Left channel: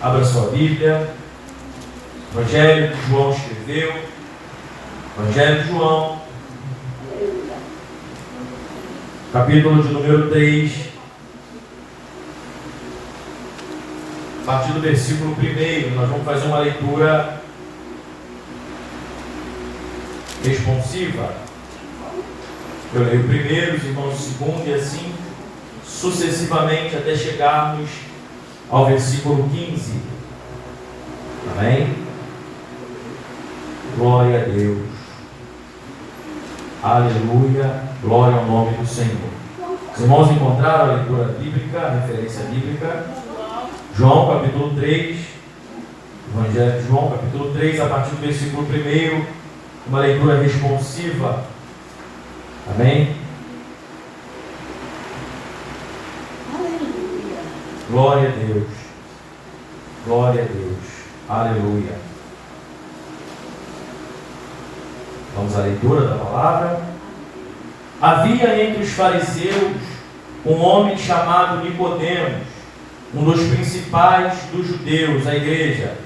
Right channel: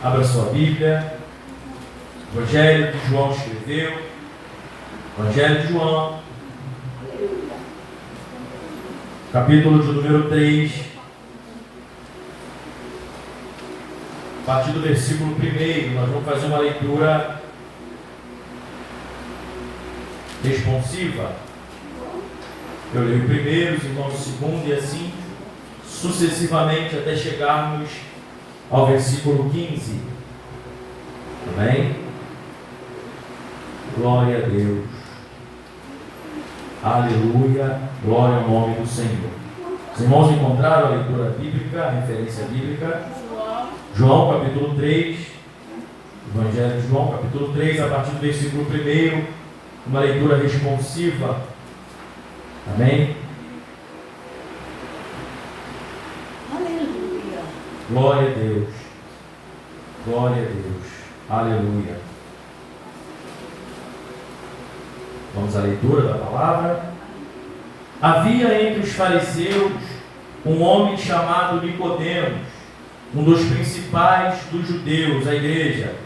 Abra sua Bíblia. Evangelho que João escreveu. Evangelho de João, capítulo de número 3, a partir do versículo 1, nós vamos fazer uma leitura responsiva. Eu leio o primeiro, os irmãos o segundo, e assim sucessivamente até chegarmos ao versículo 15. Amém? Glória a Deus. Aleluia. Glória ao nome do Senhor. Os irmãos encontraram a leitura bíblica, a referência bíblica? João capítulo 3, Evangelho de João capítulo 3, a partir do versículo 1, uma leitura responsiva. Amém? Aleluia. Glória a Deus. Glória a Deus. Aleluia. Vamos à leitura da palavra. Havia entre os fariseus um homem chamado Nicodemos, um dos principais dos judeus, a igreja.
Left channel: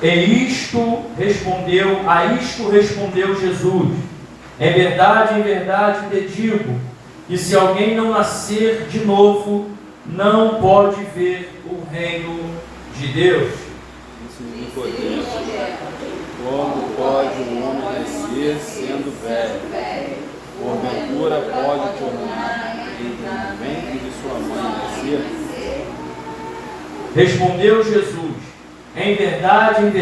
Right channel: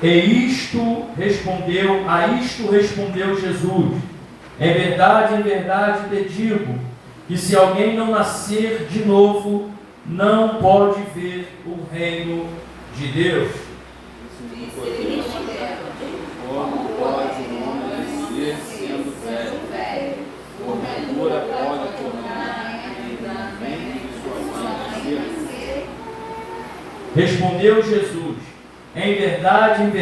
A isto respondeu Jesus: em verdade te digo, que se alguém não nascer de novo, não pode ver o reino de Deus. Como pode um homem nascer sendo velho? Porventura pode tornar entre o ventre de sua mãe nascer? Respondeu Jesus: em verdade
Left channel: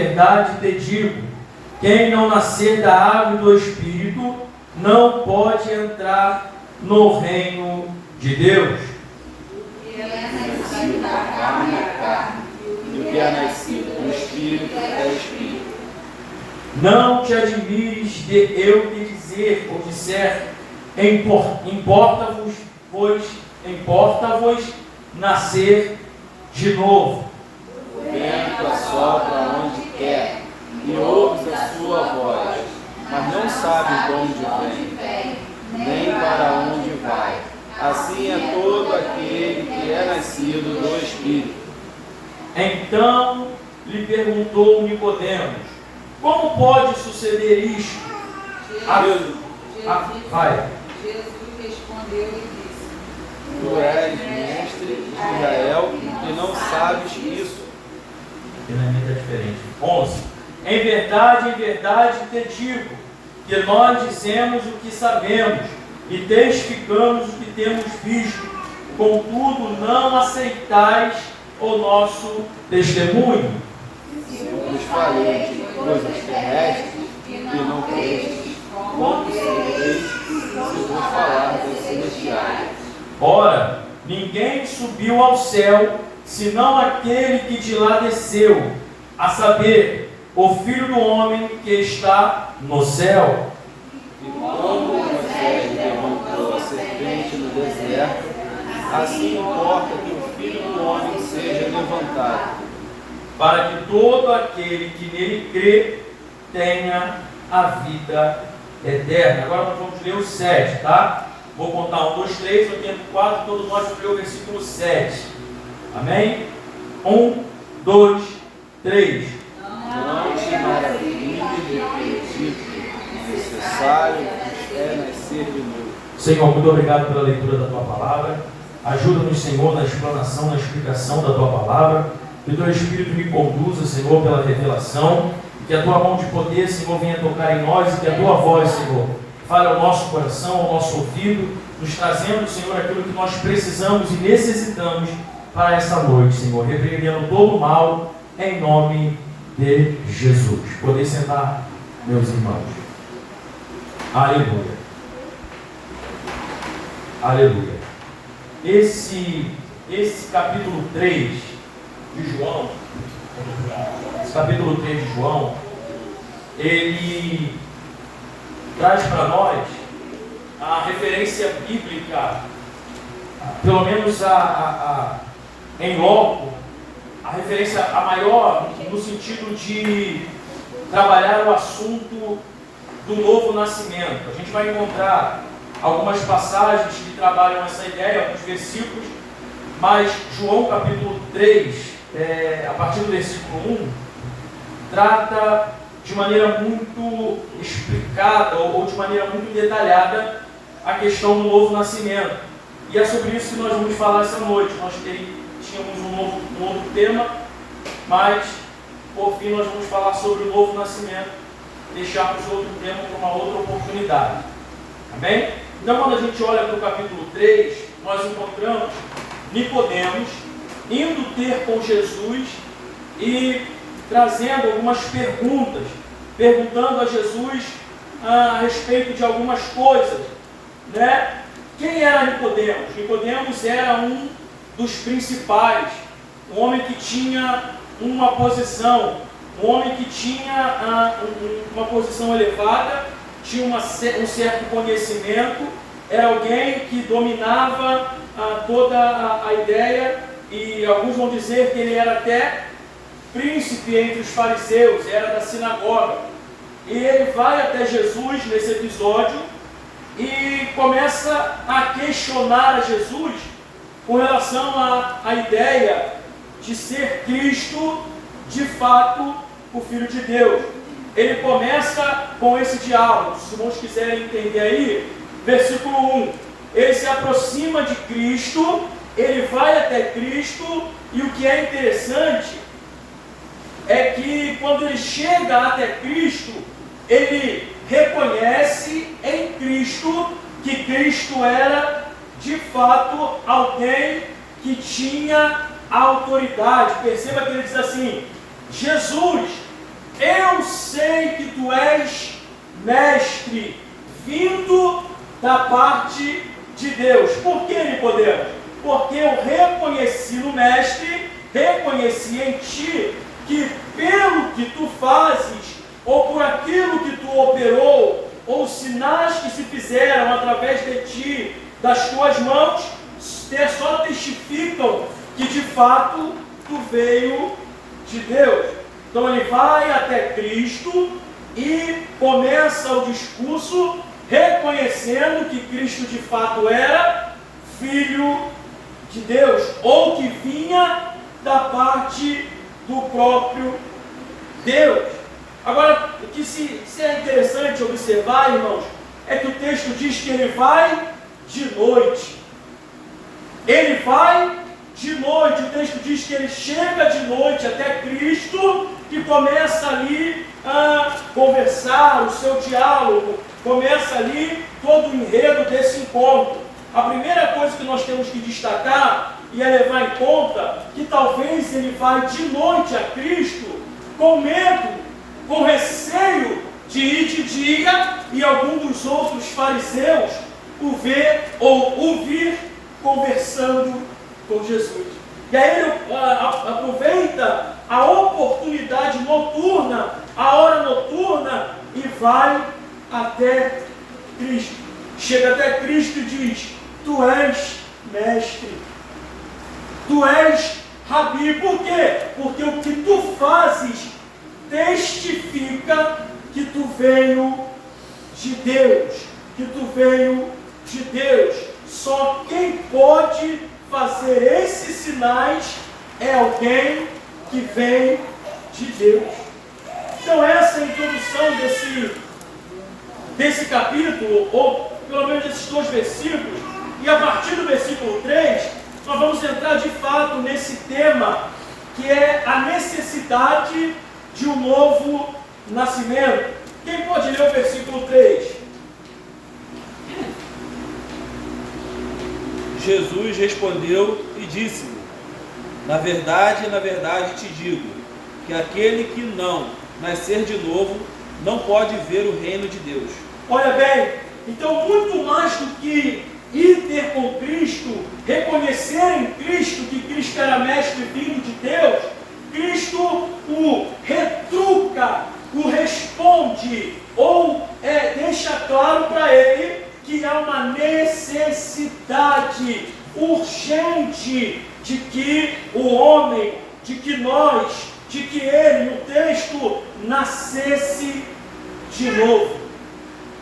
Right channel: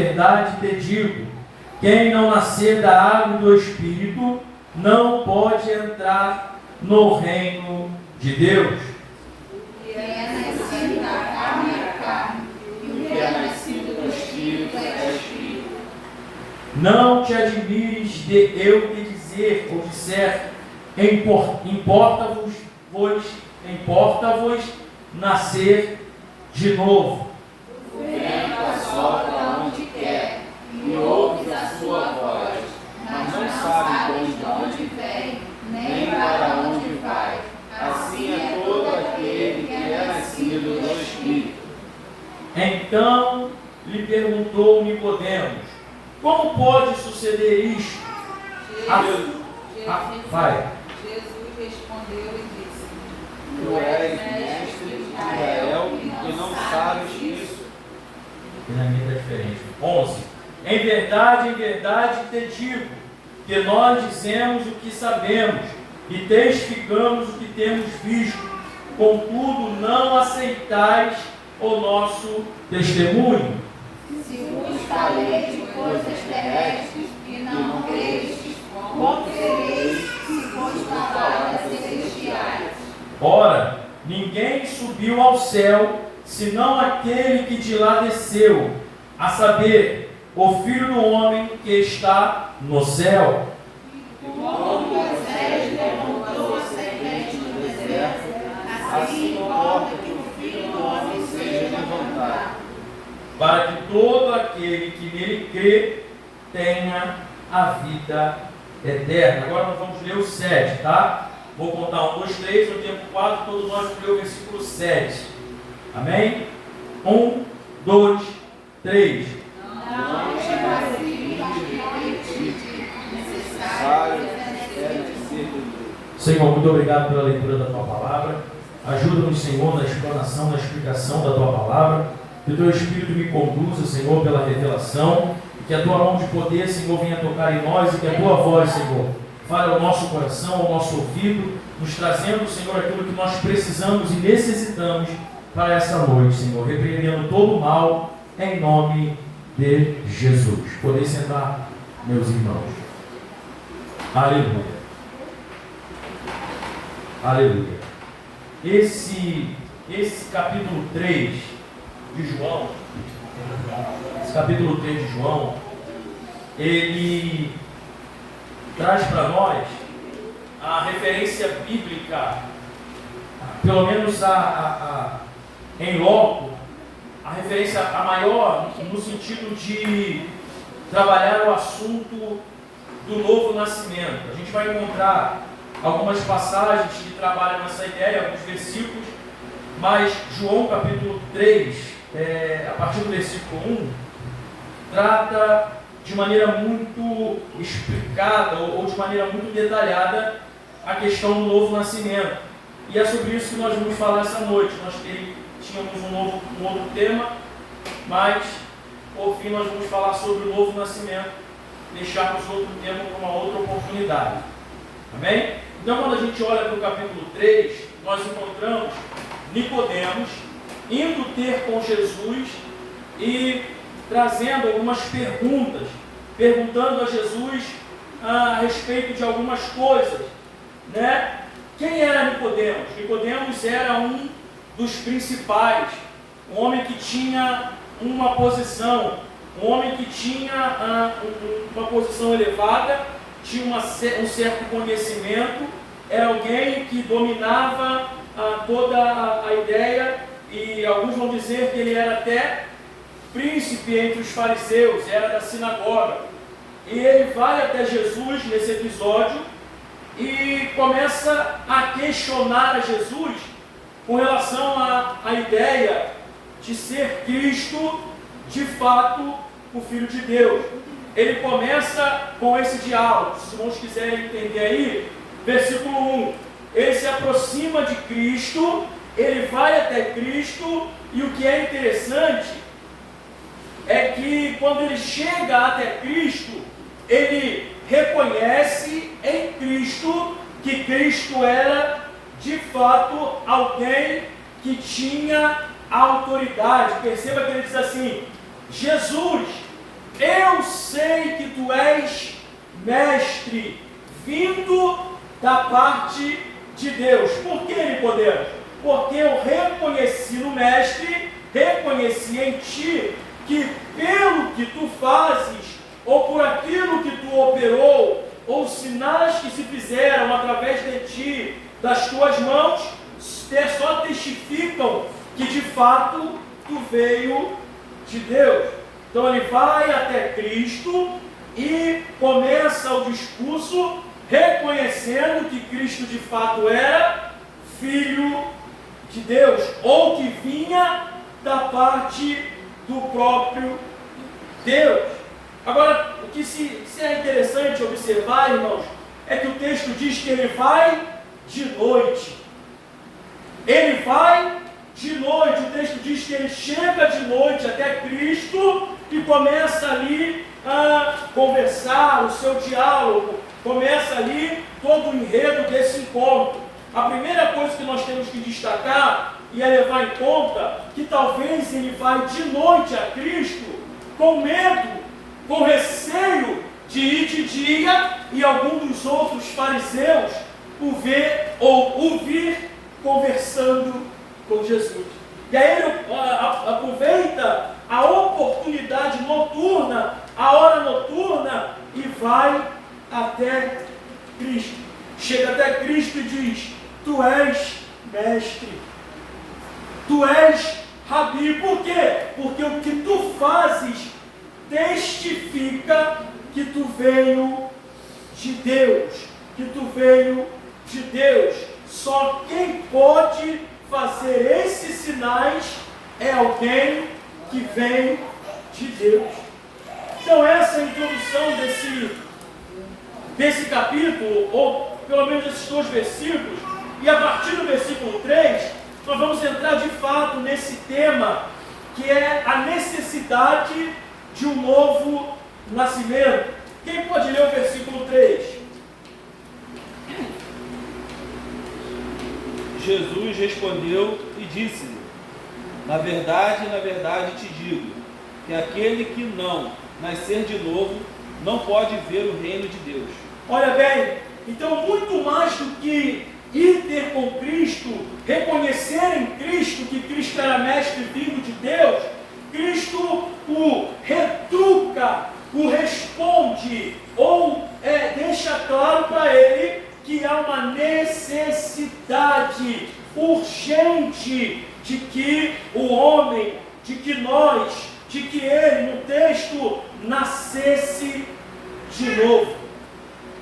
te digo, quem não nascer da água e do Espírito não pode entrar no reino de Deus. O que é nascido do Espírito é Espírito. Não te admires de eu te dizer ou disser, importa-vos nascer de novo. O vento assopra onde quer, e ouves a sua voz, mas não sabes de onde vem, nem para onde vai. Assim é todo aquele que é nascido do Espírito. Então lhe perguntou Nicodemos: como pode suceder isto? Vai. Jesus respondeu e disse: Tu és mestre de Israel e não sabes isso. Finalmente é diferente. 11. Em verdade te digo, que nós dizemos o que sabemos e testificamos o que temos visto, contudo não aceitais o nosso testemunho. Se vos falei de coisas terrestres e não credes, como sereis se vos falar das celestiais? Ora, ninguém subiu ao céu, senão aquele que de lá desceu, a saber, o Filho do Homem que está no céu. E como Moisés levantou a serpente no deserto, assim importa que o Filho do Homem seja levantado, Para que todo aquele que nele crê tenha a vida eterna. Agora nós vamos ler o 7, tá? Vou contar 1, 2, 3, no tempo 4, todos nós vamos ler o versículo 7. Amém? 1, 2, 3. não te maravilhes de ter dito, necessário é nascer de novo. Senhor, muito obrigado pela leitura da Tua Palavra. Ajuda-nos, Senhor, na explanação, na explicação da Tua Palavra. Que o Teu Espírito me conduza, Senhor, pela revelação. Que a Tua mão de poder, Senhor, venha tocar em nós. E que a Tua voz, Senhor, fale ao nosso coração, ao nosso ouvido, nos trazendo, Senhor, aquilo que nós precisamos e necessitamos para essa noite, Senhor. Repreendendo todo o mal, em nome de Jesus. Poder sentar, meus irmãos. Aleluia. Aleluia. Esse capítulo 3 de João, ele traz para nós a referência bíblica, pelo menos em loco, a referência a maior no sentido de trabalhar o assunto do novo nascimento. A gente vai encontrar algumas passagens que trabalham essa ideia, alguns versículos, mas João capítulo 3, a partir do versículo 1, trata de maneira muito explicada ou de maneira muito detalhada a questão do novo nascimento. E é sobre isso que nós vamos falar essa noite. Nós tínhamos um outro tema, mas por fim nós vamos falar sobre o novo nascimento, deixarmos outro tema para uma outra oportunidade. Amém? Então, quando a gente olha para o capítulo 3, nós encontramos Nicodemos indo ter com Jesus e trazendo algumas perguntas, perguntando a Jesus a respeito de algumas coisas, né? Quem era Nicodemos? Nicodemos era um dos principais, um homem que tinha uma posição, um homem que tinha uma posição elevada, tinha um certo conhecimento, era alguém que dominava toda a ideia, e alguns vão dizer que ele era até príncipe entre os fariseus, era da sinagoga. E ele vai até Jesus nesse episódio e começa a questionar a Jesus com relação à ideia de ser Cristo, de fato, o Filho de Deus. Ele começa com esse diálogo. Se os irmãos quiserem entender aí, versículo 1. Ele se aproxima de Cristo, ele vai até Cristo, e o que é interessante é que quando ele chega até Cristo, ele reconhece em Cristo que Cristo era de fato alguém que tinha autoridade. Perceba que ele diz assim: Jesus, eu sei que tu és mestre, vindo da parte de Deus. Por que, Nicodemos? Porque eu reconheci no mestre, reconheci em ti, que pelo que tu fazes, ou por aquilo que tu operou, ou sinais que se fizeram através de ti, das tuas mãos, só testificam que de fato tu veio de Deus. Então ele vai até Cristo e começa o discurso reconhecendo que Cristo de fato era Filho de Deus, ou que vinha da parte do próprio Deus. Agora, o que se é interessante observar, irmãos, é que o texto diz que ele vai de noite. Ele vai de noite. O texto diz que ele chega de noite até Cristo e começa ali a conversar, o seu diálogo, começa ali todo o enredo desse encontro. A primeira coisa que nós temos que destacar e é levar em conta que talvez ele vai de noite a Cristo com medo, com receio de ir de dia e algum dos outros fariseus o ver ou ouvir conversando com Jesus. E aí ele aproveita a oportunidade noturna, a hora noturna, e vai até Cristo. Chega até Cristo e diz: tu és mestre, tu és rabi. Por quê? Porque o que tu fazes testifica que tu veio de Deus, que tu veio de Deus. Só quem pode fazer esses sinais é alguém que vem de Deus. Então essa é a introdução desse capítulo, ou pelo menos esses dois versículos, e a partir do versículo 3, nós vamos entrar de fato nesse tema, que é a necessidade de um novo nascimento. Quem pode ler o versículo 3? Jesus respondeu e disse-lhe: na verdade, te digo, que aquele que não nascer de novo, não pode ver o reino de Deus. Olha bem, então muito mais do que ir ter com Cristo, reconhecer em Cristo que Cristo era mestre vindo de Deus, Cristo o retruca, o responde, ou deixa claro para ele que há uma necessidade urgente de que o homem, de que ele, no texto, nascesse de novo.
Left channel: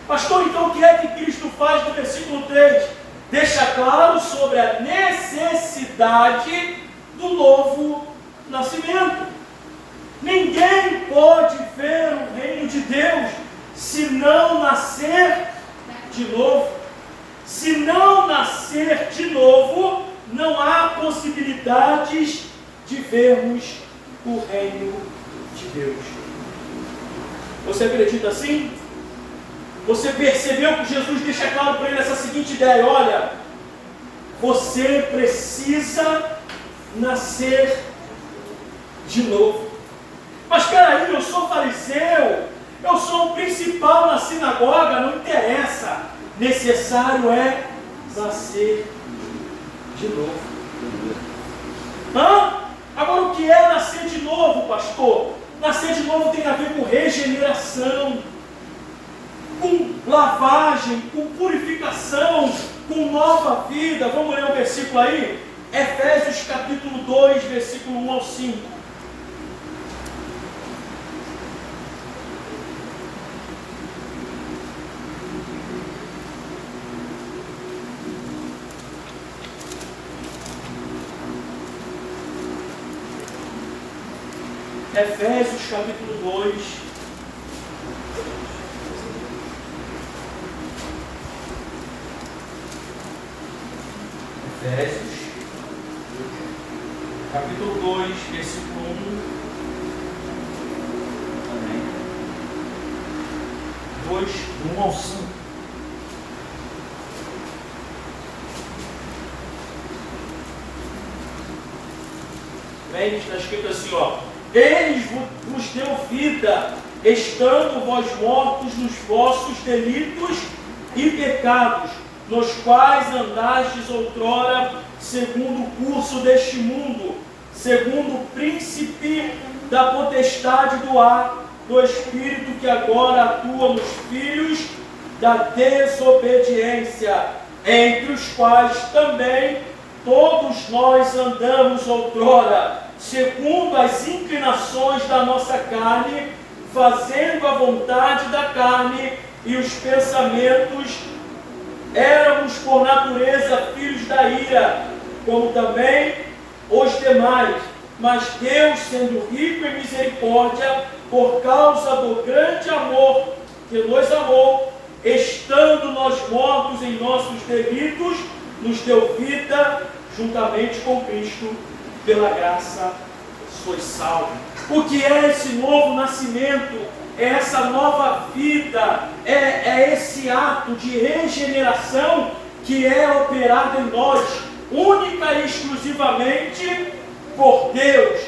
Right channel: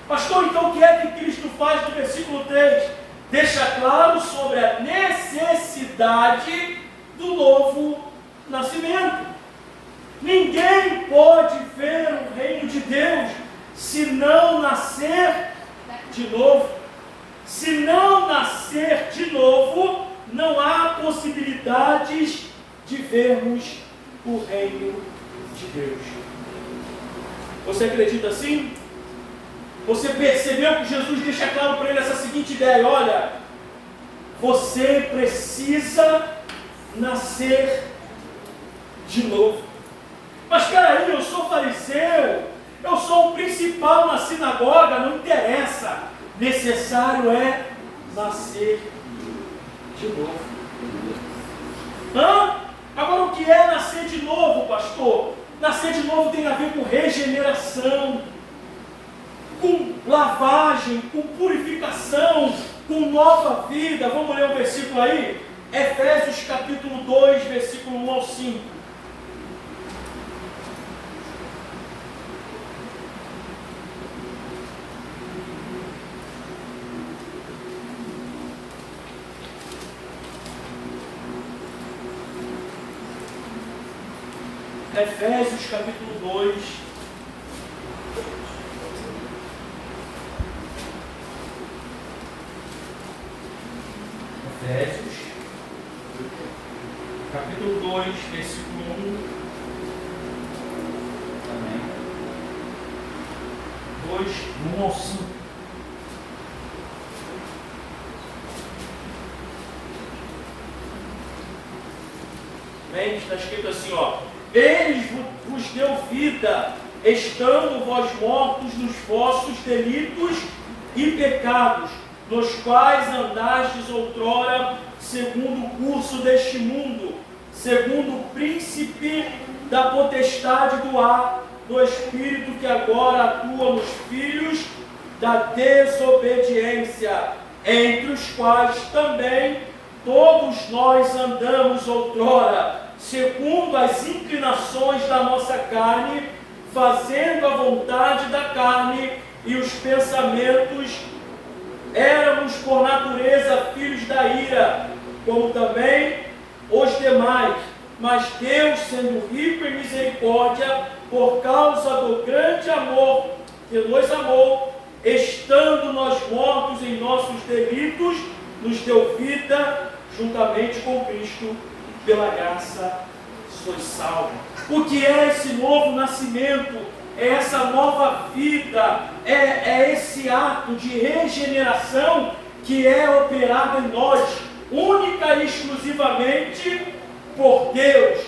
Pastor, então o que é que Cristo faz no versículo 3? Deixa claro sobre a necessidade do novo nascimento. Ninguém pode ver o reino de Deus se não nascer de novo. Se não nascer de novo, não há possibilidades de vermos o reino de Deus. Você acredita assim? Você percebeu que Jesus deixa claro para ele essa seguinte ideia: olha, você precisa nascer de novo. Mas peraí, eu sou fariseu, eu sou o principal na sinagoga, não interessa. Necessário é nascer de novo. Agora, o que é nascer de novo, pastor? Nascer de novo tem a ver com regeneração, com lavagem, com purificação, com nova vida. Vamos ler um versículo aí? Efésios capítulo 2, versículo 1 ao 5. Efésios capítulo 2, Efésios, capítulo 2, versículo 1. Amém. 2, do 1 ao 5. Bem, está escrito assim, ó: Ele vos deu vida, estando vós mortos nos vossos delitos e pecados, nos quais andastes outrora, segundo o curso deste mundo, segundo o príncipe da potestade do ar, do espírito que agora atua nos filhos da desobediência, entre os quais também todos nós andamos outrora, segundo as inclinações da nossa carne, fazendo a vontade da carne e os pensamentos. Éramos por natureza filhos da ira, como também os demais. Mas Deus, sendo rico em misericórdia, por causa do grande amor que nos amou, estando nós mortos em nossos delitos, nos deu vida juntamente com Cristo. Pela graça sois salvos. O que é esse novo nascimento? É essa nova vida, é esse ato de regeneração que é operado em nós, única e exclusivamente por Deus.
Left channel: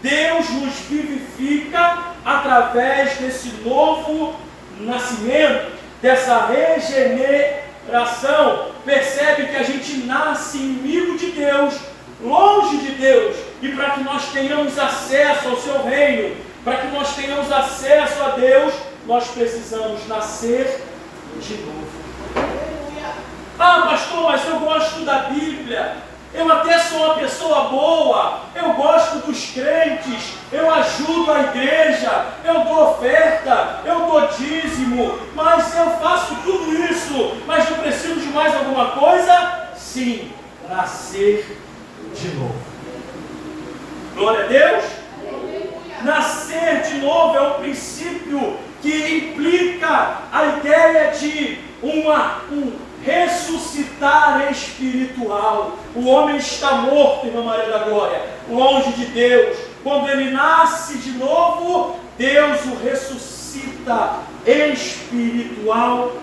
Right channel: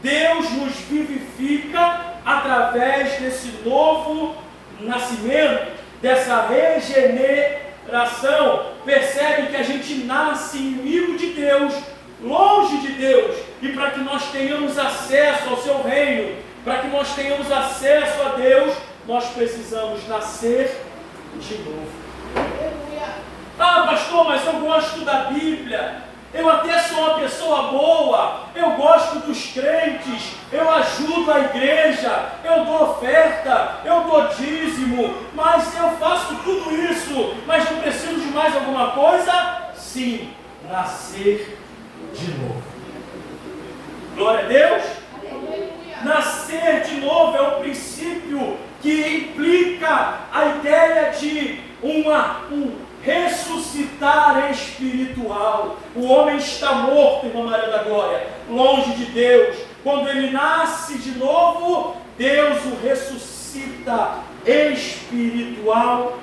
Deus nos vivifica através desse novo nascimento, dessa regeneração. Percebe que a gente nasce inimigo de Deus, longe de Deus, e para que nós tenhamos acesso ao seu reino, para que nós tenhamos acesso a Deus, nós precisamos nascer de novo. Ah, pastor, mas eu gosto da Bíblia, eu até sou uma pessoa boa, eu gosto dos crentes, eu ajudo a igreja, eu dou oferta, eu dou dízimo, mas eu faço tudo isso, mas eu preciso de mais alguma coisa? Sim, nascer de novo. Glória a Deus. Nascer de novo é um princípio que implica a ideia de um ressuscitar espiritual. O homem está morto, irmã Maria da Glória, longe de Deus. Quando ele nasce de novo, Deus o ressuscita espiritualmente.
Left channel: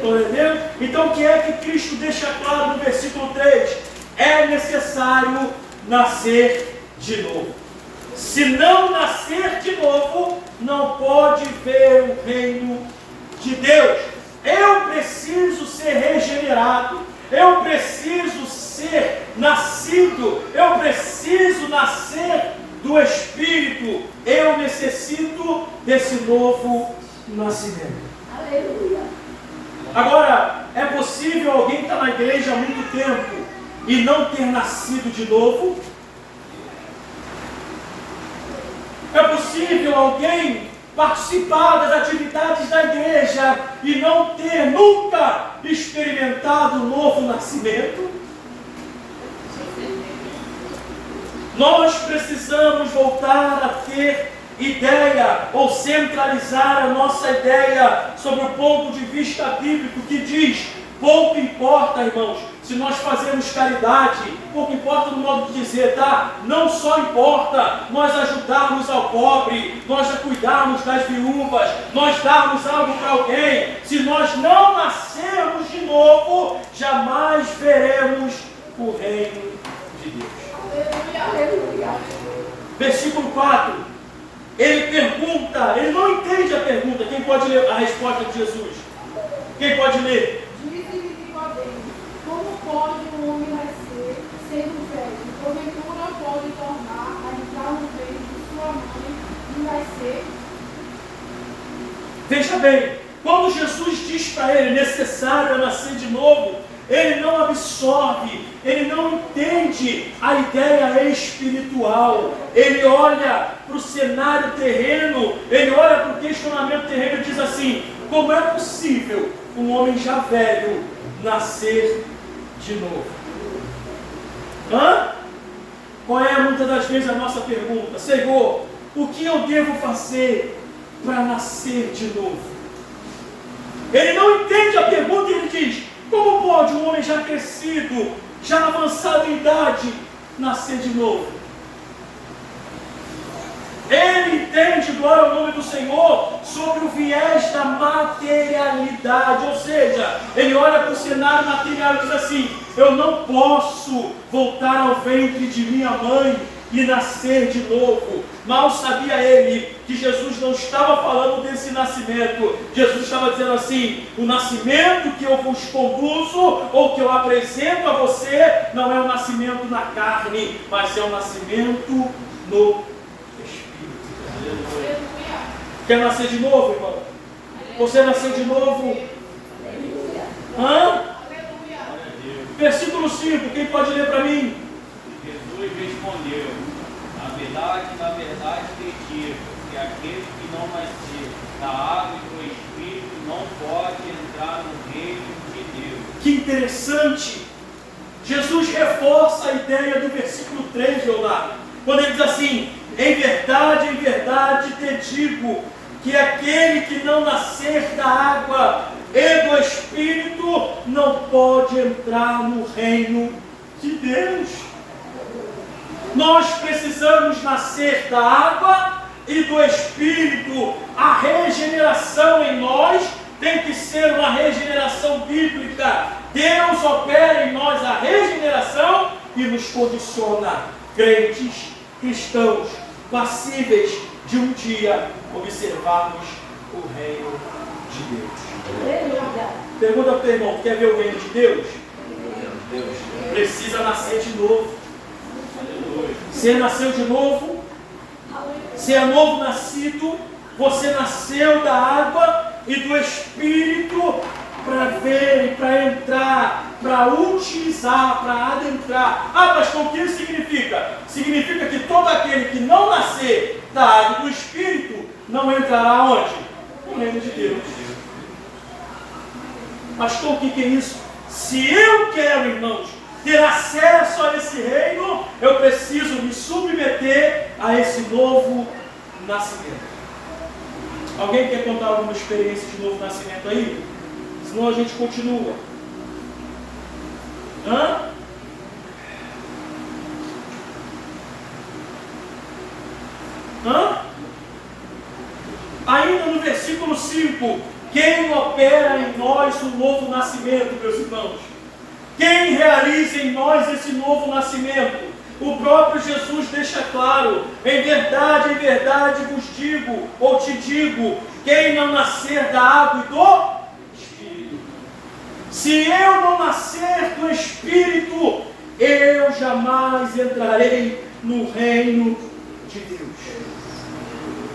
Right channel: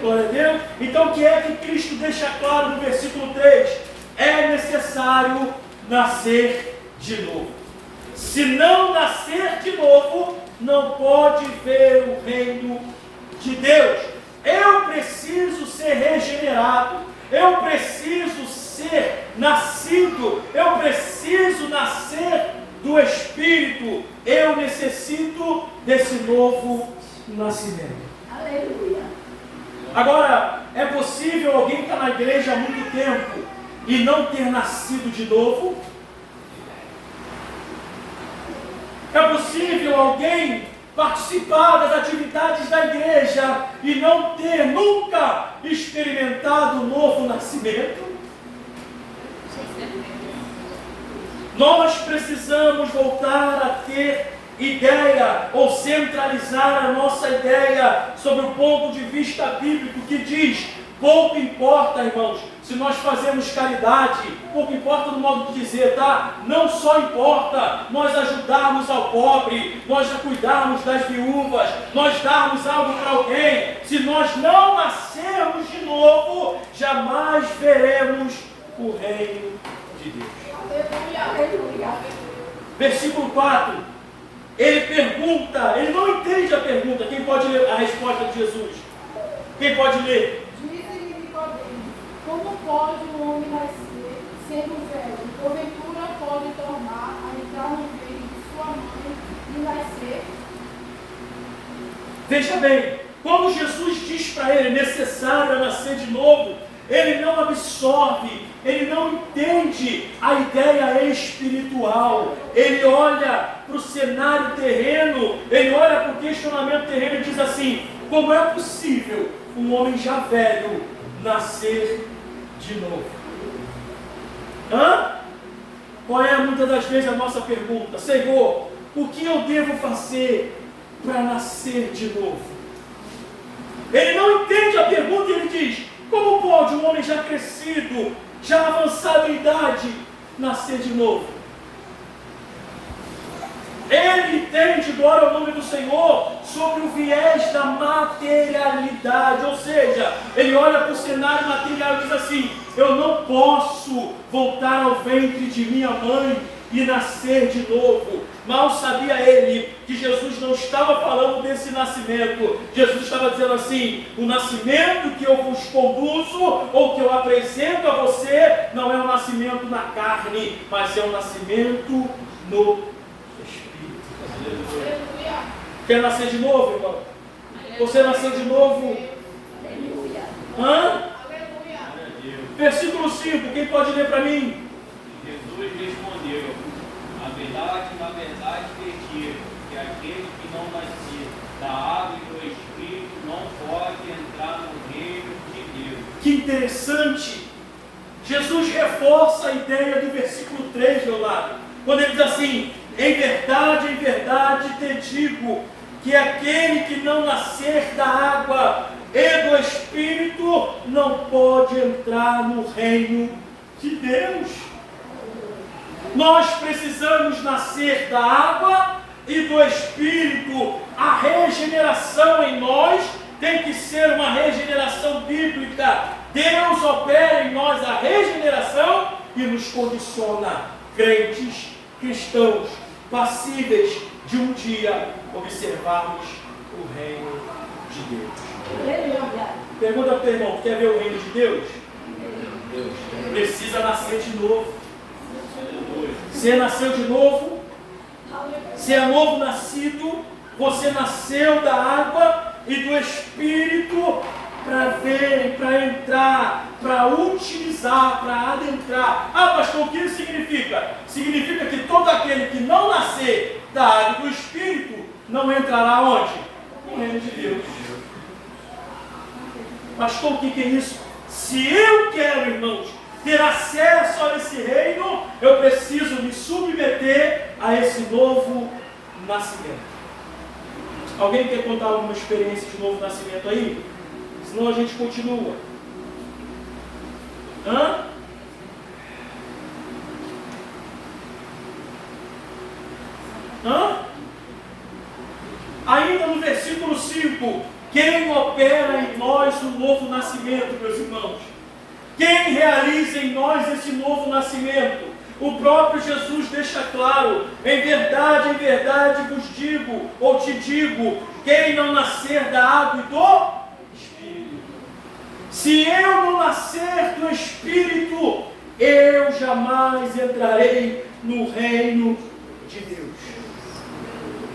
Glória a Deus. Então o que é que Cristo deixa claro no versículo 3? É necessário nascer de novo. Se não nascer de novo, não pode ver o reino de Deus. Eu preciso ser regenerado, eu preciso ser nascido, eu preciso nascer do Espírito, eu necessito desse novo nascimento. Aleluia. Agora, é possível alguém estar na igreja há muito tempo, e não ter nascido de novo? É possível alguém participar das atividades da igreja e não ter nunca experimentado o novo nascimento? Nós precisamos voltar a ter ideia ou centralizar a nossa ideia sobre o ponto de vista bíblico que diz: pouco importa, irmãos, se nós fazemos caridade, pouco importa no modo de dizer, tá? Não só importa nós ajudarmos ao pobre, nós cuidarmos das viúvas, nós darmos algo para alguém. Se nós não nascermos de novo, jamais veremos o reino de Deus. Versículo 4, ele pergunta, ele não entende a pergunta. Quem pode ler a resposta de Jesus? Quem pode ler? Disse-lhe Nicodemo: como pode um homem nascer, sendo velho? Porventura pode tornar a entrar no ventre de sua mãe e nascer? Veja bem, quando Jesus diz para ele: necessário é nascer de novo, ele não absorve, ele não entende a ideia espiritual. Ele olha para o cenário terreno, ele olha para o questionamento terreno e diz assim: como é possível um homem já velho nascer de novo? Qual é muitas das vezes a nossa pergunta? Senhor, o que eu devo fazer para nascer de novo? Ele não entende a pergunta e ele diz: como pode um homem já crescido, já avançado em idade, nascer de novo? Ele entende, glória ao nome do Senhor, sobre o viés da materialidade. Ou seja, ele olha para o cenário material e diz assim: eu não posso voltar ao ventre de minha mãe e nascer de novo. Mal sabia ele que Jesus não estava falando desse nascimento. Jesus estava dizendo assim: o nascimento que eu vos conduzo ou que eu apresento a você não é um nascimento na carne, mas é um nascimento no Espírito. Quer nascer de novo, irmão? Você nasceu de novo? Versículo 5, quem pode ler para mim? Jesus respondeu: na verdade te digo, que aquele que não nascer da água e do Espírito não pode entrar no reino de Deus. Que interessante! Jesus reforça a ideia do versículo 3, Leonardo, quando ele diz assim: em verdade te digo, que aquele que não nascer da água e do Espírito não pode entrar no reino de Deus. Nós precisamos nascer da água e do Espírito. A regeneração em nós tem que ser uma regeneração bíblica. Deus opera em nós a regeneração e nos condiciona, crentes, cristãos, passíveis de um dia observarmos o reino de Deus. Pergunta para o teu irmão: quer ver o reino de Deus? Precisa nascer de novo. Você nasceu de novo, você é novo nascido, você nasceu da água e do Espírito para ver, para entrar, para utilizar, para adentrar. Pastor, o que isso significa? Significa que todo aquele que não nascer da água e do Espírito não entrará onde? No reino de Deus. Pastor, o que é isso? Se eu quero, irmãos, ter acesso a esse reino, eu preciso me submeter a esse novo nascimento. Alguém quer contar alguma experiência de novo nascimento aí? Senão a gente continua. Ainda no versículo 5, quem opera em nós o novo nascimento, meus irmãos? Quem realiza em nós esse novo nascimento? O próprio Jesus deixa claro: em verdade vos digo, ou te digo, quem não nascer da água e do Espírito. Se eu não nascer do Espírito, eu jamais entrarei no reino de Deus.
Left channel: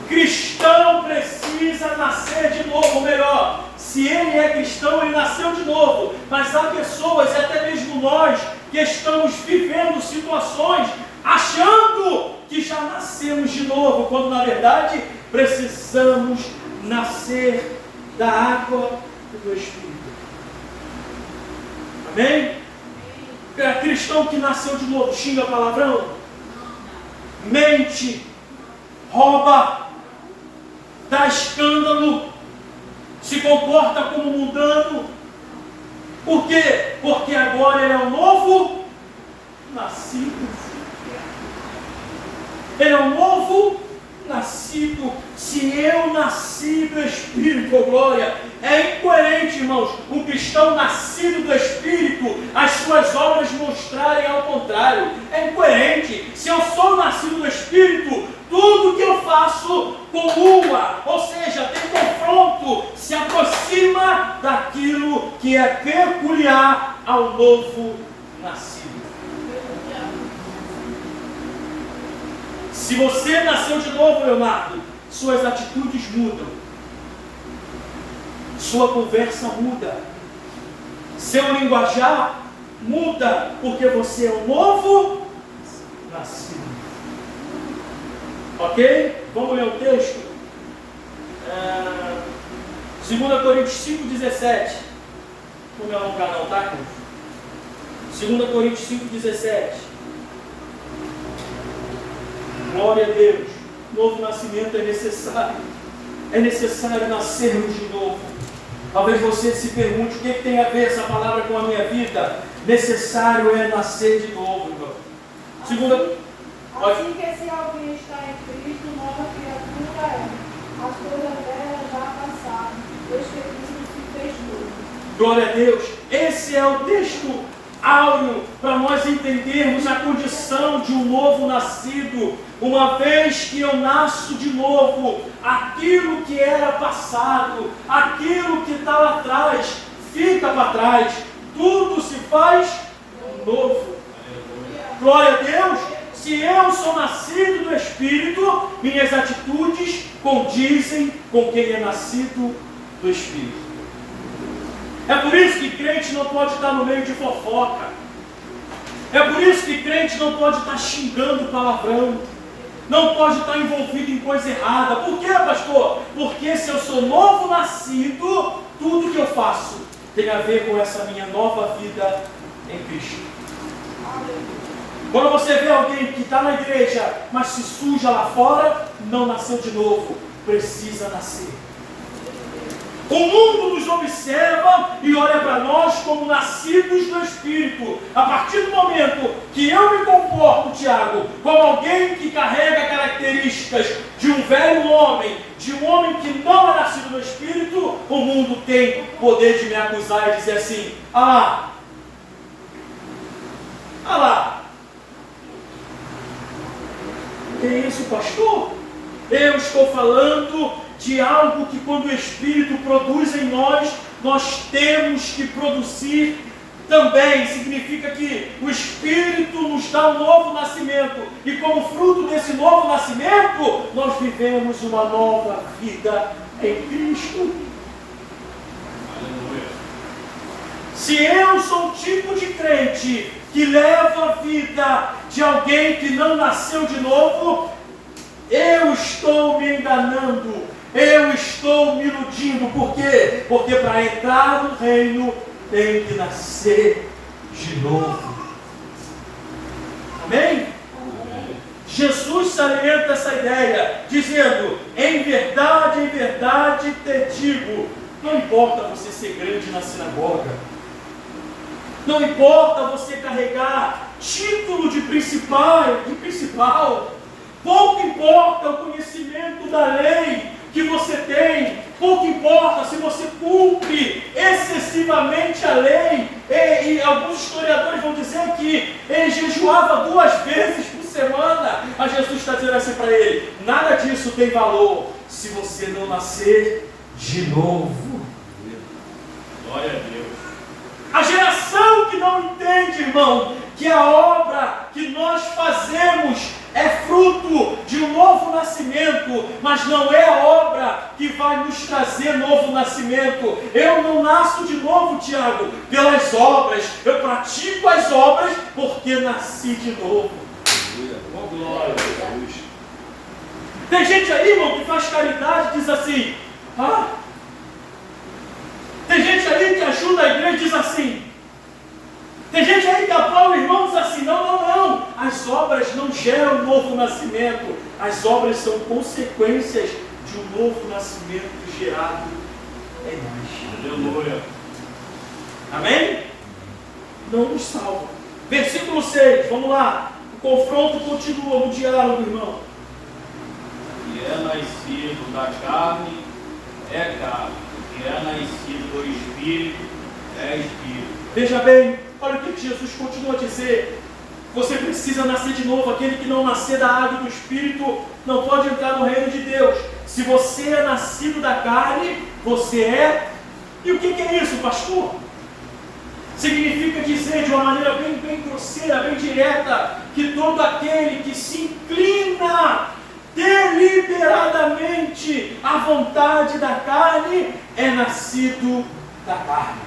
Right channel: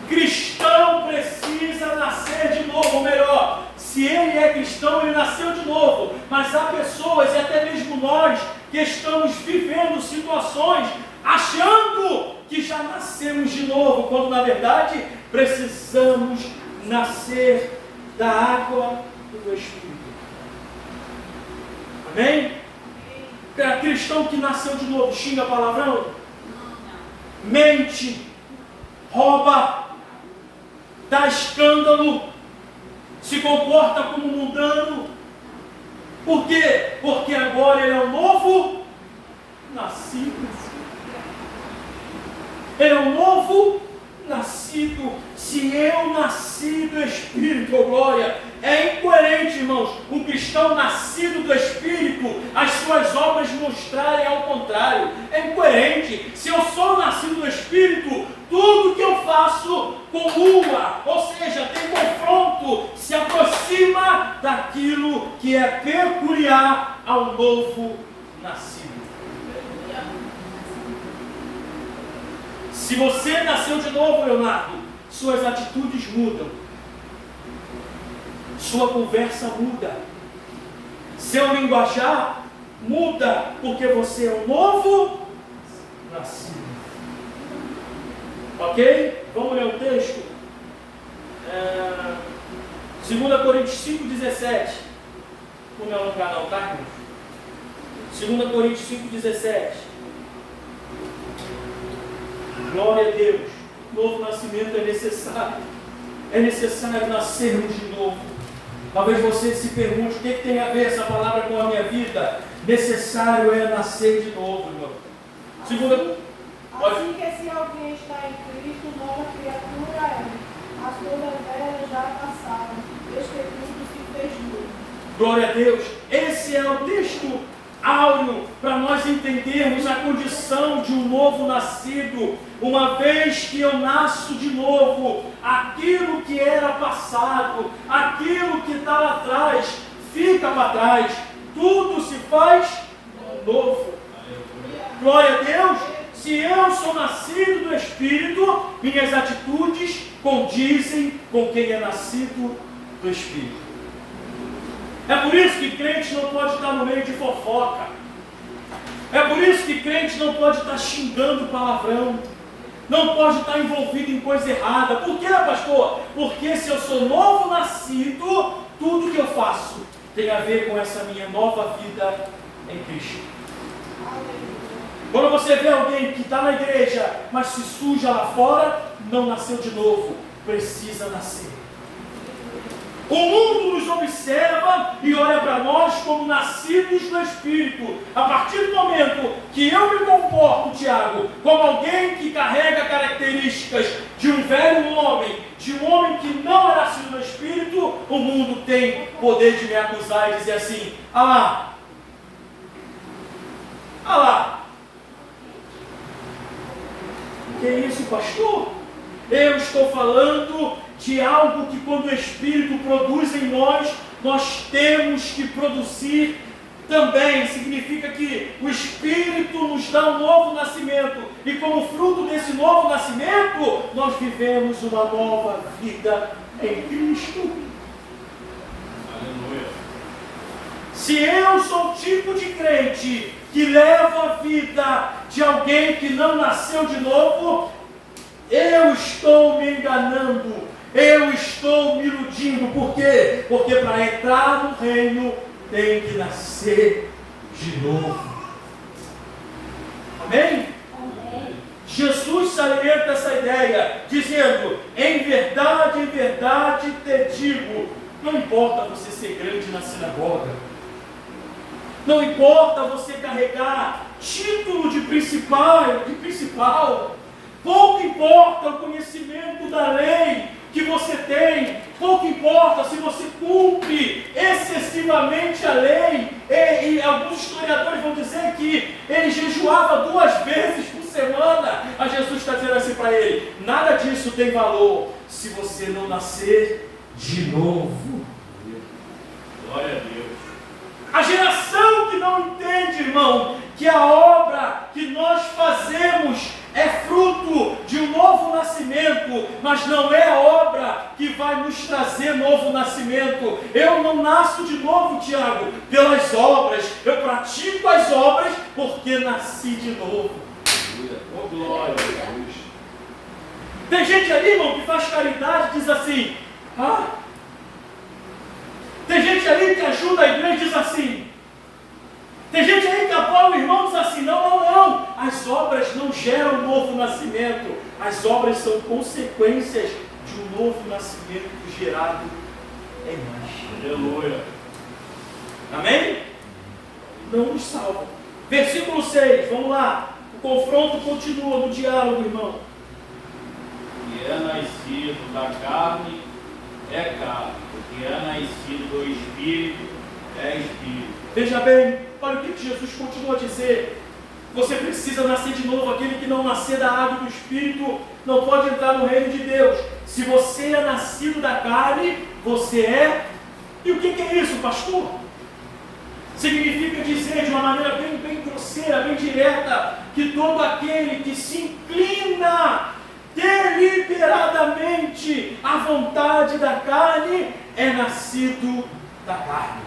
Cristão precisa nascer de novo, ou melhor, se ele é cristão, ele nasceu de novo. Mas há pessoas, e até mesmo nós, que estamos vivendo situações achando que já nascemos de novo, quando na verdade precisamos nascer da água e do Espírito. Amém? Cristão que nasceu de novo xinga palavrão, mente, rouba, dá escândalo, se comporta como mundano. Por quê? Porque agora ele é um novo nascido. Ele é um novo nascido. Se eu nasci do Espírito, oh glória, é incoerente, irmãos, o cristão nascido do Espírito, as suas obras mostrarem ao contrário. É incoerente. Se eu sou nascido do Espírito, tudo que eu faço comua, ou seja, tem confronto, se aproxima daquilo que é peculiar ao novo nascido. Se você nasceu de novo, Leonardo, suas atitudes mudam, sua conversa muda, seu linguajar muda, porque você é um novo nascido. Ok? Vamos ler o texto? 2 Coríntios 5,17. Não me alongar não, tá, irmãos? 2 Coríntios 5,17. Glória a Deus. Novo nascimento é necessário. É necessário nascermos de novo. Talvez você se pergunte o que tem a ver essa palavra com a minha vida. Necessário é nascer de novo, irmão. Assim que se alguém está em Cristo, nova criatura é. As coisas velhas já passaram. Deus que Cristo se fez novo. Glória a Deus. Esse é o texto áureo para nós entendermos a condição de um novo nascido. Uma vez que eu nasço de novo, aquilo que era passado, aquilo que estava atrás, fica para trás. Tudo se faz novo. Glória a Deus. Se eu sou nascido do Espírito, minhas atitudes condizem com quem é nascido do Espírito. É por isso que crente não pode estar no meio de fofoca. É por isso que crente não pode estar xingando palavrão. Não pode estar envolvido em coisa errada. Por quê, pastor? Porque se eu sou novo nascido, tudo que eu faço tem a ver com essa minha nova vida em Cristo. Quando você vê alguém que está na igreja, mas se suja lá fora, não nasceu de novo. Precisa nascer. O mundo nos observa e olha para nós como nascidos do Espírito. A partir do momento que eu me comporto, Tiago, como alguém que carrega características de um velho homem, de um homem que não é nascido do Espírito, o mundo tem poder de me acusar e dizer assim: ah lá, que isso, pastor? Eu estou falando de algo que quando o Espírito produz em nós, nós temos que produzir também. Significa que o Espírito nos dá um novo nascimento, e como fruto desse novo nascimento, nós vivemos uma nova vida em Cristo. Aleluia. Se eu sou o tipo de crente que leva a vida de alguém que não nasceu de novo, eu estou me enganando. Eu estou me iludindo. Por quê? Porque para entrar no reino tem que nascer de novo. Amém? Amém. Jesus salienta essa ideia, dizendo: em verdade te digo. Não importa você ser grande na sinagoga, não importa você carregar título de principal, pouco importa o conhecimento da lei que você tem, pouco importa se você cumpre excessivamente a lei, e alguns historiadores vão dizer que ele jejuava 2 vezes por semana, mas Jesus está dizendo assim para ele: nada disso tem valor se você não nascer de novo. Glória a Deus. A geração que não entende, irmão, que a obra que nós fazemos é fruto fruto de um novo nascimento, mas não é a obra que vai nos trazer novo nascimento. Eu não nasço de novo, Tiago, pelas obras. Eu pratico as obras porque nasci de novo. Oh, glória a Deus. Tem gente aí, irmão, que faz caridade e diz assim, tem gente aí que ajuda a igreja e diz assim. Tem gente aí que apoia o irmão e diz assim, não. As obras não geram um novo nascimento. As obras são consequências de um novo nascimento gerado em nós. Aleluia. Amém? Não nos salva. Versículo 6, vamos lá. O confronto continua no diálogo, irmão. Que é nascido da carne, é carne. O que é nascido do Espírito, é Espírito. Veja bem, olha o que Jesus continua a dizer. Você precisa nascer de novo. Aquele que não nascer da água do Espírito não pode entrar no reino de Deus. Se você é nascido da carne, você é... E o que é isso, pastor? Significa dizer de uma maneira bem grosseira, bem direta, que todo aquele que se inclina deliberadamente à vontade da carne é nascido da carne.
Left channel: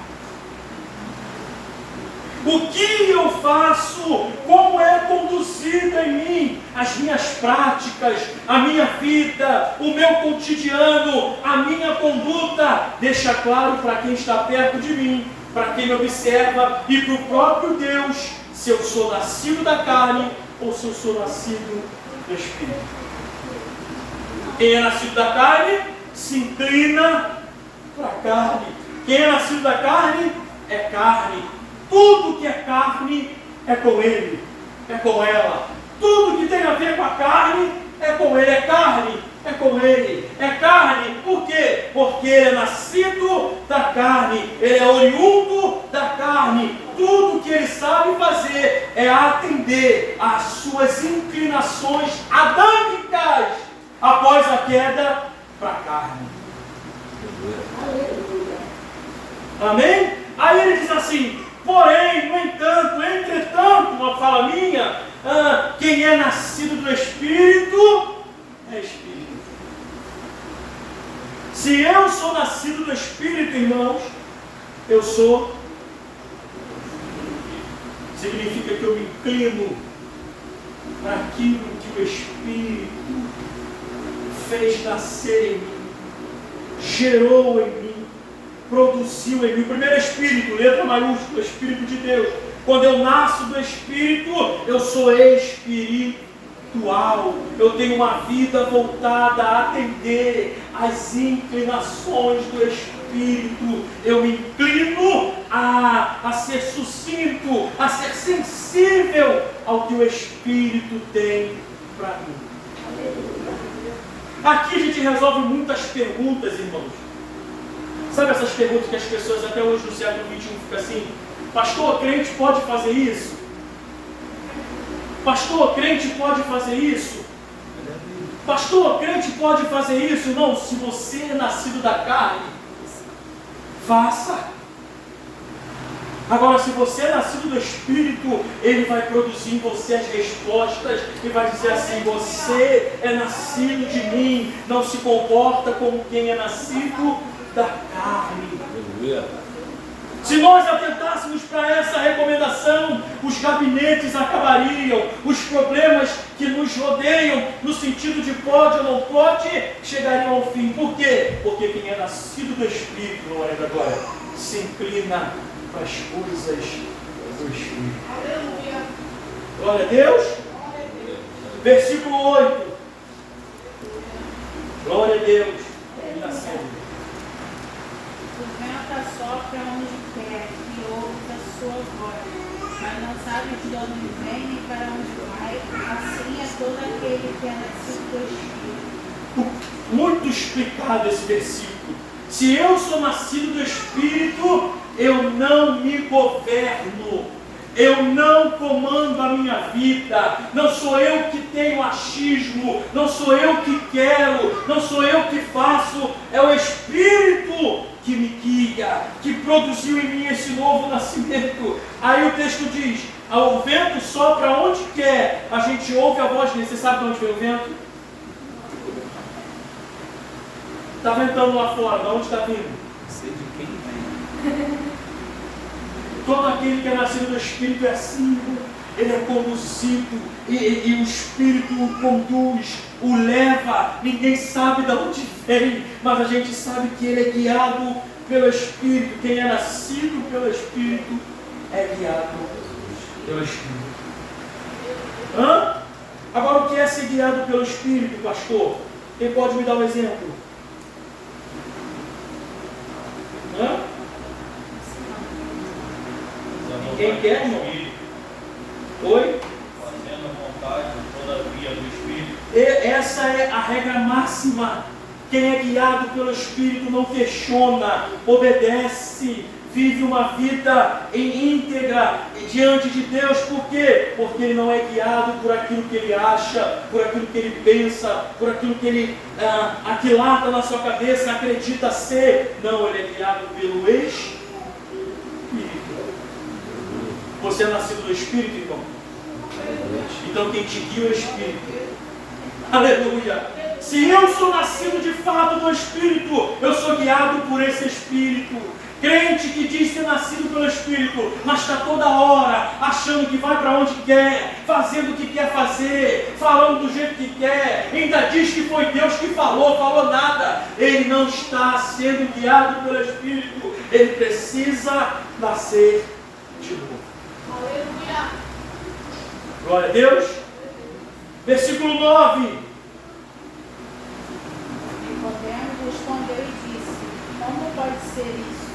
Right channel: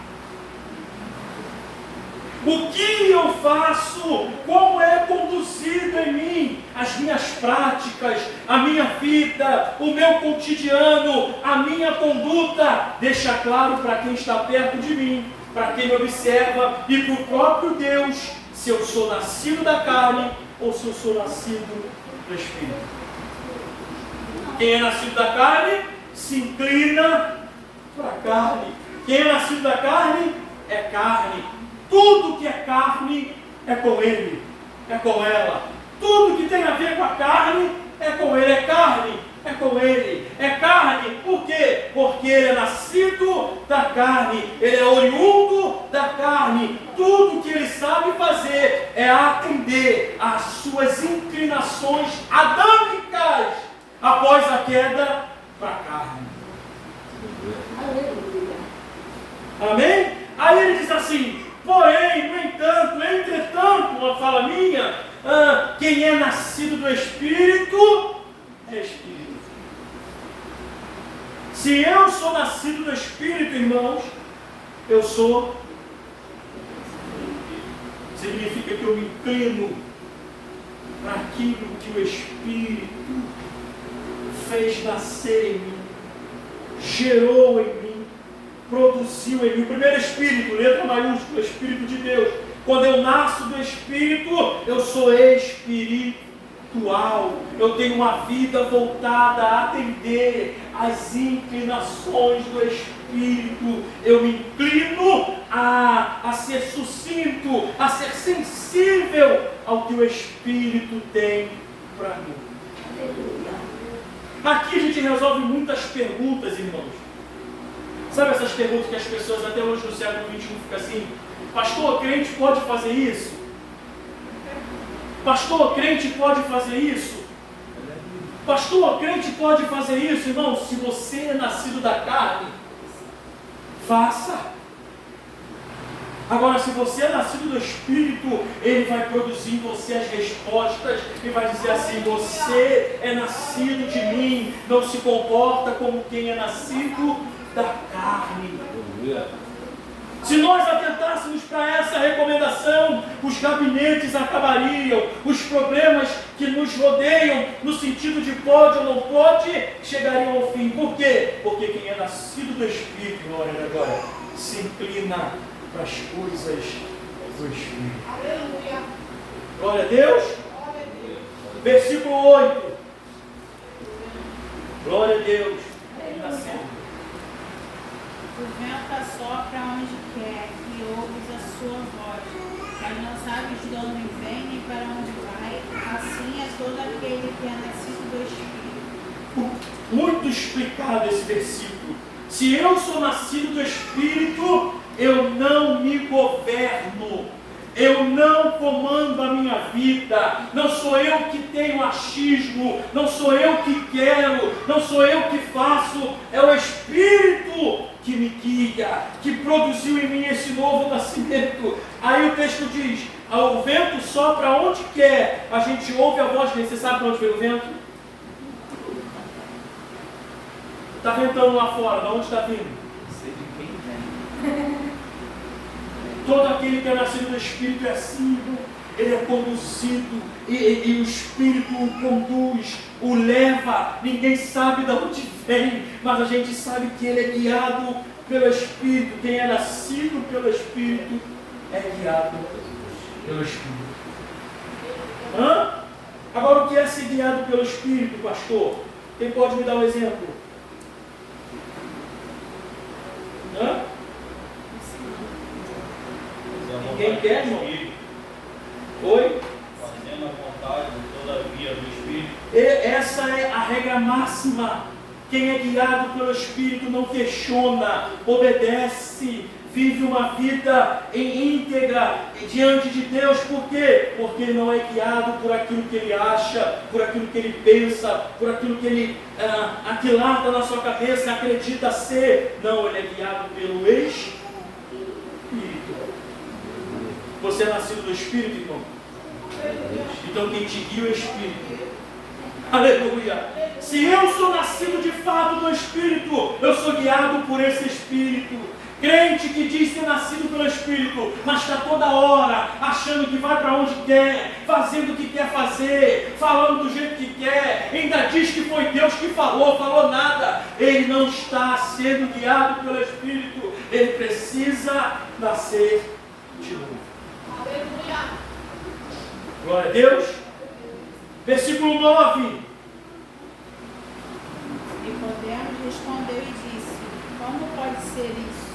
O que eu faço, como é conduzido em mim, as minhas práticas, a minha vida, o meu cotidiano, a minha conduta, deixa claro para quem está perto de mim, para quem me observa e para o próprio Deus, se eu sou nascido da carne ou se eu sou nascido do Espírito. Quem é nascido da carne se inclina para a carne. Quem é nascido da carne é carne. Tudo que é carne é com ele, é com ela. Tudo que tem a ver com a carne é com ele, é carne, é com ele. É carne, por quê? Porque ele é nascido da carne, ele é oriundo da carne. Tudo que ele sabe fazer é atender às suas inclinações adâmicas após a queda para a carne. Amém? Aí ele diz assim, porém, no entanto, entretanto, uma fala minha, quem é nascido do Espírito, é Espírito. Se eu sou nascido do Espírito, irmãos, eu sou, significa que eu me inclino para aquilo que o Espírito fez nascer em mim, gerou em mim, produziu em mim. O primeiro Espírito, letra maiúscula, Espírito de Deus. Quando eu nasço do Espírito, eu sou espiritual. Eu tenho uma vida voltada a atender às inclinações do Espírito. Eu me inclino a ser sucinto, a ser sensível ao que o Espírito tem para mim. Aqui a gente resolve muitas perguntas, irmãos. Sabe essas perguntas que as pessoas até hoje no século XXI ficam assim? Pastor, crente pode fazer isso? Pastor, crente pode fazer isso? Pastor, crente pode fazer isso? Irmão, se você é nascido da carne, faça. Agora, se você é nascido do Espírito, Ele vai produzir em você as respostas e vai dizer assim, você é nascido de mim, não se comporta como quem é nascido da carne. Se nós atentássemos para essa recomendação, os gabinetes acabariam, os problemas que nos rodeiam, no sentido de pode ou não pode, chegariam ao fim. Por quê? Porque quem é nascido do Espírito, glória a Deus, se inclina para as coisas do Espírito. Aleluia. Glória a Deus. Versículo 8. Glória a Deus. Ele nasceu. O vento assopra onde quer e ouves a sua voz, mas não sabes de onde vem nem para onde vai. Assim é todo aquele que é nascido do Espírito. Muito explicado esse versículo. Se eu sou nascido do Espírito, eu não me governo, eu não comando a minha vida, não sou eu que tenho achismo, não sou eu que quero, não sou eu que faço, é o Espírito que me guia, que produziu em mim esse novo nascimento. Aí o texto diz, O vento sopra onde quer, a gente ouve a voz dele. Você sabe de onde vem o vento? Está ventando lá fora, de onde está vindo? Sei de quem vem. Todo aquele que é nascido do Espírito é assim, ele é conduzido, e o Espírito o conduz, o leva. Ninguém sabe de onde vem, mas a gente sabe que ele é guiado pelo Espírito. Quem é nascido pelo Espírito é guiado pelo Espírito. Agora, o que é ser guiado pelo Espírito, pastor? Quem pode me dar um exemplo? Quem quer, irmão? Oi? Fazendo a vontade de toda a via do Espírito. Essa é a regra máxima. Quem é guiado pelo Espírito não questiona, obedece, vive uma vida em íntegra diante de Deus. Por quê? Porque ele não é guiado por aquilo que ele acha, por aquilo que ele pensa, por aquilo que ele aquilata na sua cabeça, acredita ser. Não, ele é guiado pelo Espírito. Você é nascido do Espírito, então? Então quem te guia é o Espírito. Aleluia! Se eu sou nascido de fato do Espírito, eu sou guiado por esse Espírito. Crente que diz ser nascido pelo Espírito, mas está toda hora achando que vai para onde quer, fazendo o que quer fazer, falando do jeito que quer, ainda diz que foi Deus que falou nada. Ele não está sendo guiado pelo Espírito. Ele precisa nascer de novo. Aleluia. Glória a Deus. Versículo 9. Nicodemo respondeu e disse: Como pode ser isso?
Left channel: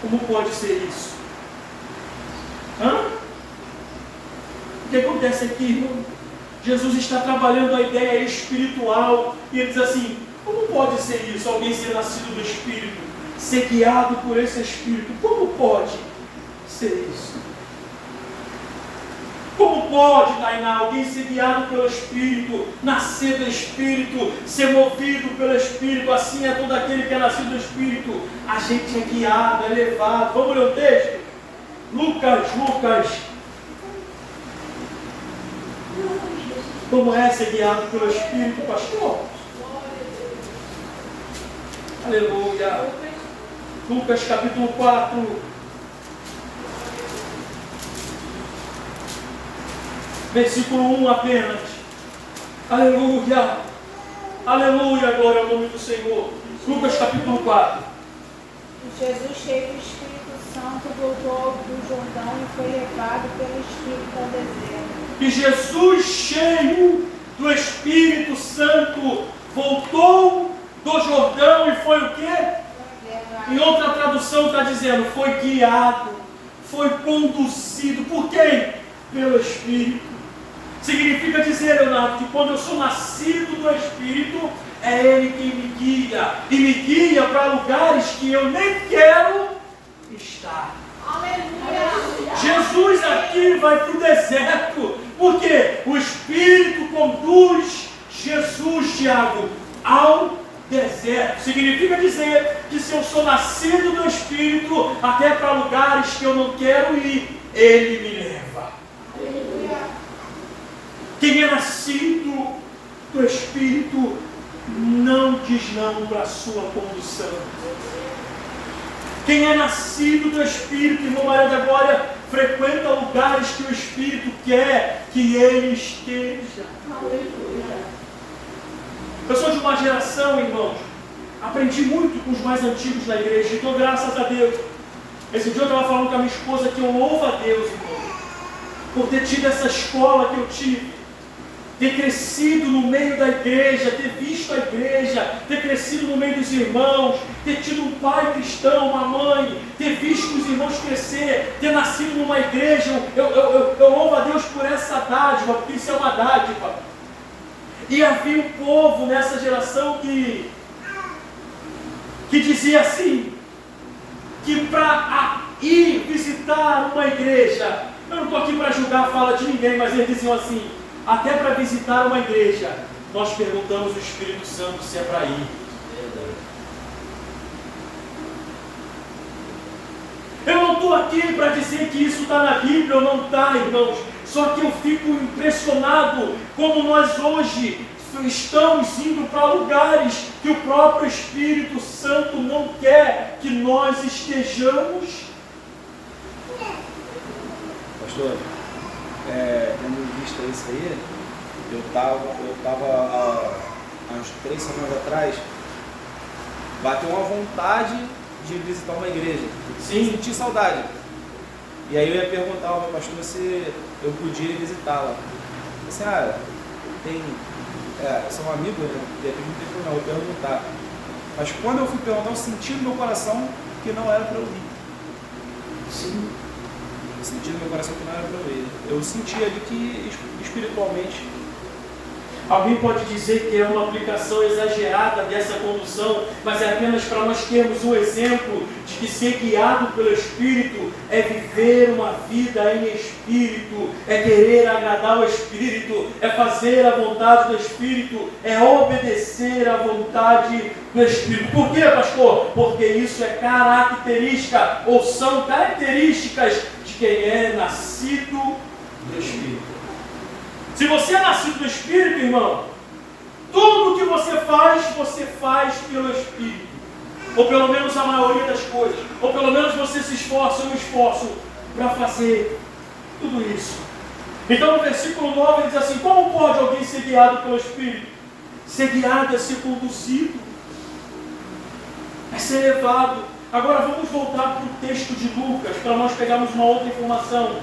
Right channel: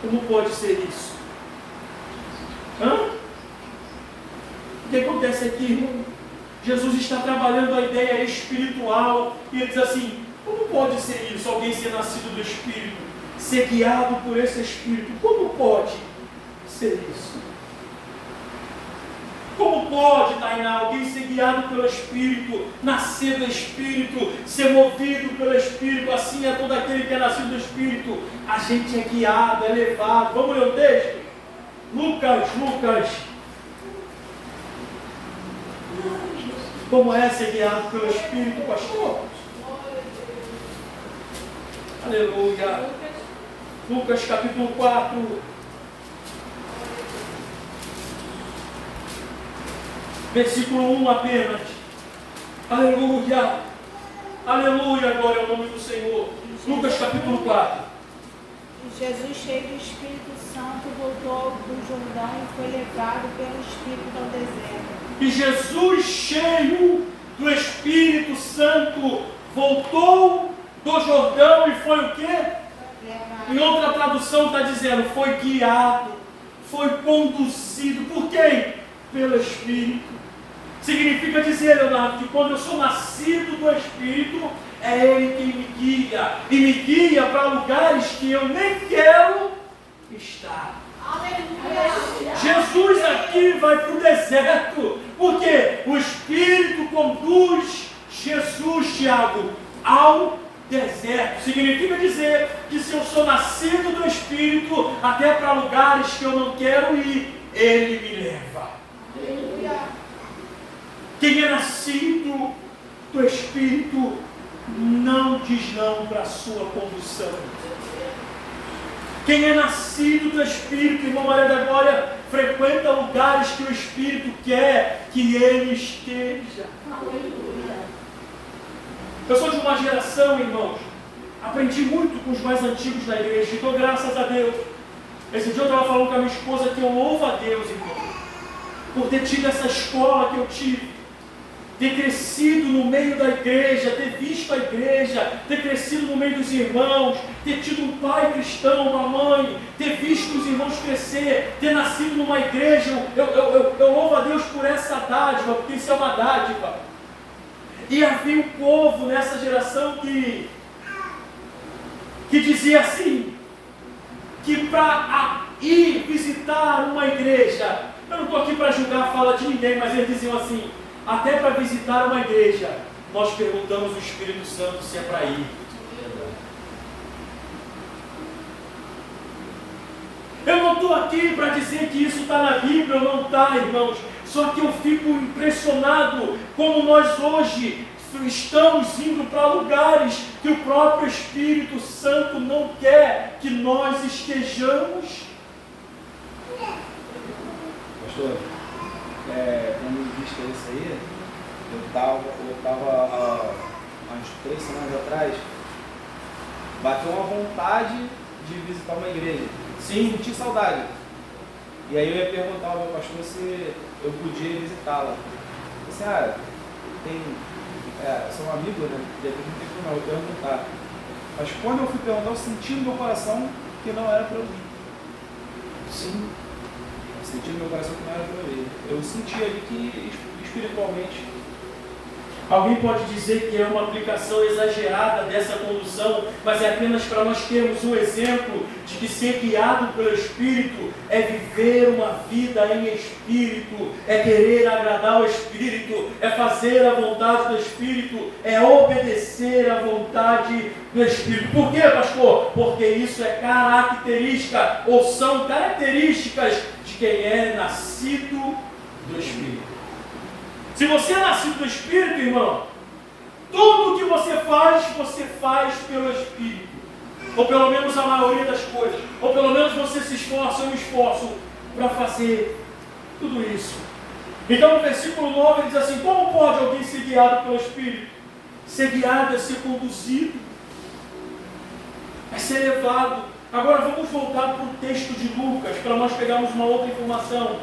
Como pode ser isso? O que acontece aqui, irmão? Jesus está trabalhando a ideia espiritual e ele diz assim: como pode ser isso? Alguém ser nascido do Espírito, ser guiado por esse Espírito, como pode ser isso? Como pode, Tainá, alguém ser guiado pelo Espírito, nascer do Espírito, ser movido pelo Espírito? Assim é todo aquele que é nascido do Espírito. A gente é guiado, é levado. Vamos ler o texto? Lucas. Como é ser guiado pelo Espírito, pastor? Aleluia. Lucas capítulo 4. Versículo 1 apenas. Aleluia. Aleluia, glória ao nome do Senhor. Lucas capítulo 4. Jesus, cheio do Espírito Santo, voltou do Jordão e foi levado pelo Espírito ao deserto. E Jesus, cheio do Espírito Santo, voltou do Jordão e foi o quê? Em outra tradução está dizendo, foi guiado, foi conduzido. Por quem? Pelo Espírito. Significa dizer, Leonardo, que quando eu sou nascido do Espírito, é Ele quem me guia. E me guia para lugares que eu nem quero estar. Aleluia. Jesus aqui vai para o deserto. Por quê? O Espírito conduz Jesus, Tiago, ao deserto. Significa dizer que se eu sou nascido do Espírito, até para lugares que eu não quero ir, Ele me leva. Quem é nascido do Espírito não diz não para a sua condução. Quem é nascido do Espírito, irmão Maria da Glória, frequenta lugares que o Espírito quer que ele esteja. Eu sou de uma geração, irmãos, aprendi muito com os mais antigos da igreja, então graças a Deus. Esse dia eu estava falando com a minha esposa que eu louvo a Deus, irmão, por ter tido essa escola que eu tive. Ter crescido no meio da igreja, ter visto a igreja, ter crescido no meio dos irmãos, ter tido um pai cristão, uma mãe, ter visto os irmãos crescer, ter nascido numa igreja. Eu louvo a Deus por essa dádiva, porque isso é uma dádiva. E havia um povo nessa geração que dizia assim, que para ir visitar uma igreja, eu não estou aqui para julgar a fala de ninguém, mas eles diziam assim, até para visitar uma igreja, nós perguntamos ao Espírito Santo se é para ir. Eu não estou aqui para dizer que isso está na Bíblia ou não está, irmãos. Só que eu fico impressionado como nós hoje estamos indo para lugares que o próprio Espírito Santo não quer que nós estejamos. Pastor, tendo visto isso aí, eu estava há uns 3 semanas atrás, bateu uma vontade de visitar uma igreja. Sim. Senti saudade. E aí eu ia perguntar ao meu pastor se eu podia visitá-la. Eu disse, eu sou um amigo, né? De repente não tem problema, eu vou perguntar. Mas quando eu fui perguntar, eu senti no meu coração que não era para eu ir. Sim. Eu senti no meu coração que não era para eu ir. Eu sentia de que espiritualmente. Alguém pode dizer que é uma aplicação exagerada dessa condução, mas é apenas para nós termos um exemplo de que ser guiado pelo Espírito é viver uma vida em Espírito, é querer agradar ao Espírito, é fazer a vontade do Espírito, é obedecer à vontade do Espírito. Por quê, pastor? Porque isso é característica, ou são características de quem é nascido do Espírito. Se você é nascido do Espírito, irmão, tudo que você faz pelo Espírito. Ou pelo menos a maioria das coisas. Ou pelo menos você se esforça, eu me esforço para fazer tudo isso. Então no versículo 9 ele diz assim, como pode alguém ser guiado pelo Espírito? Ser guiado é ser conduzido, é ser levado. Agora vamos voltar para o texto de Lucas, para nós pegarmos uma outra informação.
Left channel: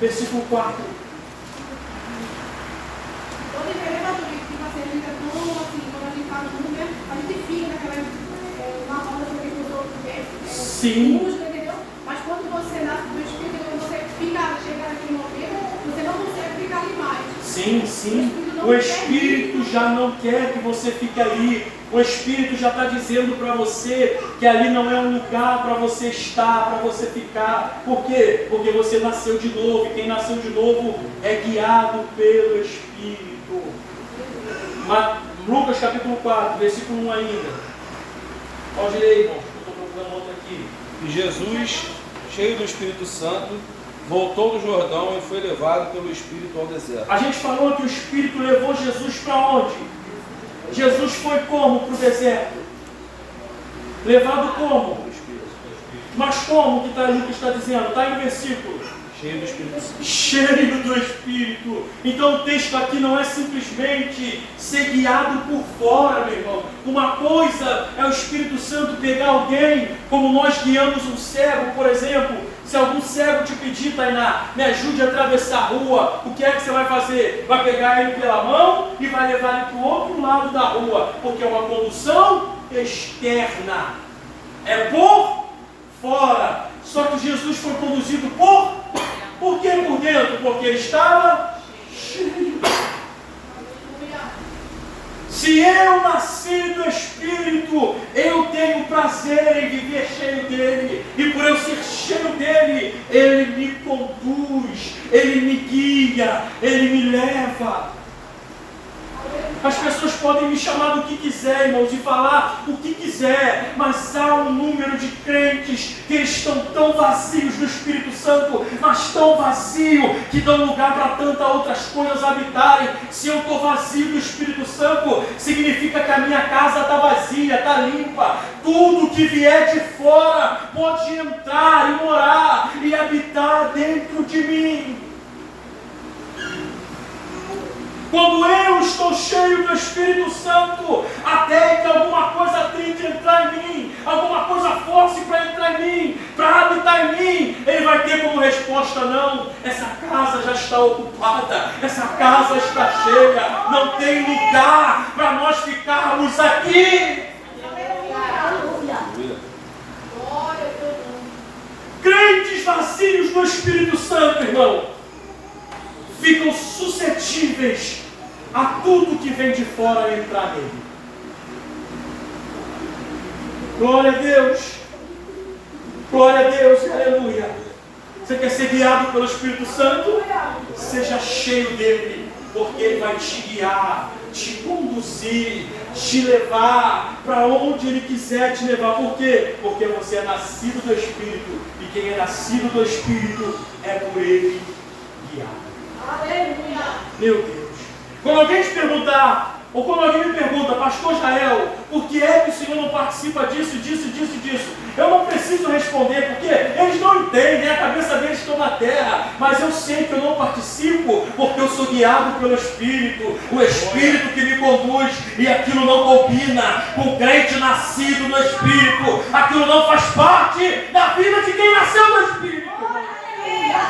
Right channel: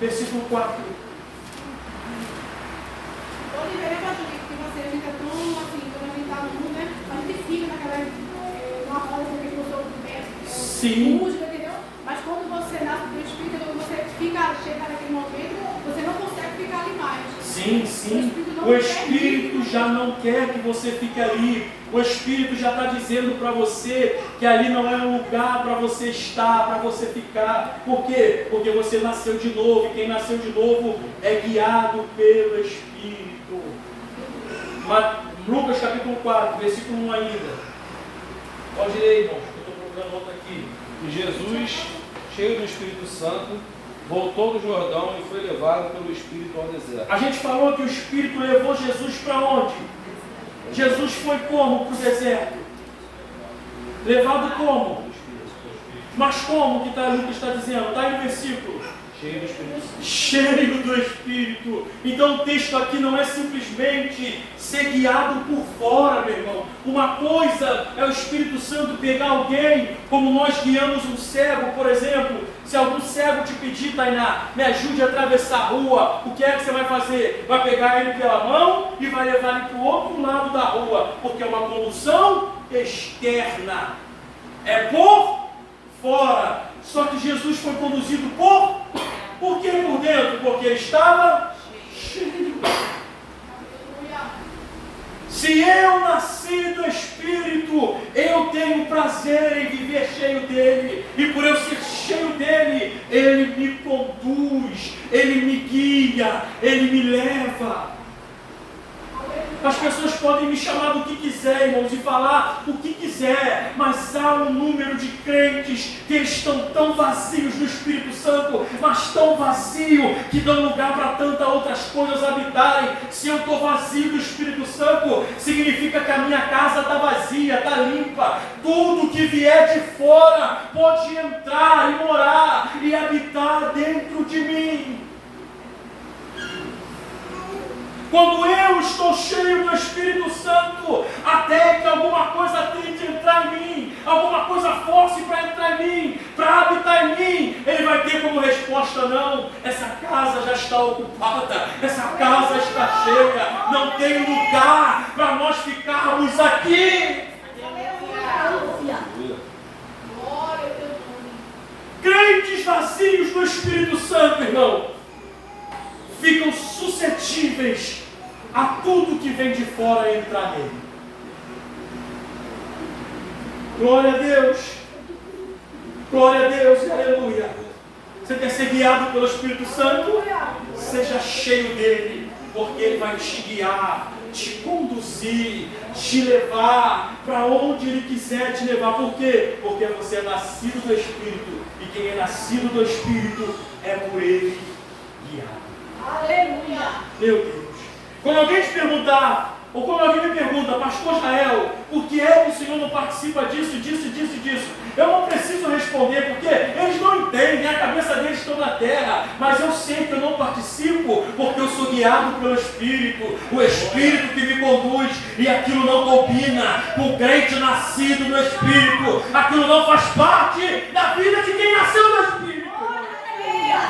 Versículo 4. Sim. Mas quando você nasce do Espírito, quando você chega naquele momento, você não consegue ficar ali mais. Sim. O Espírito já não quer que você fique ali. O Espírito já está dizendo para você que ali não é um lugar para você estar, para você ficar. Por quê? Porque você nasceu de novo. E quem nasceu de novo é guiado pelo Espírito. Lucas capítulo 4, versículo 1 ainda. Pode ler, irmãos, que eu estou procurando outro aqui. E Jesus, cheio do Espírito Santo, voltou do Jordão e foi levado pelo Espírito ao deserto. A gente falou que o Espírito levou Jesus para onde? Jesus foi como para o deserto? Levado como? Mas como que Lucas está dizendo? Está aí no versículo. Cheio do Espírito Santo. Cheio do Espírito. Então o texto aqui não é simplesmente ser guiado por fora, meu irmão. Uma coisa é o Espírito Santo pegar alguém, como nós guiamos um cego, por exemplo. Se algum cego te pedir, Tainá, me ajude a atravessar a rua, o que é que você vai fazer? Vai pegar ele pela mão e vai levar ele para o outro lado da rua, porque é uma condução externa. É por fora. Só que Jesus foi conduzido por que por dentro? Porque ele estava cheio. Se eu nasci do Espírito, eu tenho prazer em viver cheio dele. E por eu ser cheio dele, ele me conduz, ele me guia, ele me leva. As pessoas podem me chamar do que quiser, irmãos, e falar o que quiser, mas há um número de crentes que estão tão vazios do Espírito Santo, mas tão vazio, que dão lugar para tantas outras coisas habitarem. Se eu estou vazio do Espírito Santo, significa que a minha casa está vazia, está limpa. Tudo que vier de fora pode entrar e morar e habitar dentro de mim. Quando eu estou cheio do Espírito Santo, até que alguma coisa tente entrar em mim, alguma coisa force para entrar em mim, para habitar em mim, ele vai ter como resposta: não, essa casa já está ocupada, essa casa está cheia, não tem lugar para nós ficarmos aqui. Crentes vazios do Espírito Santo, irmão, ficam suscetíveis a tudo que vem de fora entrar nele. Glória a Deus, glória a Deus, aleluia. Você quer ser guiado pelo Espírito Santo? Seja cheio dele, porque ele vai te guiar, te conduzir, te levar para onde Ele quiser te levar. Por quê? Porque você é nascido do Espírito, e quem é nascido do Espírito é por Ele guiado. Aleluia. Meu Deus. Quando alguém te perguntar, ou quando alguém me pergunta, pastor Jael, por que é que o Senhor não participa disso, disso, disso, disso? Eu não preciso responder, porque eles não entendem, a cabeça deles está na terra, mas eu sei que eu não participo, porque eu sou guiado pelo Espírito, o Espírito que me conduz, e aquilo não combina com o crente nascido no Espírito, aquilo não faz parte da vida de quem nasceu no Espírito. Aleluia.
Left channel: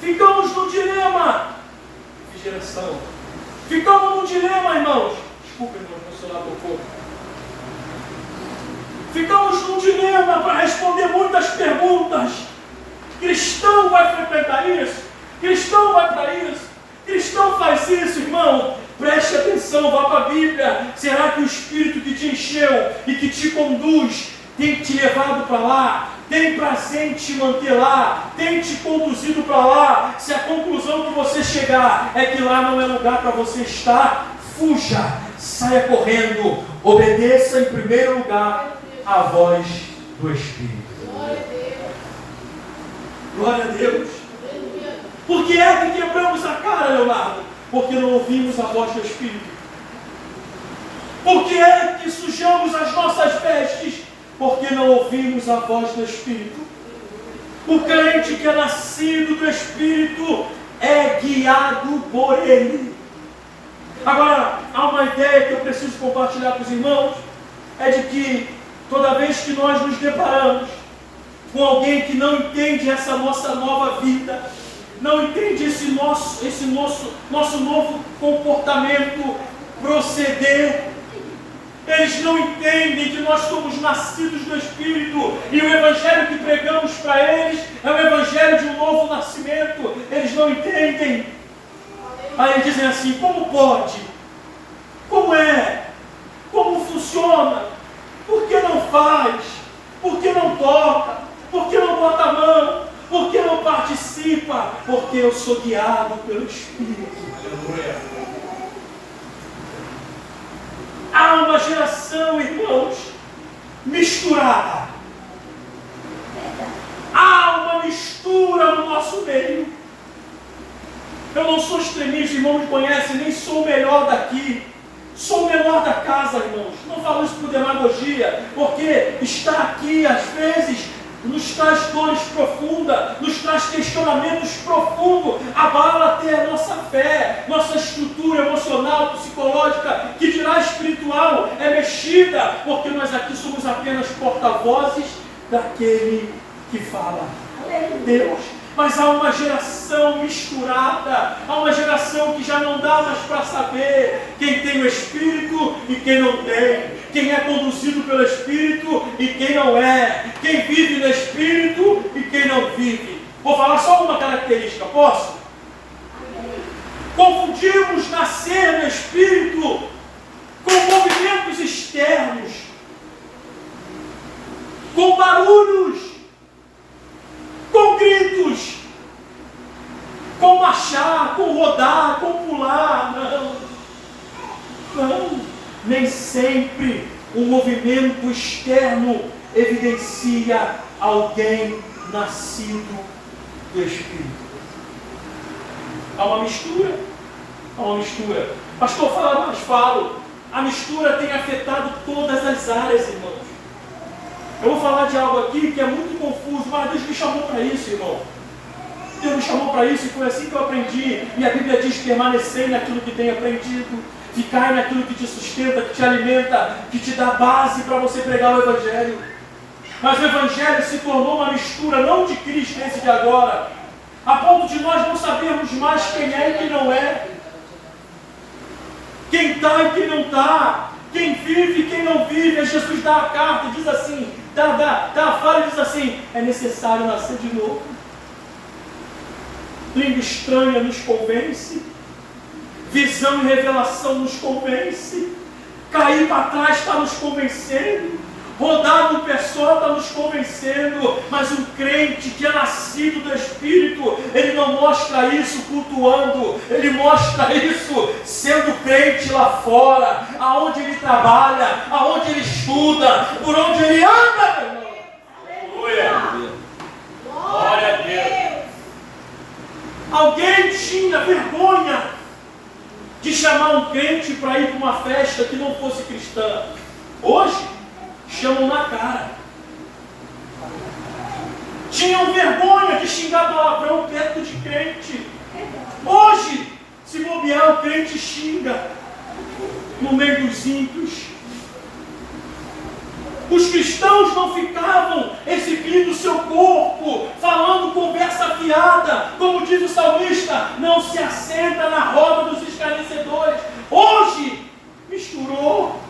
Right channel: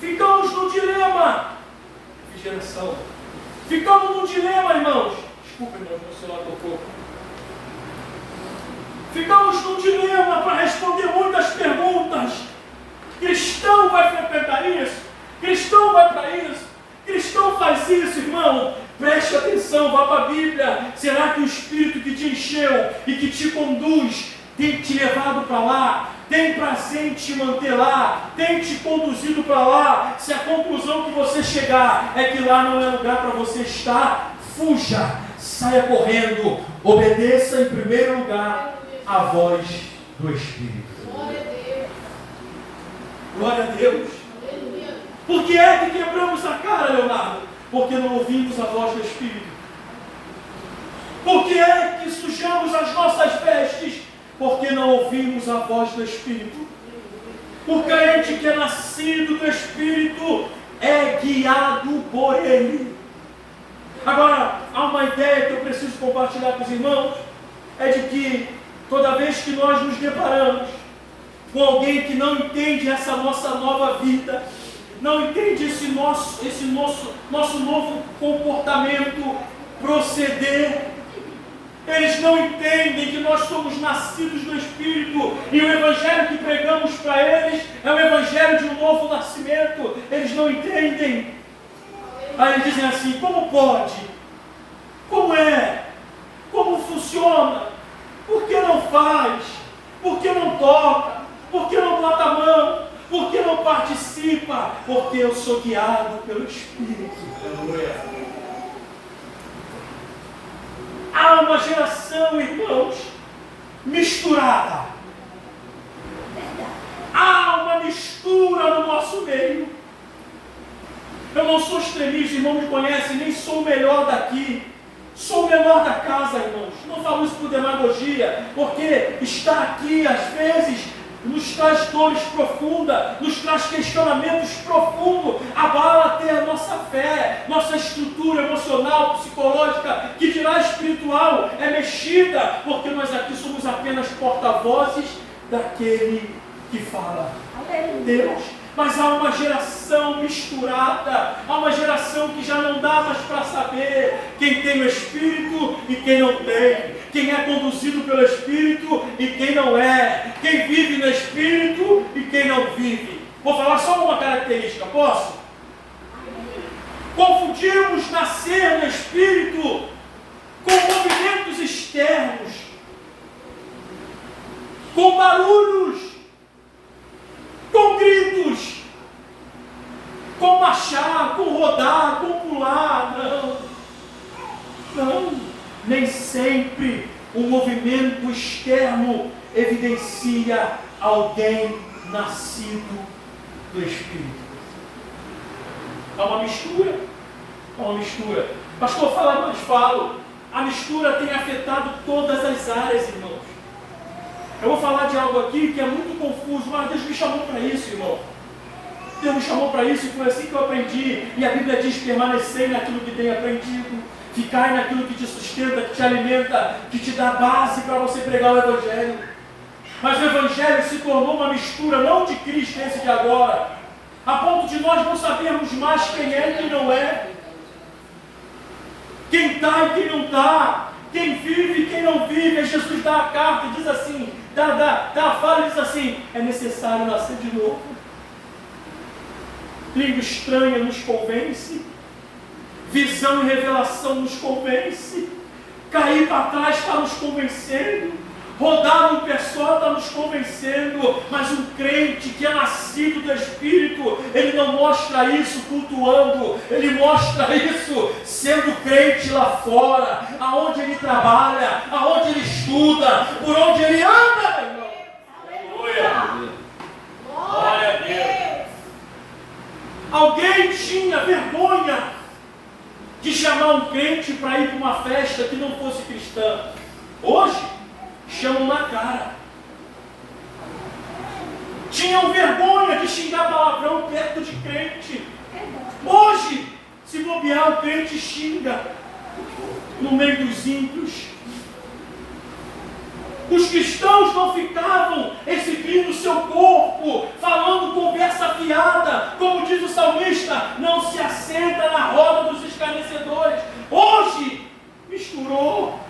Ficamos num dilema. Geração. Ficamos num dilema, irmãos. Desculpa, irmãos, meu celular tocou. Ficamos num dilema para responder muitas perguntas. Cristão vai frequentar isso? Cristão vai para isso? Cristão faz isso, irmão? Preste atenção, vá para a Bíblia. Será que o Espírito que te encheu e que te conduz tem te levado para lá? Tem prazer em te manter lá? Tem te conduzido para lá? Se a conclusão que você chegar é que lá não é lugar para você estar, fuja, saia correndo, obedeça em primeiro lugar a voz do Espírito. Glória a Deus. Por que é que quebramos a cara, Leonardo? Porque não ouvimos a voz do Espírito. Por que é que sujamos as nossas vestes? Porque não ouvimos a voz do Espírito. O crente que é nascido do Espírito é guiado por Ele. Agora, há uma ideia que eu preciso compartilhar com os irmãos, é de que toda vez que nós nos deparamos com alguém que não entende essa nossa nova vida, não entende esse nosso novo comportamento, proceder, eles não entendem que nós somos nascidos do Espírito, e o Evangelho que pregamos para eles é o Evangelho de um novo nascimento. Eles não entendem. Aí eles dizem assim: como pode? Como é? Como funciona? Por que não faz? Por que não toca? Por que não bota a mão? Por que não participa? Porque eu sou guiado pelo Espírito. Aleluia. Há uma geração, irmãos, misturada. Há uma mistura no nosso meio. Eu não sou extremista, irmãos me conhecem, nem sou o melhor daqui. Sou o menor da casa, irmãos. Não falo isso por demagogia, porque estar aqui, às vezes, nos traz dores profundas, nos traz questionamentos profundos, abala até a nossa fé, nossa estrutura emocional, psicológica, que dirá espiritual, é mexida, porque nós aqui somos apenas porta-vozes daquele que fala. Deus. Mas há uma geração misturada, há uma geração que já não dá mais para saber quem tem o Espírito e quem não tem, quem é conduzido pelo Espírito e quem não é, quem vive no Espírito e quem não vive. Vou falar só uma característica, posso? Confundimos nascer no Espírito com movimentos externos, com barulhos, com gritos, com marchar, com rodar, com pular. Não, nem sempre o movimento externo evidencia alguém nascido do Espírito. Há uma mistura. Pastor, fala mais, falo. A mistura tem afetado todas as áreas, irmãos. Eu vou falar de algo aqui que é muito confuso, mas Deus me chamou para isso, irmão. Deus me chamou para isso e foi assim que eu aprendi. E a Bíblia diz: permanecer naquilo que tem aprendido, ficar naquilo que te sustenta, que te alimenta, que te dá base para você pregar o Evangelho. Mas o Evangelho se tornou uma mistura, não de Cristo, esse de agora, a ponto de nós não sabermos mais quem é e quem não é, quem está e quem não está, quem vive e quem não vive. Aí Jesus dá a carta e diz assim, dá a fala e diz assim: é necessário nascer de novo. Língua estranha nos convence, visão e revelação nos convence, cair para trás está nos convencendo, rodar no pessoal está nos convencendo, mas um crente que é nascido do Espírito, ele não mostra isso cultuando, ele mostra isso sendo crente lá fora, aonde ele trabalha, aonde ele estuda, por onde ele anda, meu irmão. Aleluia. Glória a Deus. Alguém tinha vergonha de chamar um crente para ir para uma festa que não fosse cristã. Hoje, chamam na cara. Tinham vergonha de xingar palavrão perto de crente. Hoje, se bobear, o crente xinga no meio dos ímpios. Os cristãos não ficavam exibindo o seu corpo, falando conversa fiada, como diz o salmista, não se assenta na roda dos escarnecedores. Hoje, misturou.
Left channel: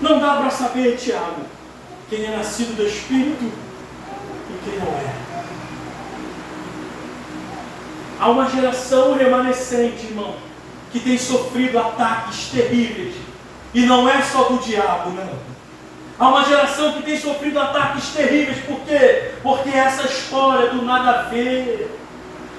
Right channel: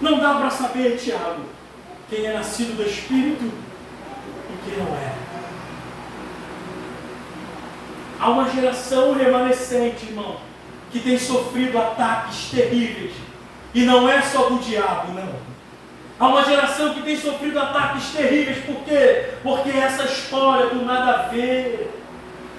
Não dá para saber, Tiago, quem é nascido do Espírito e quem não é. Há uma geração remanescente, irmão, que tem sofrido ataques terríveis. E não é só do diabo, não. Há uma geração que tem sofrido ataques terríveis. Por quê? Porque essa história do nada a ver,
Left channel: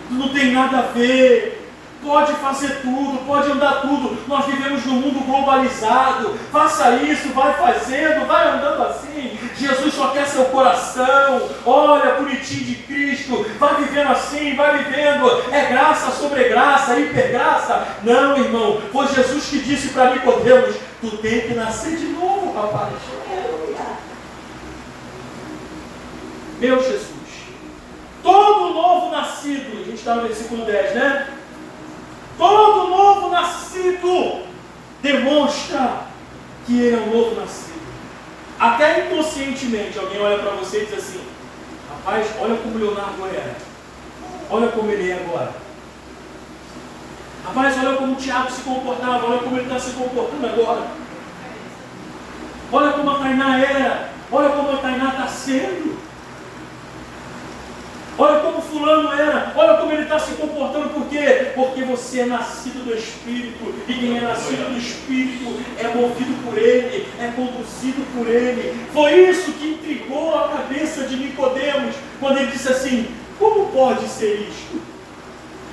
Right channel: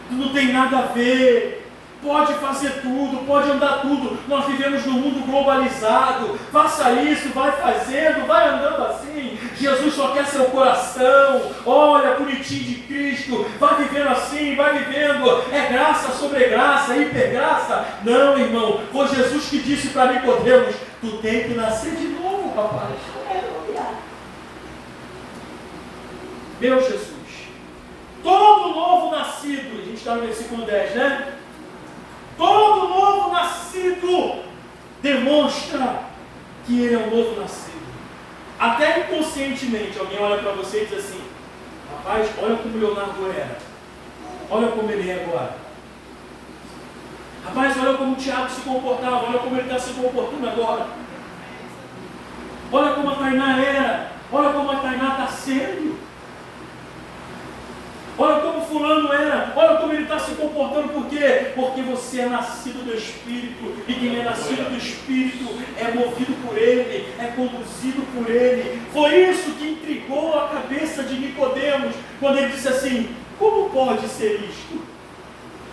não tem nada a ver, pode fazer tudo, pode andar tudo. Nós vivemos num mundo globalizado. Faça isso, vai fazendo, vai andando assim. Jesus só quer seu coração. Olha, bonitinho de Cristo. Vai vivendo assim, vai vivendo. É graça sobre graça, hipergraça. Não, irmão. Foi Jesus que disse para Nicodemos: tu tem que nascer de novo, rapaz. Meu Jesus. Todo novo nascido, a gente está no versículo 10, né? Todo novo nascido demonstra que ele é um novo nascido. Até inconscientemente alguém olha para você e diz assim: rapaz, olha como Leonardo era, olha como ele é agora. Rapaz, olha como o Tiago se comportava, olha como ele está se comportando agora. Olha como a Tainá era, olha como a Tainá está sendo. Olha como fulano era, olha como ele está se comportando. Por quê? Porque você é nascido do Espírito, e quem é nascido do Espírito é movido por Ele, é conduzido por Ele. Foi isso que intrigou a cabeça de Nicodemos, quando ele disse assim: como pode ser isto?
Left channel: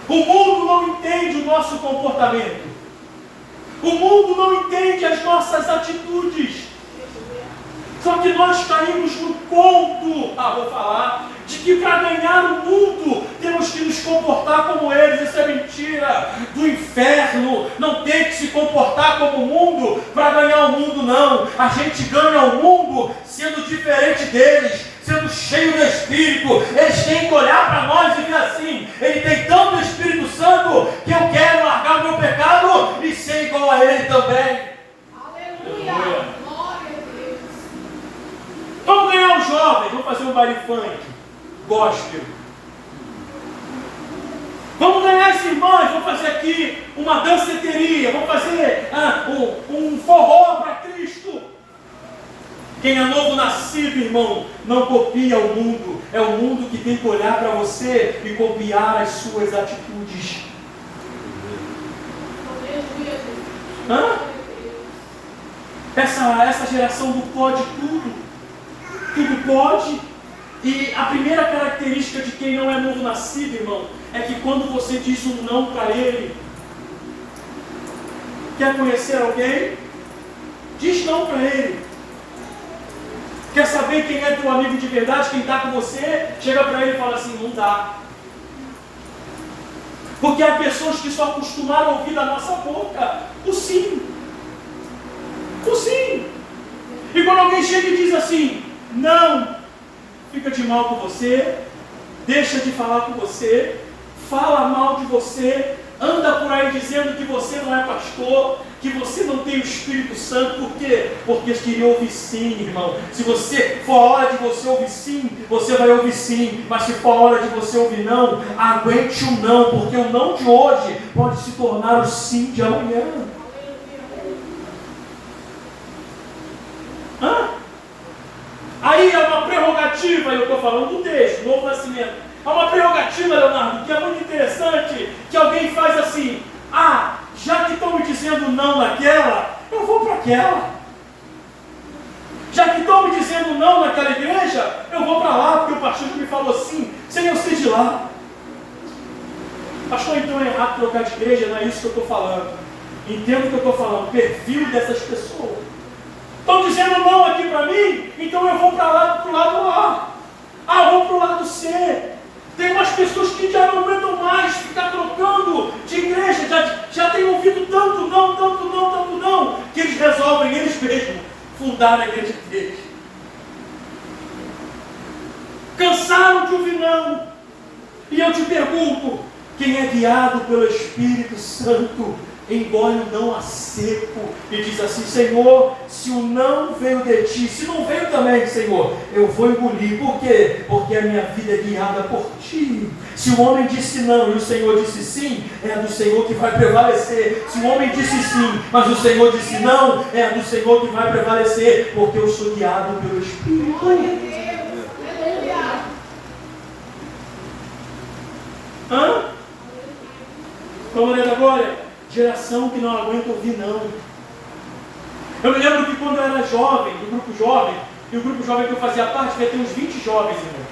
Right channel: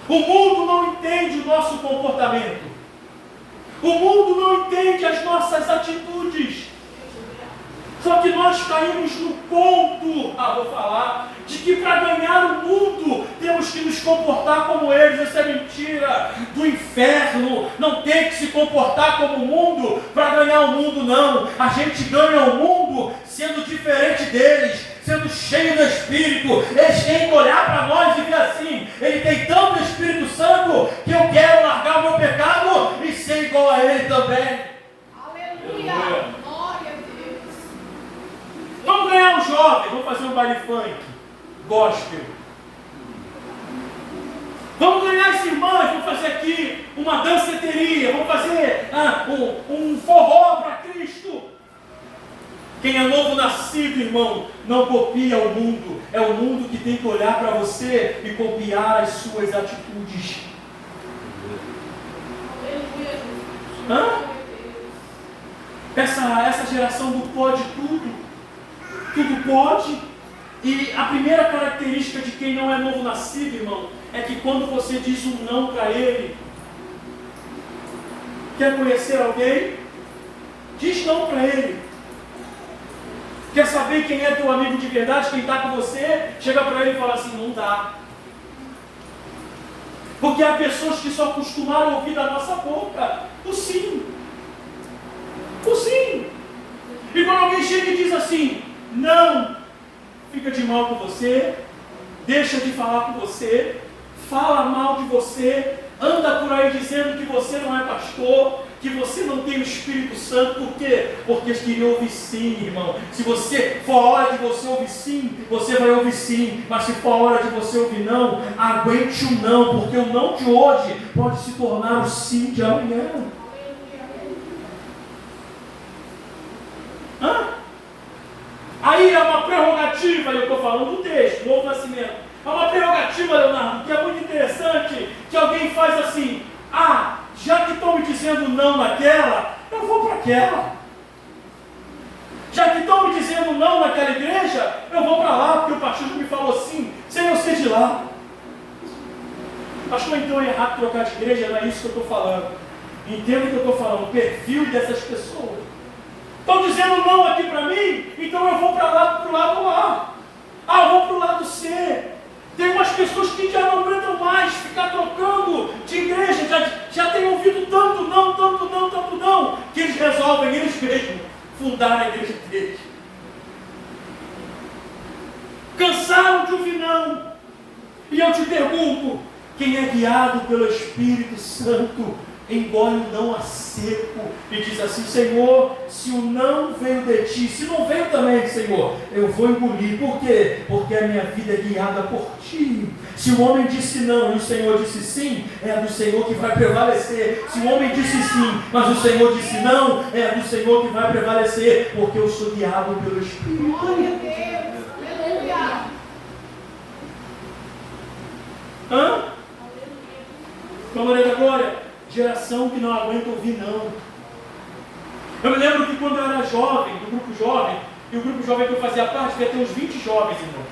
O mundo não entende o nosso comportamento, o mundo não entende as nossas atitudes. Só que nós caímos no conto, vou falar, de que para ganhar o mundo temos que nos comportar como eles. Isso é mentira do inferno. Não tem que se comportar como o mundo para ganhar o mundo, não. A gente ganha o mundo sendo diferente deles, sendo cheio do Espírito. Eles têm que olhar para nós e dizer assim: ele tem tanto Espírito Santo que eu quero largar o meu pecado e ser igual a ele também. Aleluia. Vamos ganhar os jovens, vamos fazer um baile funk, gospel. Vamos ganhar as irmãs, vamos fazer aqui uma danceteria, vamos fazer um forró para Cristo. Quem é novo nascido, irmão, não copia o mundo. É o mundo que tem que olhar para você e copiar as suas atitudes. Essa geração do pode tudo. Tudo pode. E a primeira característica de quem não é novo nascido, irmão, é que quando você diz um não para ele, quer conhecer alguém? Diz não para ele. Quer saber quem é teu amigo de verdade, quem está com você? Chega para ele e fala assim: não dá. Porque há pessoas que só acostumaram a ouvir da nossa boca o sim. O sim. E quando alguém chega e diz assim: não, fica de mal com você, deixa de falar com você, fala mal de você, anda por aí dizendo que você não é pastor, que você não tem o Espírito Santo. Por quê? Porque eles queriam ouvir sim, irmão. Se você for a hora de você ouvir sim, você vai ouvir sim. Mas se for a hora de você ouvir não, aguente o não, porque o não de hoje pode se tornar o sim de amanhã. Aí é uma prerrogativa, eu estou falando do texto, novo nascimento. É uma prerrogativa, Leonardo, que é muito interessante, que alguém faz assim: já que estão me dizendo não naquela, eu vou para aquela. Já que estão me dizendo não naquela igreja, eu vou para lá, porque o pastor já me falou assim, sem eu ser de lá. Pastor, então é errado trocar de igreja? Não é isso que eu estou falando. Entendo o que eu estou falando, o perfil dessas pessoas. Estão dizendo não aqui para mim, então eu vou para lá, para o lado A. Ah, eu vou para o lado C. Tem umas pessoas que já não aguentam mais ficar trocando de igreja, já têm ouvido tanto não, que eles resolvem eles mesmos fundar a igreja deles. Cansaram de ouvir não. E eu te pergunto, quem é guiado pelo Espírito Santo, engole o não a seco e diz assim: Senhor, se o não veio de ti, se não veio também, Senhor, eu vou engolir. Por quê? Porque a minha vida é guiada por ti. Se o homem disse não e o Senhor disse sim, é a do Senhor que vai prevalecer. Se o homem disse sim, mas o Senhor disse não, é a do Senhor que vai prevalecer, porque eu sou guiado pelo Espírito. Glória a Deus. Aleluia. Hã? Glória da glória. Geração que não aguenta ouvir não. Eu me lembro que quando eu era jovem, do grupo jovem, e o grupo jovem que eu fazia parte, devia ter uns 20 jovens, irmão.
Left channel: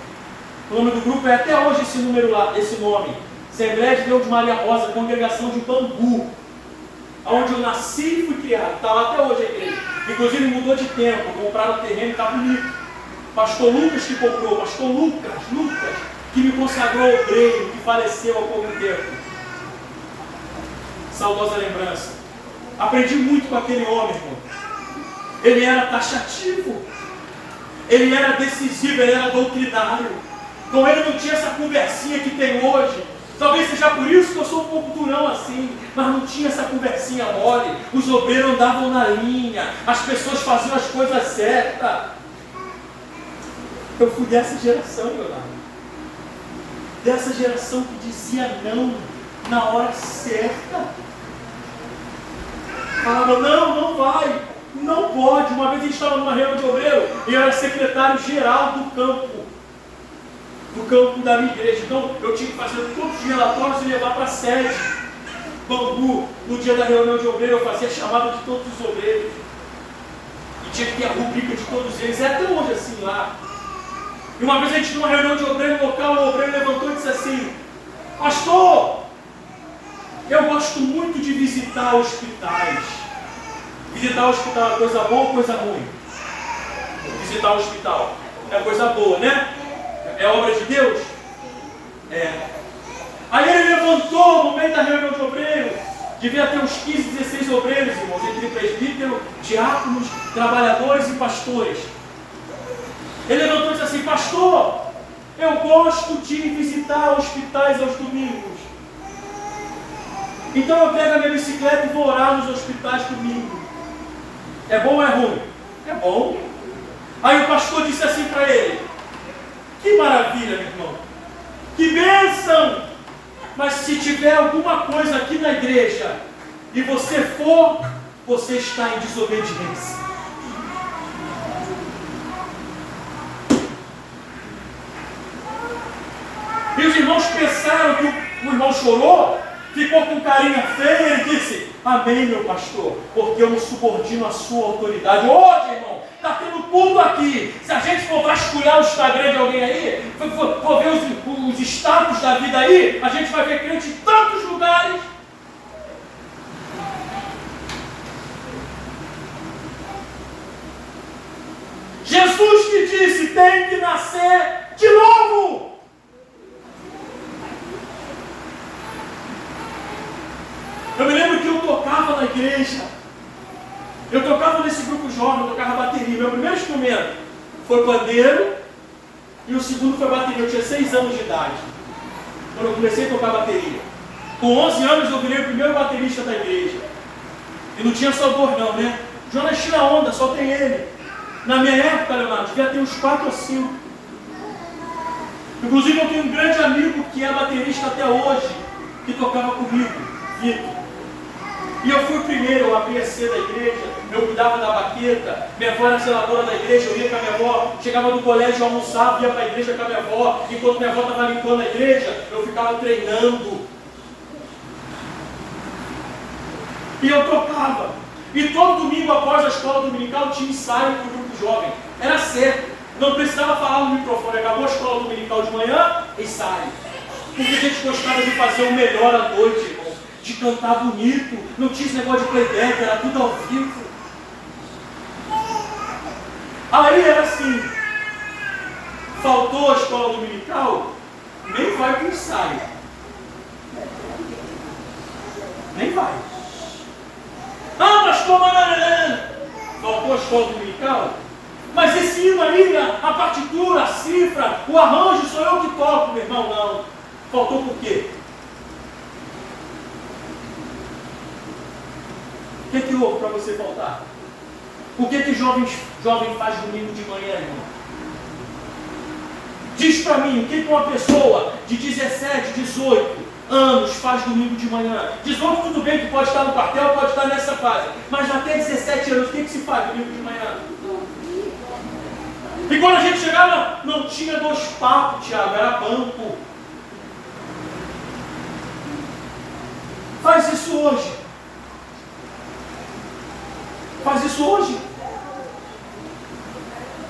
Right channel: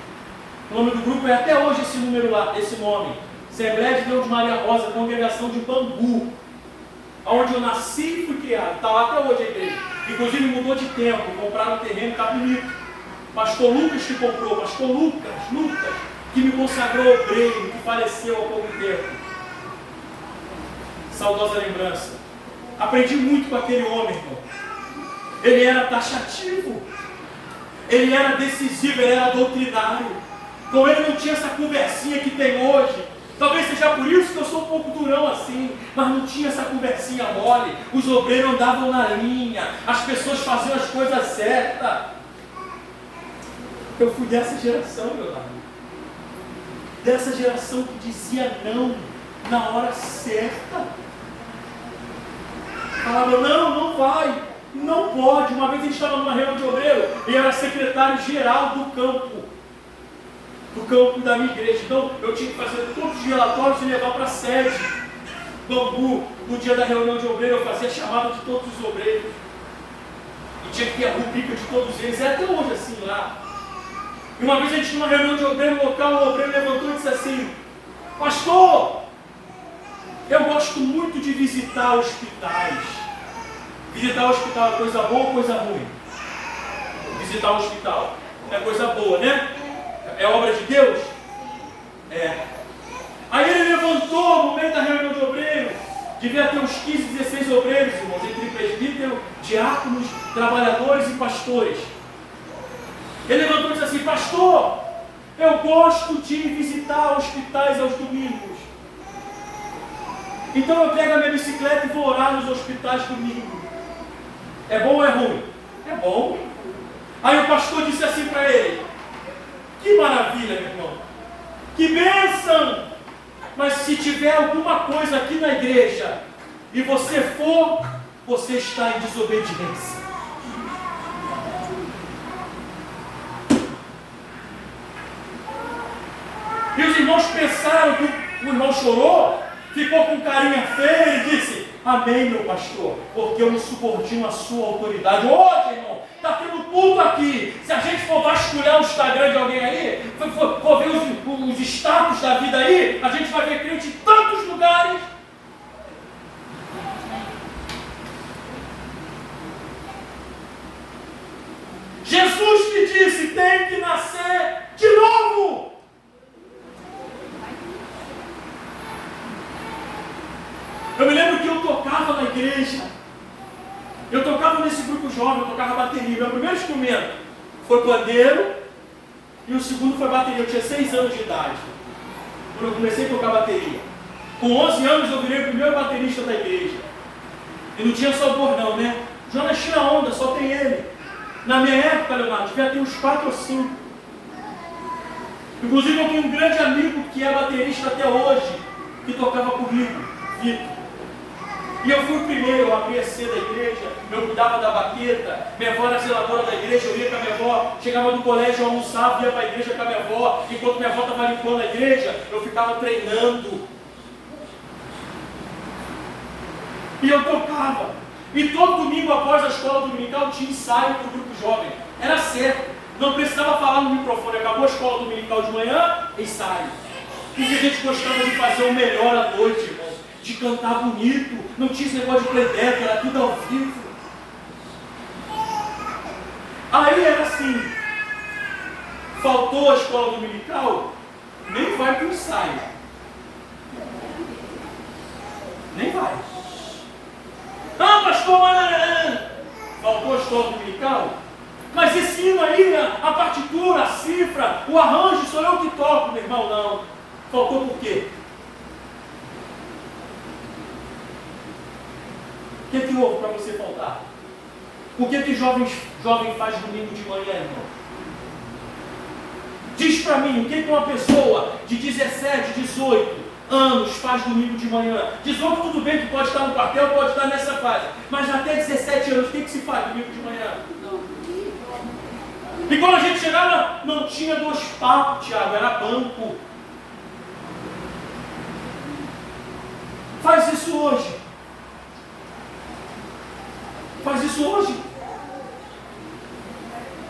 O nome do grupo é até hoje esse número lá, esse nome. Assembleia de Deus de Maria Rosa, congregação de Bangu, onde eu nasci e fui criado. Está lá até hoje a igreja. Inclusive mudou de tempo, compraram o terreno e está bonito. Pastor Lucas que comprou, pastor Lucas, que me consagrou obreiro, que faleceu há pouco tempo. Saudosa lembrança. Aprendi muito com aquele homem, irmão. Ele era taxativo, ele era decisivo, ele era doutrinário. Com ele não tinha essa conversinha que tem hoje. Talvez seja por isso que eu sou um pouco durão assim, mas não tinha essa conversinha mole. Os obreiros andavam na linha, as pessoas faziam as coisas certas. Eu fui dessa geração, meu lado. Dessa geração que dizia não na hora certa. Falava, não vai, não pode. Uma vez a gente estava numa reunião de obreiro e eu era secretário-geral do campo da minha igreja. Então eu tinha que fazer todos os relatórios e levar para a sede Bangu. No dia da reunião de obreiro eu fazia a chamada de todos os obreiros e tinha que ter a rubrica de todos eles. É até hoje assim lá. E uma vez a gente numa reunião de obreiro local, o obreiro levantou e disse assim: Pastor, eu gosto muito de visitar hospitais. Visitar o hospital é coisa boa ou coisa ruim? Visitar o hospital é coisa boa, né? É obra de Deus? É. Aí ele levantou no meio da reunião de obreiros. Devia ter uns 15, 16 obreiros, irmãos, entre presbítero, diáconos, trabalhadores e pastores. Ele levantou e disse assim: Pastor, eu gosto de visitar hospitais aos domingos. Então eu pego a minha bicicleta e vou orar nos hospitais domingo. É bom ou é ruim? É bom. Aí o pastor disse assim para ele: Que maravilha, meu irmão. Que bênção. Mas se tiver alguma coisa aqui na igreja e você for, você está em desobediência. E os irmãos pensaram que o irmão chorou, ficou com carinha feia e disse: Amém, meu pastor, porque eu me subordino à sua autoridade. Hoje, irmão, está tendo tudo aqui. Se a gente for vasculhar o Instagram de alguém aí, for ver os status da vida aí, a gente vai ver crente em tantos lugares. Jesus que disse: tem que nascer de novo. Eu me lembro que eu tocava na igreja. Eu tocava nesse grupo jovem, eu tocava bateria. Meu primeiro instrumento foi pandeiro e o segundo foi bateria. Eu tinha 6 anos de idade quando eu comecei a tocar bateria. Com 11 anos eu virei o primeiro baterista da igreja. E não tinha só dor não, né? Jonas tira onda, só tem ele. Na minha época, Leonardo, devia ter uns 4 ou 5. Inclusive eu tenho um grande amigo que é baterista até hoje, que tocava comigo, Vitor. E eu fui o primeiro, eu abria cedo a igreja, eu cuidava da baqueta, minha avó era zeladora da igreja, eu ia com a minha avó, chegava do colégio, eu almoçava, ia para a igreja com a minha avó, enquanto minha avó estava limpando a igreja, eu ficava treinando. E eu tocava. E todo domingo após a escola dominical tinha ensaio para o grupo jovem. Era certo. Não precisava falar no microfone. Acabou a escola dominical de manhã, ensaio. Porque a gente gostava de fazer o melhor à noite, irmão. De cantar bonito. Não tinha esse negócio de playback, era tudo ao vivo. Aí era assim. Faltou a escola dominical, nem vai para o ensaio. Nem vai. Ah, pastor, mas faltou a escola dominical? Mas esse hino aí, a partitura, a cifra, o arranjo, sou eu que toco, meu irmão. Não. Faltou por quê? O que houve para você faltar? O que jovem faz domingo de manhã, irmão? Diz para mim, o que uma pessoa de 17, 18 anos faz domingo de manhã? 18 tudo bem que pode estar no quartel, pode estar nessa fase. Mas até 17 anos, o que se faz domingo de manhã? E quando a gente chegava, não tinha 2 papos, Tiago, era banco. Faz isso hoje. Faz isso hoje.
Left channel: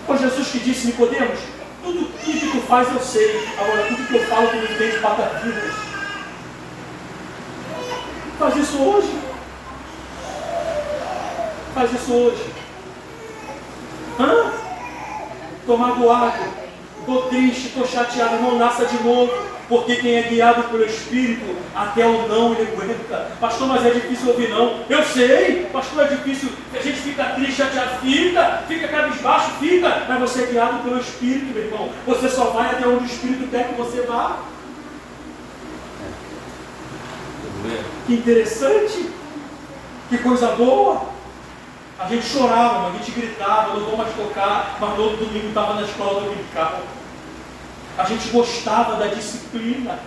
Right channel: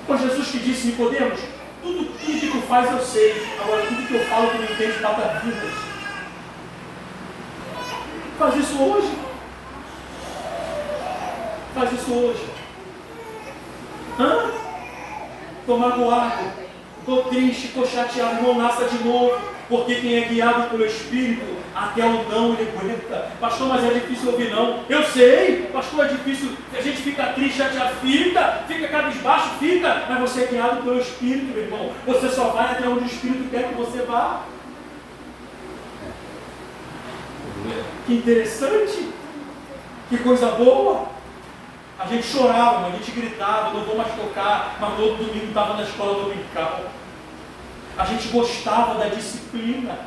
Foi Jesus que disse, Nicodemos, tudo que tu faz eu sei, agora tudo que eu falo tu não entende patavidas. Faz isso hoje. Faz isso hoje. Hã? Estou magoado, estou triste, estou chateado, não nasça de novo. Porque quem é guiado pelo Espírito, até o não ele aguenta. Pastor, mas é difícil ouvir não. Eu sei, pastor, é difícil. A gente fica triste, chateado, fica cabisbaixo, fica. Mas você é guiado pelo Espírito, meu irmão. Você só vai até onde o Espírito quer que você vá. Que interessante. Que coisa boa. A gente chorava, a gente gritava, não vou mais tocar, mas no outro domingo estava na escola dominical. A gente gostava da disciplina.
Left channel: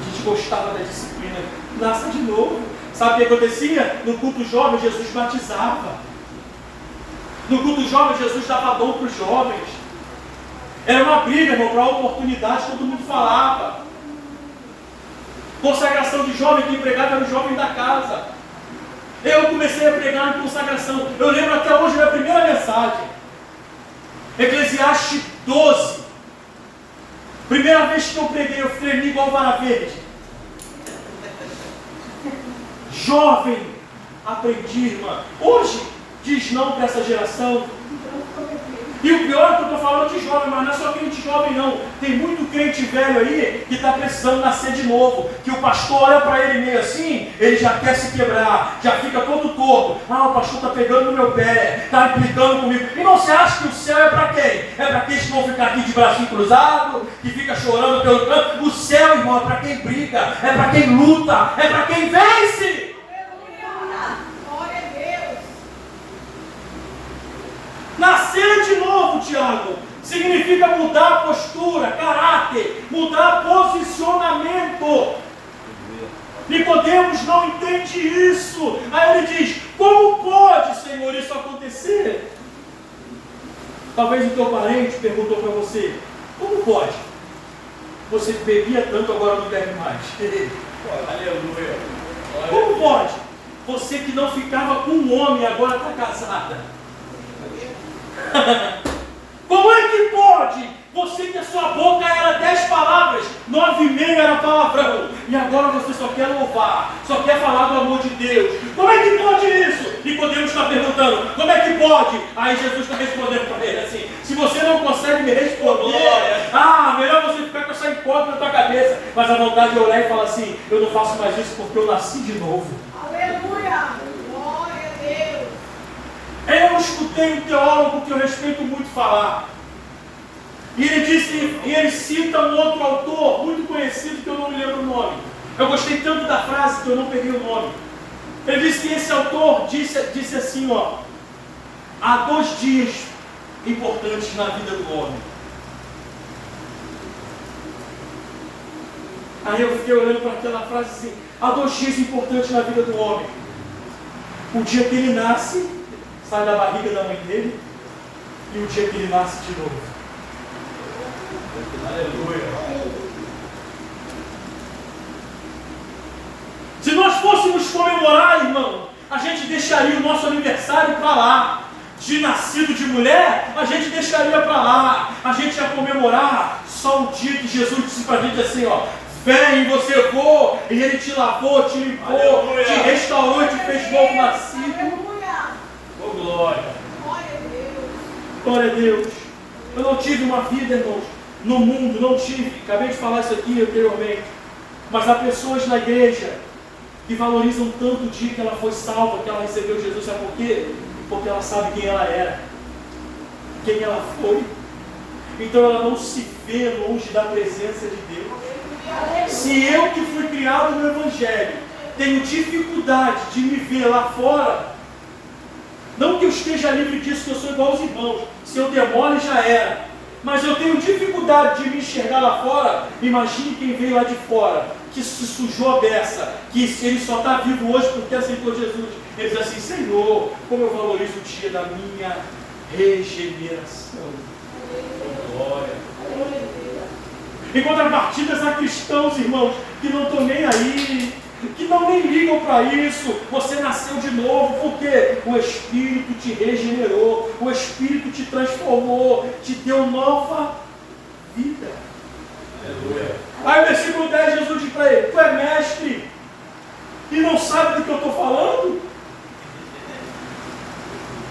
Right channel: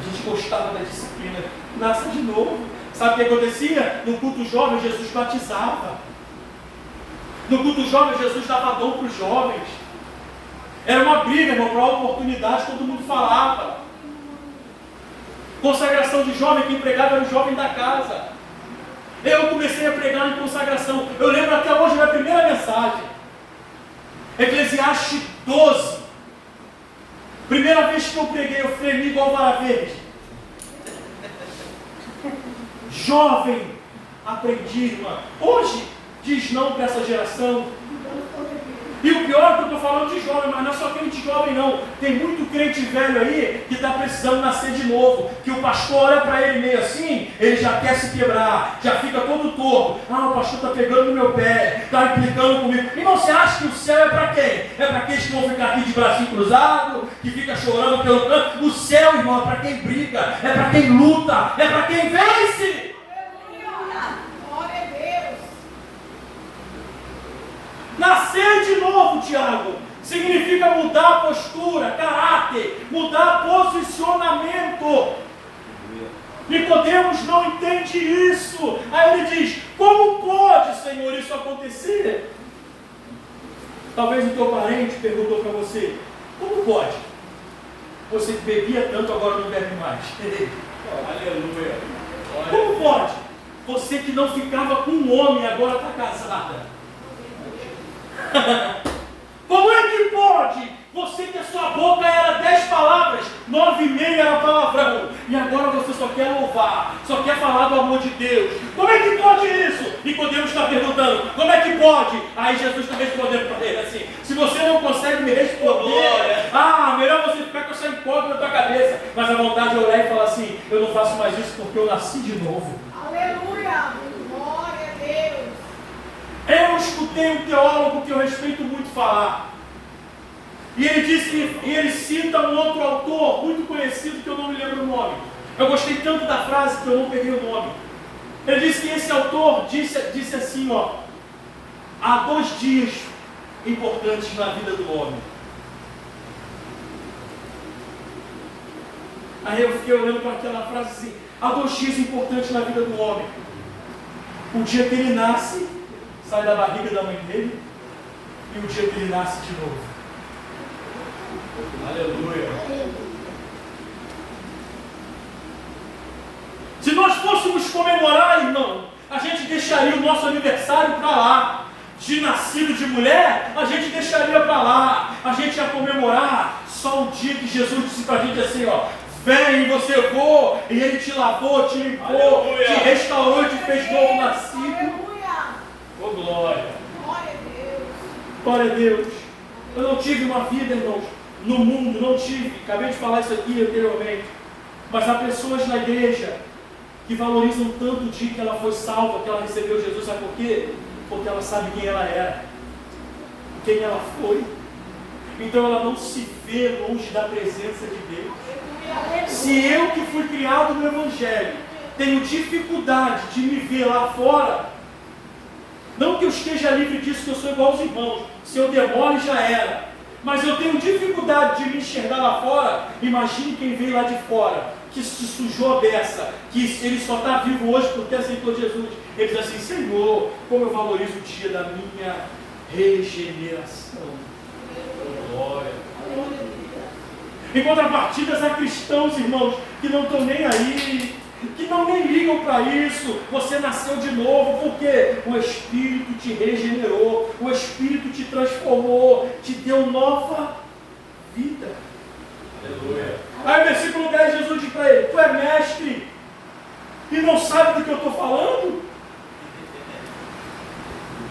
A gente gostava da disciplina. Nasça de novo. Sabe o que acontecia? No culto jovem, Jesus batizava. No culto jovem, Jesus dava dom para os jovens. Era uma briga, irmão, para a oportunidade, todo mundo falava. Consagração de jovem, quem pregava era o jovem da casa. Eu comecei a pregar em consagração. Eu lembro até hoje da primeira mensagem. Eclesiastes 12. Primeira vez que eu preguei, eu tremi igual vara verde. Jovem, aprendi, irmã. Hoje, diz não para essa geração. E o pior é que eu estou falando de jovem, mas não é só crente jovem não. Tem muito crente velho aí que está precisando nascer de novo. Que o pastor olha para ele meio assim, ele já quer se quebrar, já fica todo torto. Ah, o pastor está pegando no meu pé, está implicando comigo. Irmão, você acha que o céu é para quem? É para aqueles que vão ficar aqui de bracinho cruzado, que fica chorando pelo canto? O céu, irmão, é para quem briga, é para quem luta, é para quem vence. Nascer de novo, Tiago, significa mudar a postura, caráter, mudar posicionamento. Nicodemos não entende isso. Aí ele diz, como pode, Senhor, isso acontecer? Talvez o teu parente perguntou para você, como pode? Você que bebia tanto, agora não bebe mais. Aleluia. Como pode? Você que não ficava com um homem, agora está casada. Como é que pode? Você que a sua boca era 10 palavras, 9,5 era palavrão, e agora você só quer louvar, só quer falar do amor de Deus. Como é que pode isso? Nicodemos está perguntando, como é que pode? Aí Jesus está respondendo para ele assim, se você não consegue me responder, melhor você ficar com essa incógnita na tua cabeça, mas a vontade de orar e falar assim, eu não faço mais isso porque eu nasci de novo. Aleluia! Glória a Deus! Eu escutei um teólogo que eu respeito muito falar. E ele cita um outro autor muito conhecido que eu não me lembro o nome. Eu gostei tanto da frase que eu não peguei o nome. Ele disse que esse autor disse assim, há 2 dias importantes na vida do homem. Aí eu fiquei olhando para aquela frase assim, há 2 dias importantes na vida do homem. O dia que ele nasce, sai da barriga da mãe dele, e o dia que ele nasce de novo. Aleluia. fôssemos comemorar, irmão, a gente deixaria o nosso aniversário para lá. De nascido de mulher, a gente deixaria para lá. A gente ia comemorar só o dia que Jesus disse para a gente assim, ó: vem, você vou, e Ele te lavou, te limpou, Aleluia. te restaurou, te fez novo nascido. Aleluia. Ô, glória. Glória a Deus. Glória a Deus. Eu não tive uma vida, irmãos, no mundo, não tive. Acabei de falar isso aqui anteriormente. Mas há pessoas na igreja que valorizam tanto o dia que ela foi salva, que ela recebeu Jesus. Sabe por quê? Porque ela sabe quem ela era, quem ela foi. Então ela não se vê longe da presença de Deus. Se eu que fui criado no Evangelho tenho dificuldade de me ver lá fora, não que eu esteja livre disso, que eu sou igual aos irmãos, se eu demole já era, mas eu tenho dificuldade de me enxergar lá fora. Imagine quem veio lá de fora, que se sujou a beça, que ele só está vivo hoje porque aceitou Jesus. Ele diz assim: Senhor, como eu valorizo o dia da minha regeneração. Glória. Em contrapartida, há cristãos, irmãos, que não estão nem aí, que não nem ligam para isso. Você nasceu de novo, porque o Espírito te regenerou, o Espírito te transformou, te deu nova vida. Aleluia. Aí, versículo 10, Jesus diz para ele: tu é mestre e não sabe do que eu estou falando?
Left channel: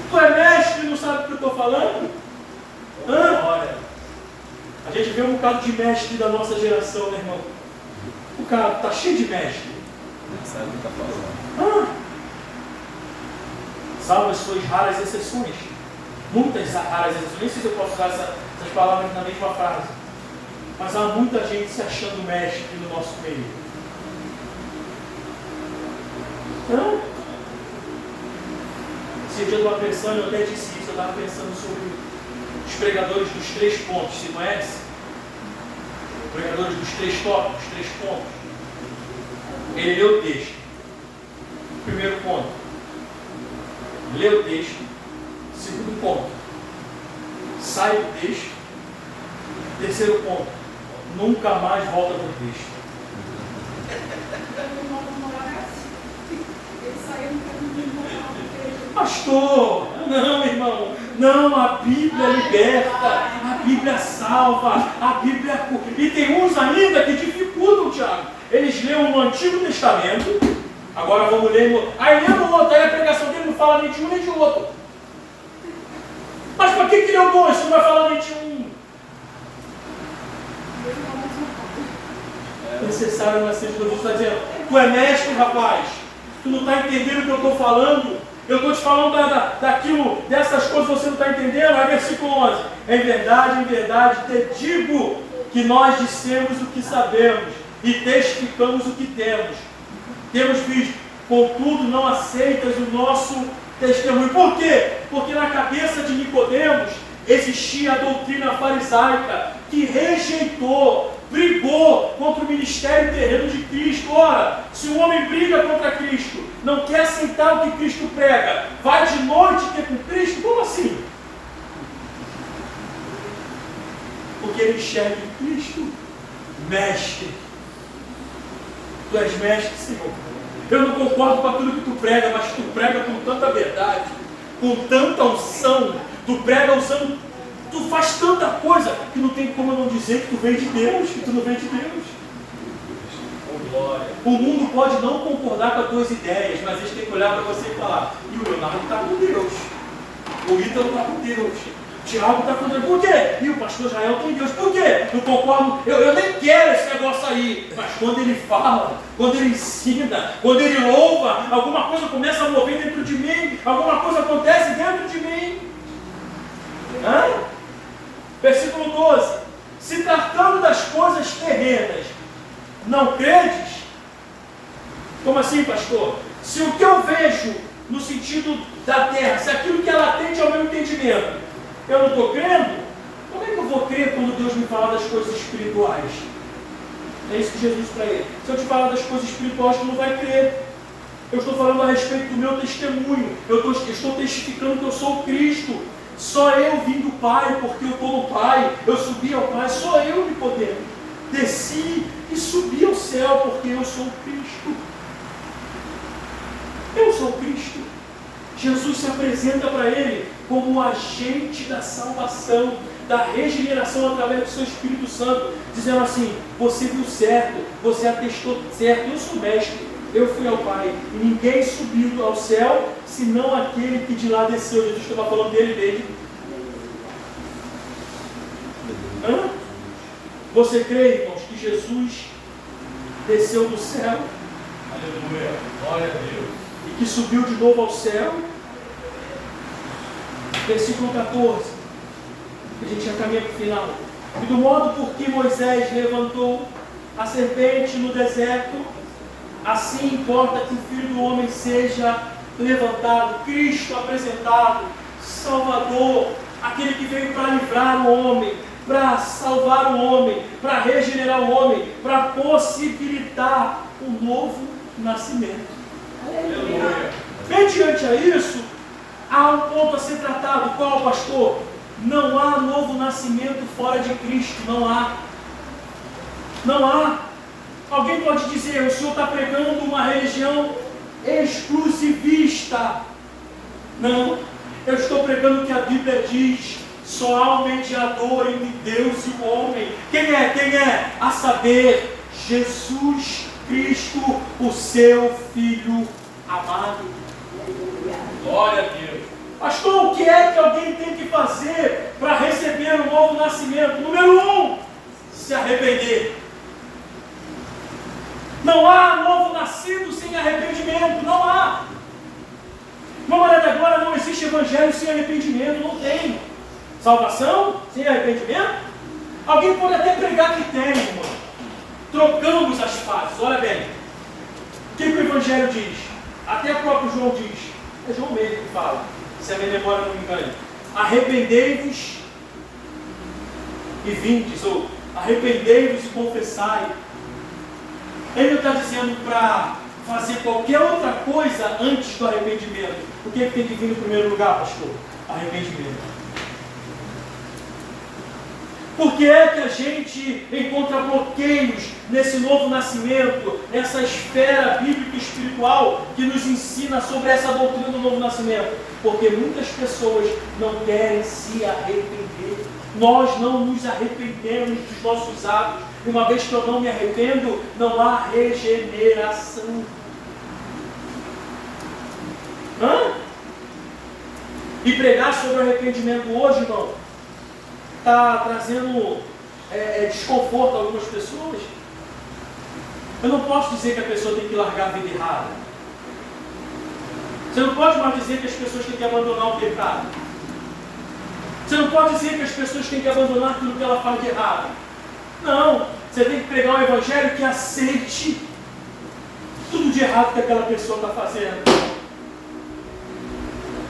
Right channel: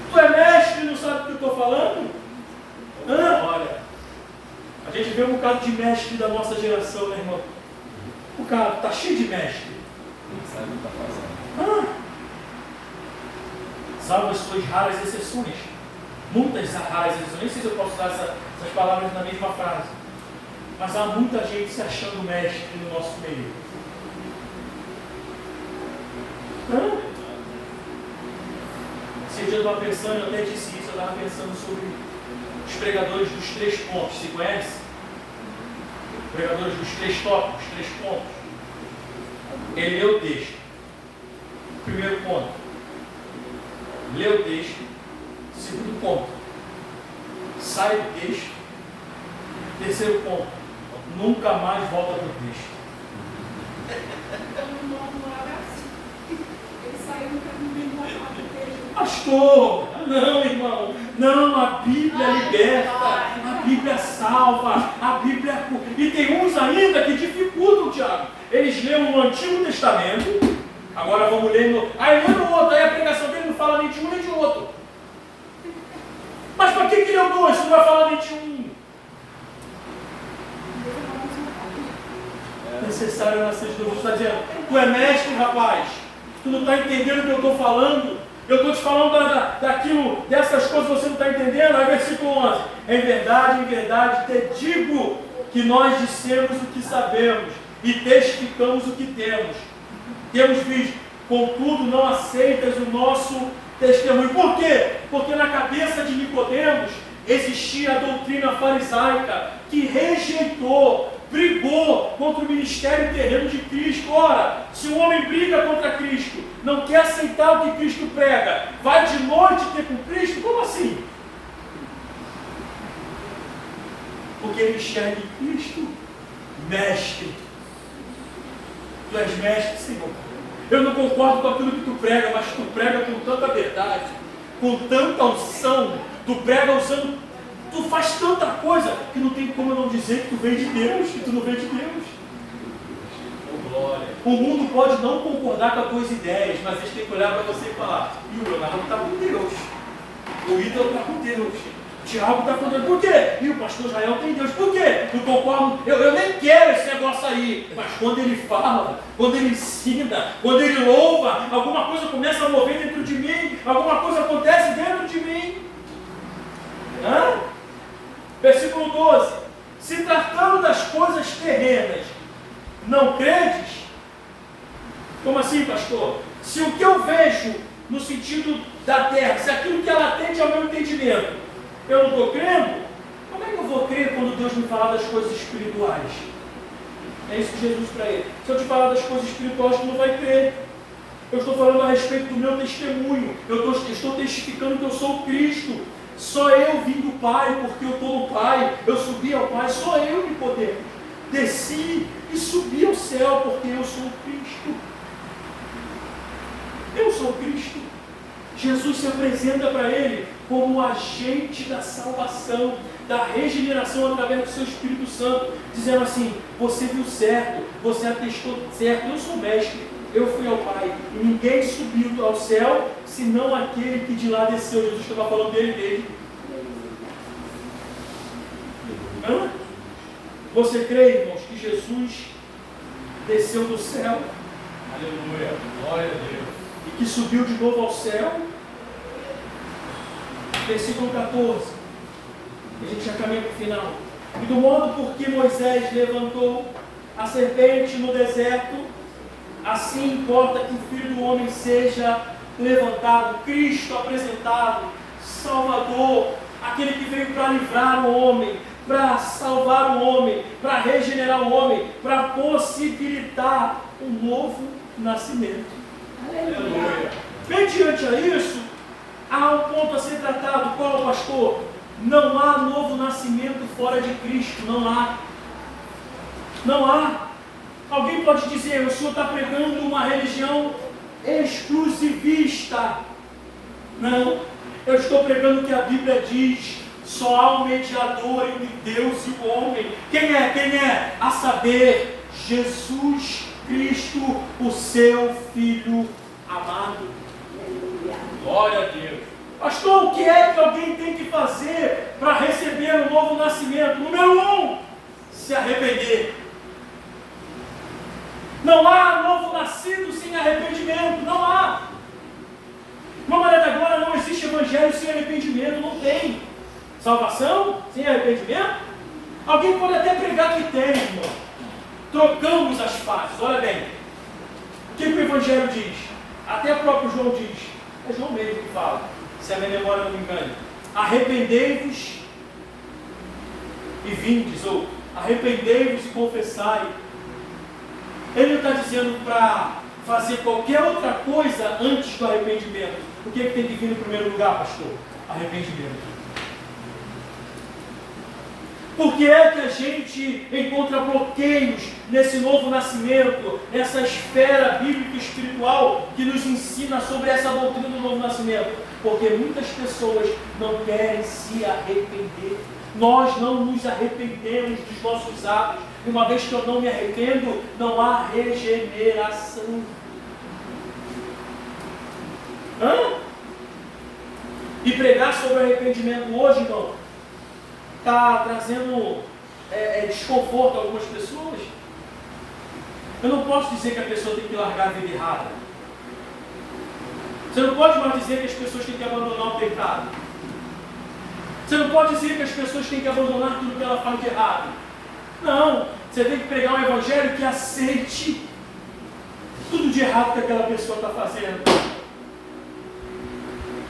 Tu é mestre e não sabe do que eu estou falando? Glória. A gente vê um bocado de mestre da nossa geração, né, irmão? O cara está cheio de mestre. Sabe o que está falando. Salvo as suas raras exceções. Muitas raras exceções. Nem sei se eu posso usar essas palavras na mesma frase. Mas há muita gente se achando mestre no nosso meio. Esse dia eu estava pensando, eu até disse isso, eu estava pensando sobre os pregadores dos 3 pontos. Se conhece? Pregadores dos 3 tópicos, 3 pontos. Ele lê o texto. Primeiro ponto. Lê o texto. Segundo ponto. Sai do texto. Terceiro ponto. Nunca mais volta para o texto. Pastor, não, irmão, não, a Bíblia liberta, a Bíblia salva, a Bíblia... E tem uns ainda que dificultam, Tiago. Eles leem no Antigo Testamento, agora vamos ler no... Aí lê no outro, aí a pregação dele não fala nem de um nem de outro. Mas para que leu 2 se não vai falar nem de um? É necessário nascer de novo. Você está dizendo: tu é mestre, rapaz, tu não está entendendo o que eu estou falando. Eu estou te falando daquilo, dessas coisas, você não está entendendo. Aí versículo 11: em verdade, te digo que nós dissemos o que sabemos e testificamos o que temos. Temos visto, contudo não aceitas o nosso testemunho. Por quê? Porque na cabeça de Nicodemos existia a doutrina farisaica que rejeitou, brigou contra o ministério terreno de Cristo. Ora, se um homem briga contra Cristo, não quer aceitar o que Cristo prega, vai de noite ter com Cristo? Como assim? Porque ele enxerga em Cristo mestre. Tu és mestre, Senhor. Eu não concordo com aquilo que tu prega, mas tu prega com tanta verdade, com tanta unção. Tu prega usando, tu faz tanta coisa que não tem como eu não dizer que tu vem de Deus, que tu não vem de Deus. Oh, glória. O mundo pode não concordar com as tuas ideias, mas eles têm que olhar para você e falar: e o Leonardo está com Deus, o Ítalo está com Deus, o Tiago está com Deus. Por quê? E o pastor Israel tem Deus. Por quê? Não concordo, eu nem quero esse negócio aí. Mas quando ele fala, quando ele ensina, quando ele louva, alguma coisa começa a mover dentro de mim, alguma coisa acontece dentro de mim. Versículo 12: se tratando das coisas terrenas, não credes? Como assim, pastor? Se o que eu vejo no sentido da terra, se aquilo que ela atende ao meu entendimento, eu não estou crendo, como é que eu vou crer quando Deus me falar das coisas espirituais? É isso que Jesus para ele: se eu te falar das coisas espirituais, tu não vai crer. Eu estou falando a respeito do meu testemunho, eu estou testificando que eu sou o Cristo. Só eu vim do Pai, porque eu estou no Pai. Eu subi ao Pai, só eu, Eu sou Cristo. Jesus se apresenta para ele como o agente da salvação, da regeneração através do seu Espírito Santo, dizendo assim: você viu certo, você atestou certo, eu sou mestre, eu fui ao Pai, e ninguém subiu ao céu, senão aquele que de lá desceu. Jesus estava falando dele. Hã? Você crê, irmãos, que Jesus desceu do céu? Aleluia. Glória a Deus. E que subiu de novo ao céu? Versículo 14. A gente já caminha para o final. E do modo por que Moisés levantou a serpente no deserto, assim importa que o Filho do Homem seja levantado, Cristo apresentado, Salvador, aquele que veio para livrar o homem, para salvar o homem, para regenerar o homem, para possibilitar um novo nascimento. Aleluia. Mediante a isso, há um ponto a ser tratado. Qual, pastor? Não há novo nascimento fora de Cristo. Não há. Não há. Alguém pode dizer: o senhor está pregando uma religião exclusivista. Não. Eu estou pregando o que a Bíblia diz. Só há um mediador entre Deus e o homem. Quem é? Quem é? A saber, Jesus Cristo, o seu Filho amado. Glória a Deus. Pastor, o que é que alguém tem que fazer para receber o novo nascimento? Número 1, se arrepender. Não há novo nascido sem arrependimento. Não há. De uma maneira da glória, não existe evangelho sem arrependimento. Não tem. Salvação sem arrependimento? Alguém pode até pregar que tem, irmão. Trocamos as fases. Olha bem. O que o evangelho diz? Até o próprio João diz. É João mesmo que fala, se a minha memória não me engane. Arrependei-vos e vindes, ou arrependei-vos e confessai. Ele não está dizendo para fazer qualquer outra coisa antes do arrependimento. O que tem que vir no primeiro lugar, pastor? Arrependimento. Por que é que a gente encontra bloqueios nesse novo nascimento, nessa esfera bíblica e espiritual que nos ensina sobre essa doutrina do novo nascimento? Porque muitas pessoas não querem se arrepender. Nós não nos arrependemos dos nossos atos. E uma vez que eu não me arrependo, não há regeneração. E pregar sobre arrependimento hoje, irmão, está trazendo desconforto a algumas pessoas. Eu não posso dizer que a pessoa tem que largar a vida errada. Você não pode mais dizer que as pessoas têm que abandonar o pecado. Você não pode dizer que as pessoas têm que abandonar aquilo que ela faz de errado. Não, você tem que pregar um evangelho que aceite tudo de errado que aquela pessoa está fazendo.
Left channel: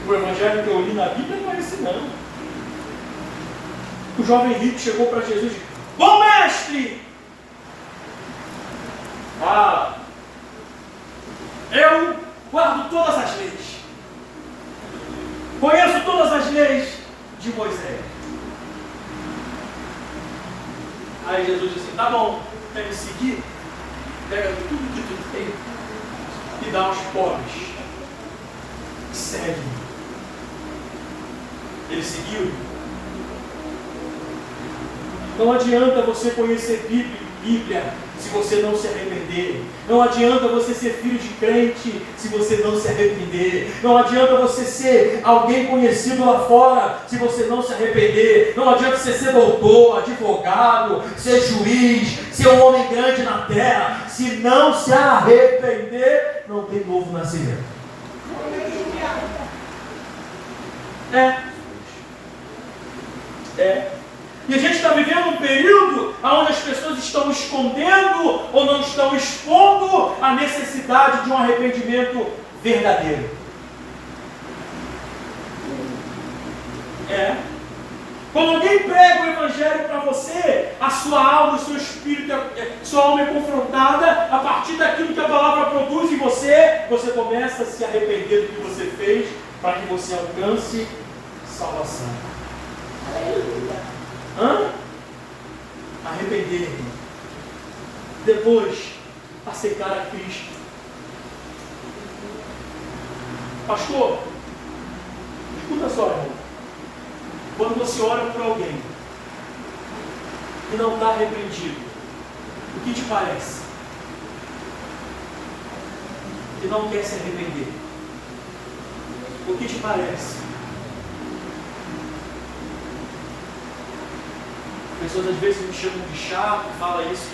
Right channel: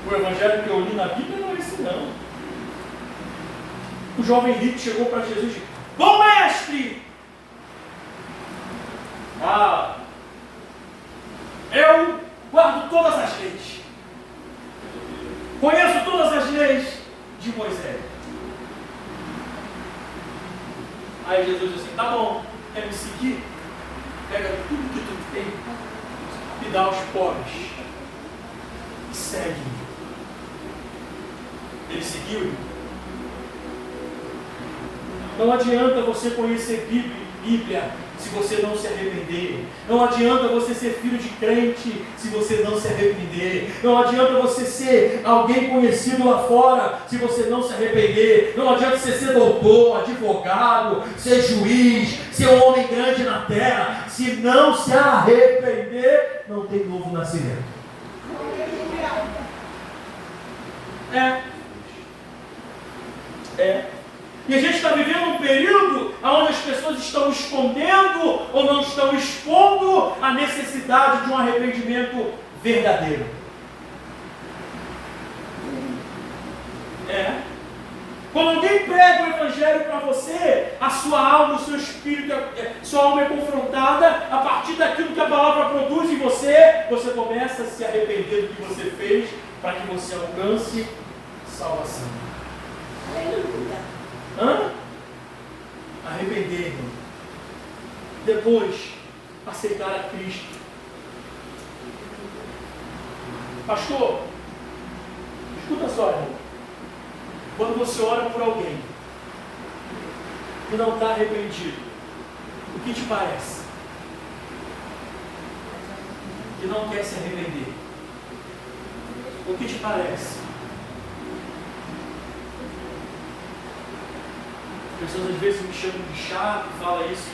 O evangelho que eu li na Bíblia não é esse não. O jovem rico chegou para Jesus e disse: bom mestre, eu guardo todas as leis, conheço todas as leis de Moisés. Aí Jesus disse assim: tá bom, quer me seguir? Pega tudo que tu tem e dá aos pobres. Segue-me. Ele seguiu. Não adianta você conhecer Bíblia se você não se arrepender. Não adianta você ser filho de crente se você não se arrepender. Não adianta você ser alguém conhecido lá fora se você não se arrepender. Não adianta você ser doutor, advogado, ser juiz, ser um homem grande na terra. Se não se arrepender, não tem novo nascimento. E a gente está vivendo um período onde as pessoas estão escondendo ou não estão expondo a necessidade de um arrependimento verdadeiro. Quando alguém prega o evangelho para você, a sua alma, o seu espírito, sua alma é confrontada a partir daquilo que a palavra produz em você. Você começa a se arrepender do que você fez para que você alcance salvação. Aleluia. Arrepender, irmão. Depois, aceitar a Cristo. Pastor, escuta só, irmão. Quando você ora por alguém que não está arrependido, o que te parece? Que não quer se arrepender. O que te parece? Pessoas às vezes me chamam de chato, fala isso.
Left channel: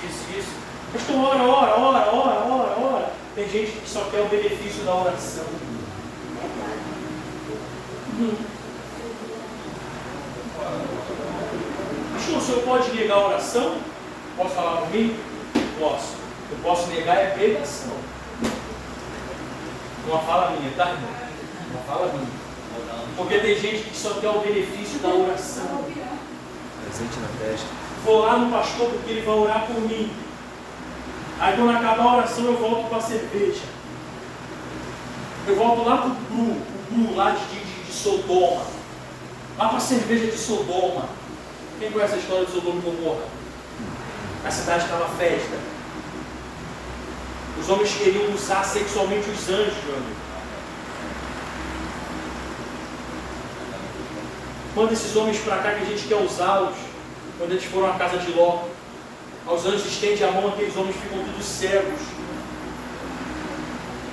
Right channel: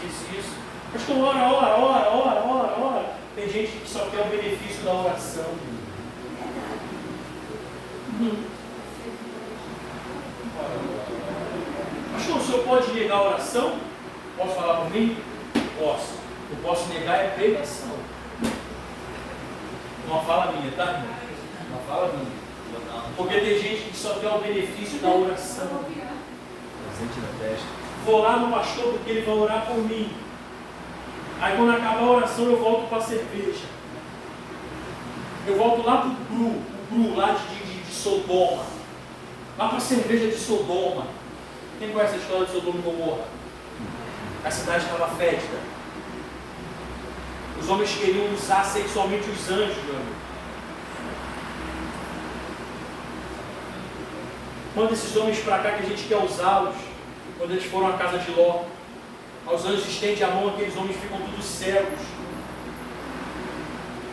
Pastor, ora. Tem gente que só quer o benefício da oração. Pastor, o senhor pode negar a oração? Posso falar por mim? Posso. Eu posso negar é pregação. Uma fala minha, tá, irmão? Uma fala minha. Porque tem gente que só quer o benefício da oração. Presente na testa. Vou lá no pastor porque ele vai orar por mim. Aí quando acabar a oração eu volto para a cerveja. Eu volto lá para o Gru lá de Sodoma. Lá para a cerveja de Sodoma. Quem conhece a história de Sodoma e Gomorra? A cidade estava festa. Os homens queriam usar sexualmente os anjos, meu amigo. Manda esses homens para cá que a gente quer usá-los. Quando eles foram à casa de Ló, os anjos estendem a mão, aqueles homens ficam todos cegos.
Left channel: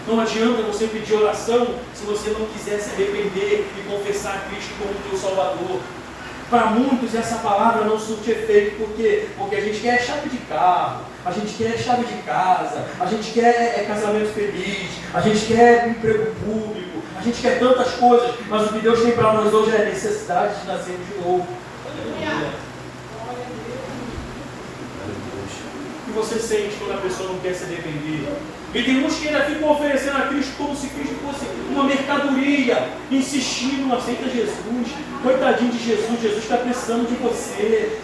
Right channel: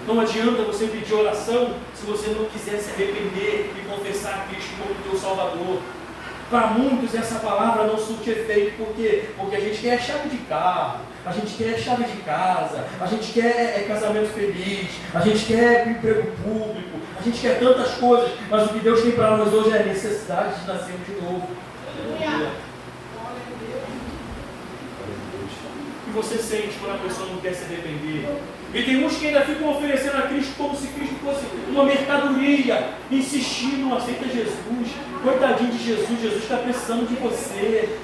Não adianta você pedir oração se você não quiser se arrepender e confessar a Cristo como teu Salvador. Para muitos essa palavra não surte efeito. Por quê? Porque a gente quer chave de carro, a gente quer chave de casa, a gente quer casamento feliz, a gente quer emprego público, a gente quer tantas coisas, mas o que Deus tem para nós hoje é a necessidade de nascermos de novo. O que você sente quando a pessoa não quer se arrepender? E tem uns que ainda ficam oferecendo a Cristo como se Cristo fosse uma mercadoria, insistindo, não aceita Jesus. Coitadinho de Jesus, Jesus está precisando de você.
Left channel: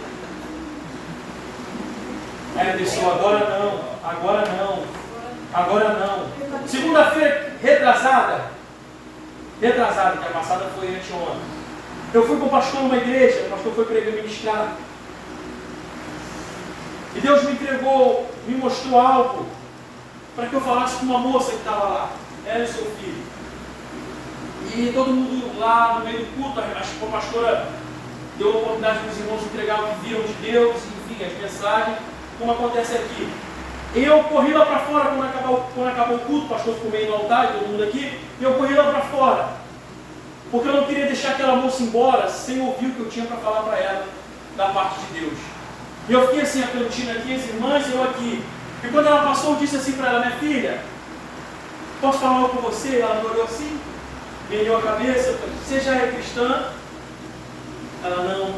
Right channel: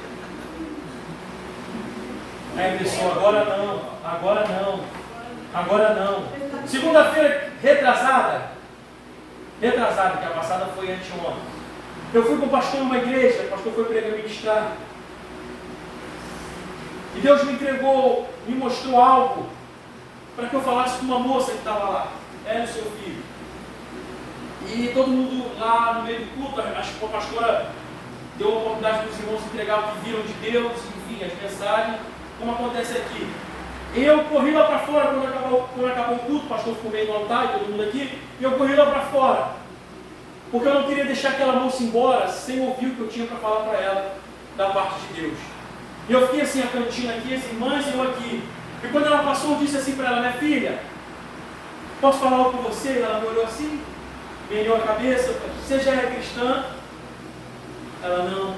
Aí a pessoa, agora não. Segunda-feira, retrasada, que a passada foi anteontem. Eu fui com o pastor em uma igreja, o pastor foi pregar, ministrar. E Deus me entregou, me mostrou algo para que eu falasse com uma moça que estava lá, ela e seu filho. E todo mundo lá no meio do culto, a pastora deu a oportunidade para os irmãos entregar o que viram de Deus, enfim, as mensagens, como acontece aqui. Eu corri lá para fora quando acabou o culto, o pastor ficou meio no altar e todo mundo aqui, e eu corri lá para fora, porque eu não queria deixar aquela moça embora sem ouvir o que eu tinha para falar para ela, da parte de Deus. E eu fiquei assim, a cantina aqui, as irmãs e eu aqui. E quando ela passou, eu disse assim para ela, minha filha, posso falar algo com você? Ela me olhou assim, me ergueu a cabeça, eu falei, você já é cristã? Ela, não.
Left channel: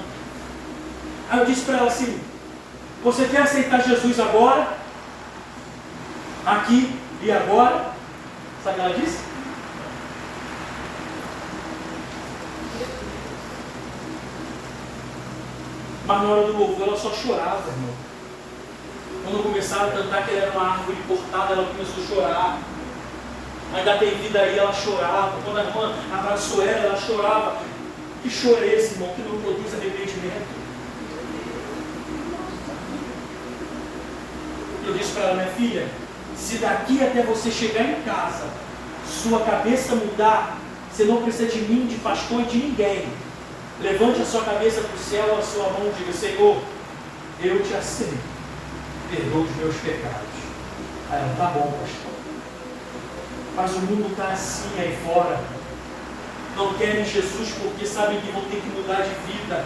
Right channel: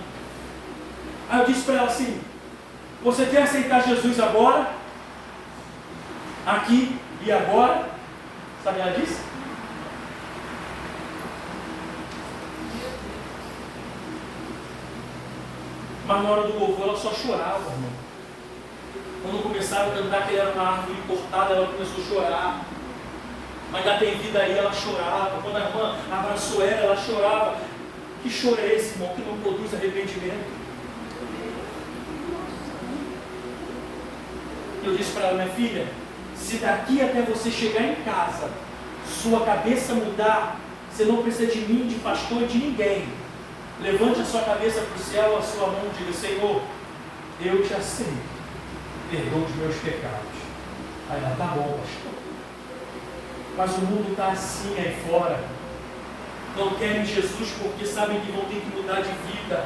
Aí eu disse para ela assim, você quer aceitar Jesus agora? Aqui e agora? Sabe o que ela disse? Mas na hora do louvor ela só chorava, irmão. Quando começaram a cantar que ele era uma árvore cortada, ela começou a chorar. Mas ainda tem vida aí, ela chorava. Quando a irmã abraçou ela chorava. Que choro é esse, irmão, que não produz arrependimento? Eu disse para ela, minha filha, se daqui até você chegar em casa, sua cabeça mudar, você não precisa de mim, de pastor e de ninguém. Levante a sua cabeça para o céu, a sua mão e diga, Senhor, eu te aceito. Perdoa os meus pecados. Aí ela, tá bom, pastor. Mas o mundo está assim aí fora. Não querem Jesus porque sabem que vão ter que mudar de vida.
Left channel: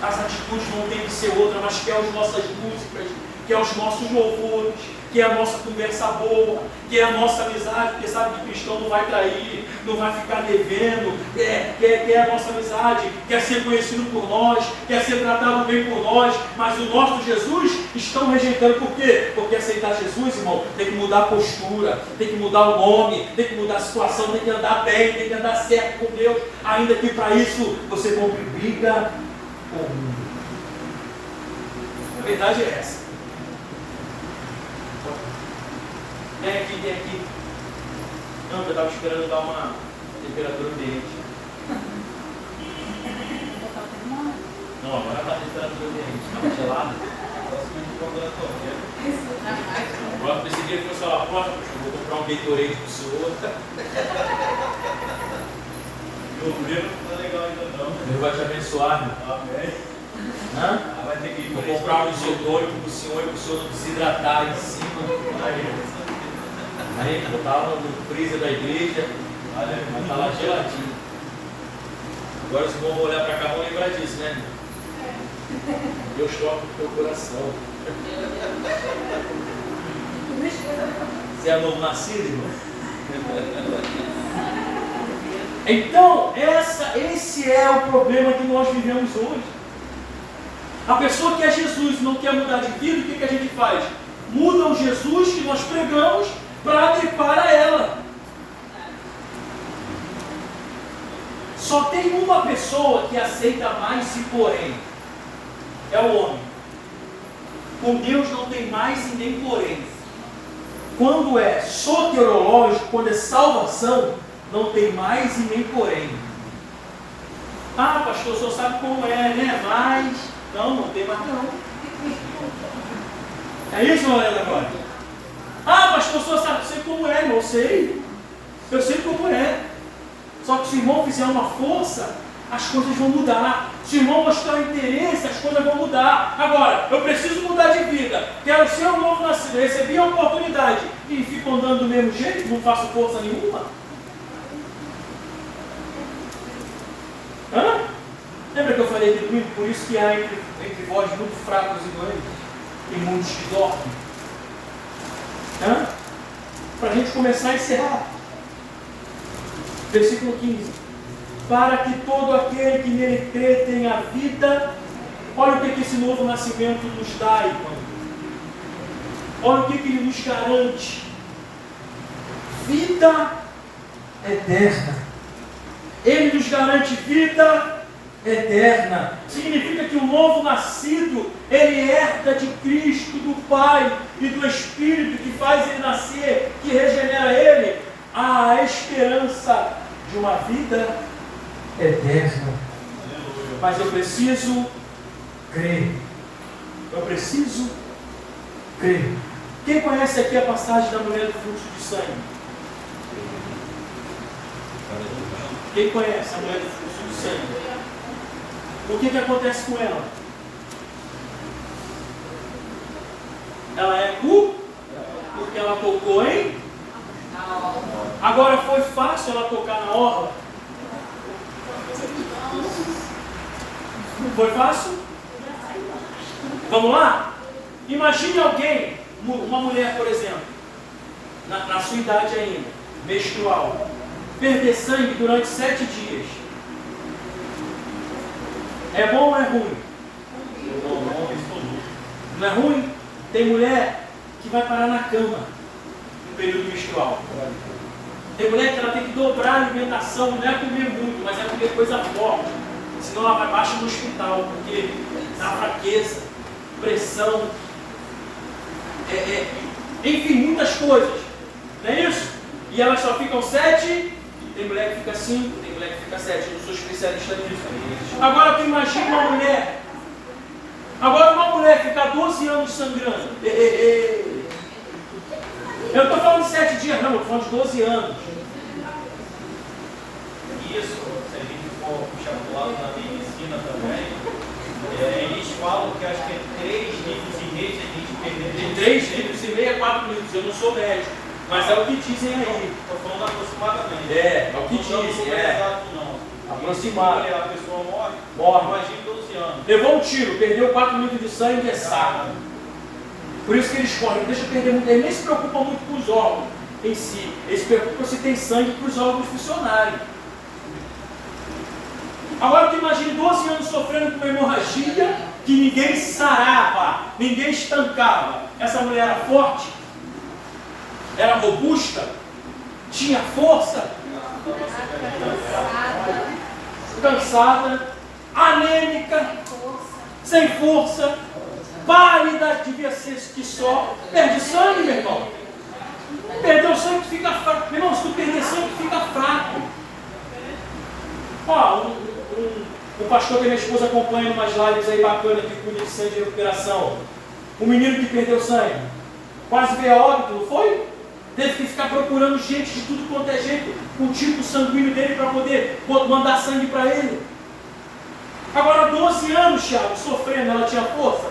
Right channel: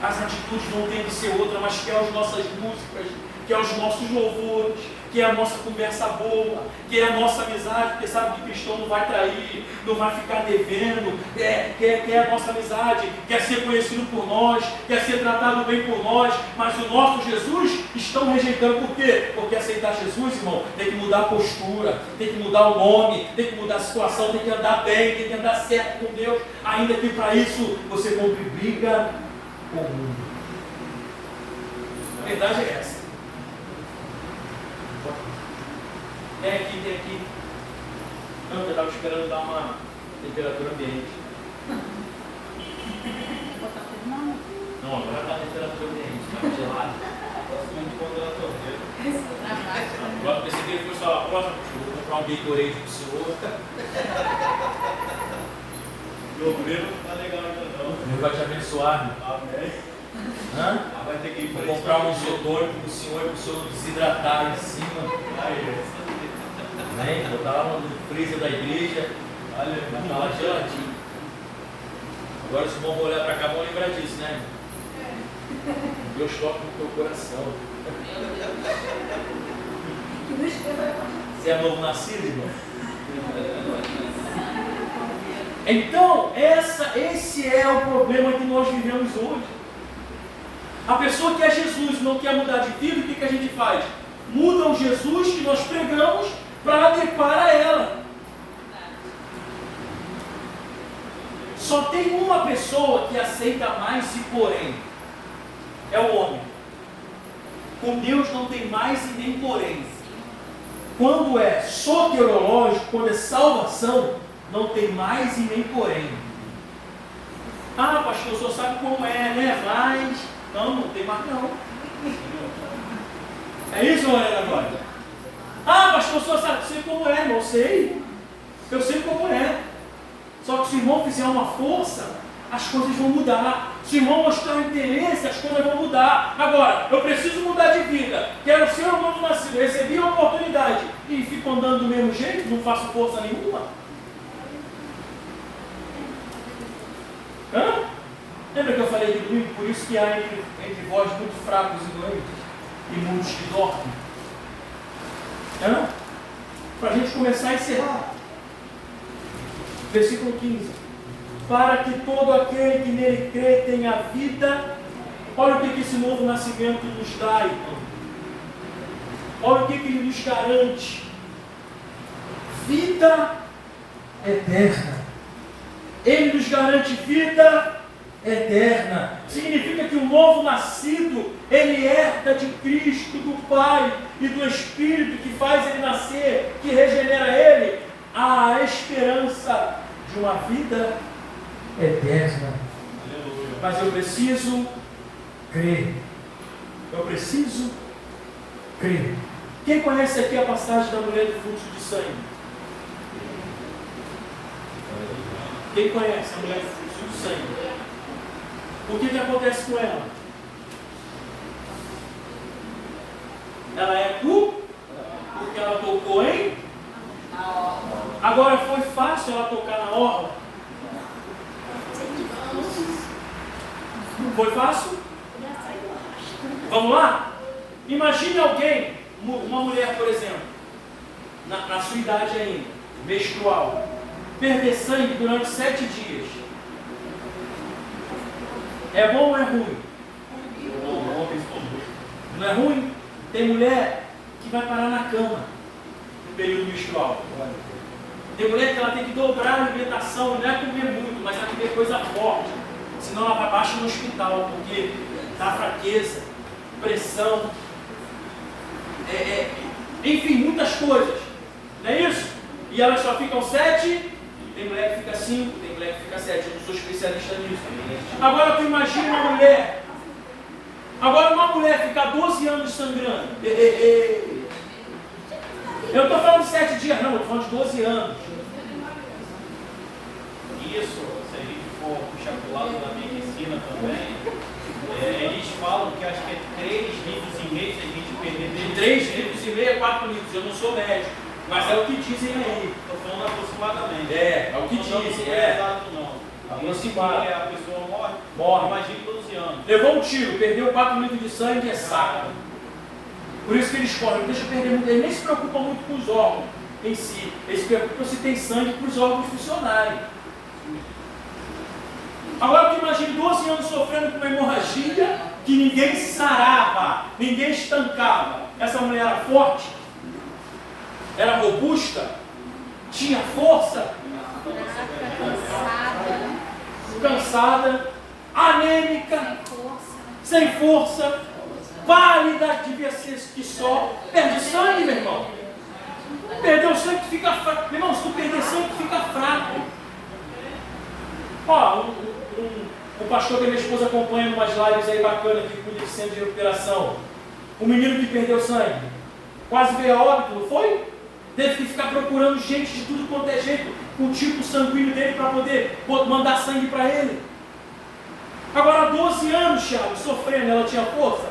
As atitudes vão ter que ser outras, mas quer as nossas músicas, quer os nossos louvores, quer a nossa conversa boa, quer a nossa amizade, porque sabe que cristão não vai trair, não vai ficar devendo, quer a nossa amizade, quer ser conhecido por nós, quer ser tratado bem por nós, mas o nosso Jesus estão rejeitando. Por quê? Porque aceitar Jesus, irmão, tem que mudar a postura, tem que mudar o nome, tem que mudar a situação, tem que andar bem, tem que andar certo com Deus, ainda que para isso você compre briga com o mundo. A verdade é essa. Tem aqui. Não, eu estava esperando dar uma temperatura ambiente. Não, agora está a temperatura ambiente. Estava gelado. Eu pensei que ele fosse a próxima, vou comprar um Gatorade para o senhor. Governo não tá legal ainda não. Deus vai te abençoar, meu. Amém. Hã? Vai ter que ir Vou para comprar um isotônico pro senhor e pro senhor não desidratar em cima. Amém? Botar no freezer da igreja. Vai estar lá geladinho. Agora os irmãos vão olhar para cá e vão lembrar disso, né? Deus toca no teu coração. Você é novo nascido, irmão? Então, esse é o problema que nós vivemos hoje. A pessoa que é Jesus e não quer mudar de vida, o que a gente faz? Muda o Jesus que nós pregamos para adequar a ela. Só tem uma pessoa que aceita mais e porém. É o homem. Com Deus não tem mais e nem porém. Quando é soteriológico, quando é salvação, não tem mais e nem porém. Ah, pastor, o senhor sabe como é, né? Mas, não tem mais não. É isso, Lorena, agora? Ah, pastor, o senhor sabe como é, irmão? Eu sei como é. Só que se o irmão fizer uma força, as coisas vão mudar. Se o irmão mostrar interesse, as coisas vão mudar. Agora, eu preciso mudar de vida. Quero ser um novo nascido. Recebi a oportunidade e fico andando do mesmo jeito, não faço força nenhuma. Hã? Lembra que eu falei aqui domingo? Por isso que há entre vós muito fracos e doentes e muitos que dormem. Hã? Para a gente começar a encerrar. Versículo 15. Para que todo aquele que nele crê tenha vida. Olha o que esse novo nascimento nos dá, irmão. Olha o que ele nos garante. Vida eterna. Ele nos garante vida eterna. Significa que o novo nascido, ele herda de Cristo, do Pai e do Espírito que faz ele nascer, que regenera ele, a esperança de uma vida eterna. Aleluia. Mas eu preciso crer. Eu preciso crer. Quem conhece aqui a passagem da mulher do fluxo de sangue? Quem conhece a mulher do fluxo de sangue? O que acontece com ela? Ela é porque ela tocou em? Agora foi fácil ela tocar na orla? Foi fácil? Vamos lá? Imagine alguém, uma mulher, por exemplo, na sua idade ainda, menstrual, perder sangue durante 7 dias. É bom ou é ruim? Não é ruim? Tem mulher que vai parar na cama no período menstrual. Tem mulher que ela tem que dobrar a alimentação, não é comer muito, mas é comer coisa forte. Senão ela vai baixo no hospital, porque dá fraqueza, pressão, enfim, muitas coisas. Não é isso? E elas só ficam 7, tem mulher que fica 5, tem mulher que fica 7. Eu não sou especialista nisso. Agora tu imagina uma mulher. Agora uma mulher ficar 12 anos sangrando. Eu estou falando de 7 dias, não, eu estou falando de 12 anos. Isso, se a gente for puxar para o lado da medicina também, eles falam que acho que é 3 litros e meio se a gente perder. De 3 litros e meio a 4 litros. Eu não sou médico, mas é o que dizem aí. Estou falando aproximadamente. É o que não dizem. Não é exato não. Aproximado. A pessoa morre. Imagine 12 anos. Levou um tiro, perdeu 4 litros de sangue, é saco. Por isso que eles correm, deixa eu perder muito. Ele nem se preocupa muito com os órgãos em si. Ele se preocupa se tem sangue para os órgãos funcionarem. Agora tu imagine 12 anos sofrendo com uma hemorragia que ninguém sarava, ninguém estancava. Essa mulher era forte, era robusta, tinha força, cansada, anêmica, sem força, pálida, devia ser que só. Perde sangue, meu irmão. Perdeu sangue, fica fraco. Meu irmão, se tu perder sangue, fica fraco. Ó, o pastor que minha esposa acompanha em umas lives aí bacanas que cuida de centro de recuperação. O menino que perdeu sangue, quase veio a óbito, não foi? teve que ficar procurando gente de tudo quanto é jeito, com o tipo sanguíneo dele para poder mandar sangue para ele. Agora, 12 anos, Thiago, sofrendo, ela tinha força?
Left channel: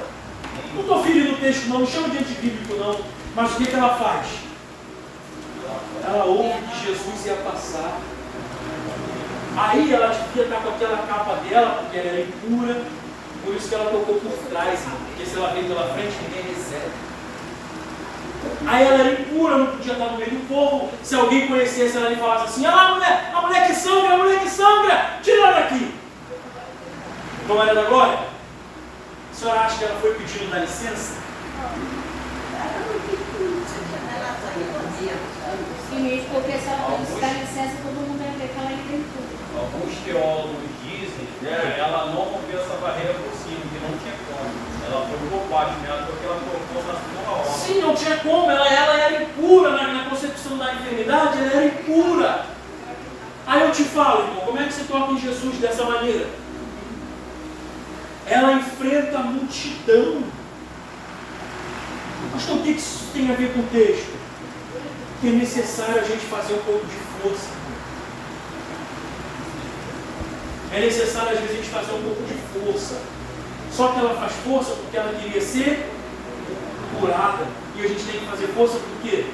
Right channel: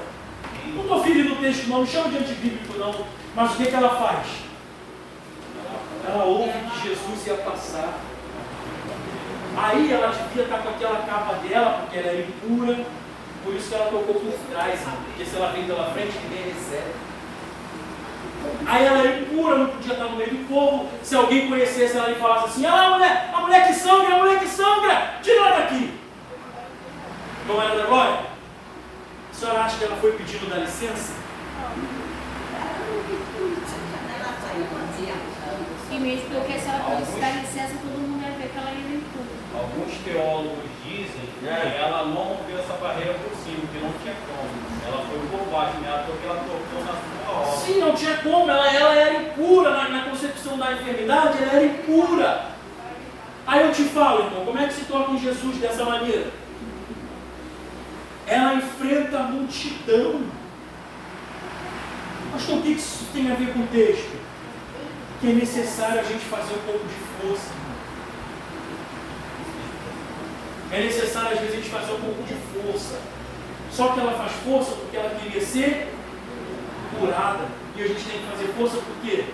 Não estou ferindo o texto não chama de antibíblico não, mas o que ela faz? Ela ouve que Jesus ia passar. Aí ela devia estar com aquela capa dela, porque ela era impura, por isso que ela tocou por trás, porque se ela vem pela frente, ninguém recebe. Aí ela era impura, não podia estar no meio do povo. Se alguém conhecesse ela e falasse assim: ah, a mulher que sangra, tira ela daqui. Como era da glória? A senhora acha que ela foi pedindo da licença? E mesmo porque se ela fosse dar licença, todo mundo ia ver que ela ia em tudo. Alguns teólogos dizem que ela não rompeu essa barreira por cima, que não tinha como. Ela foi por baixo, né? Porque ela tocou na sua obra. Sim, não tinha como. Ela era impura na concepção da enfermidade, ela era impura. Aí eu te falo, irmão, como é que se toca em Jesus dessa maneira? Ela enfrenta a multidão. Pastor, o que isso tem a ver com o texto? Que é necessário a gente fazer um pouco de força, irmão. É necessário às vezes a gente fazer um pouco de força. Só que ela faz força porque ela queria ser curada. E a gente tem que fazer força por quê?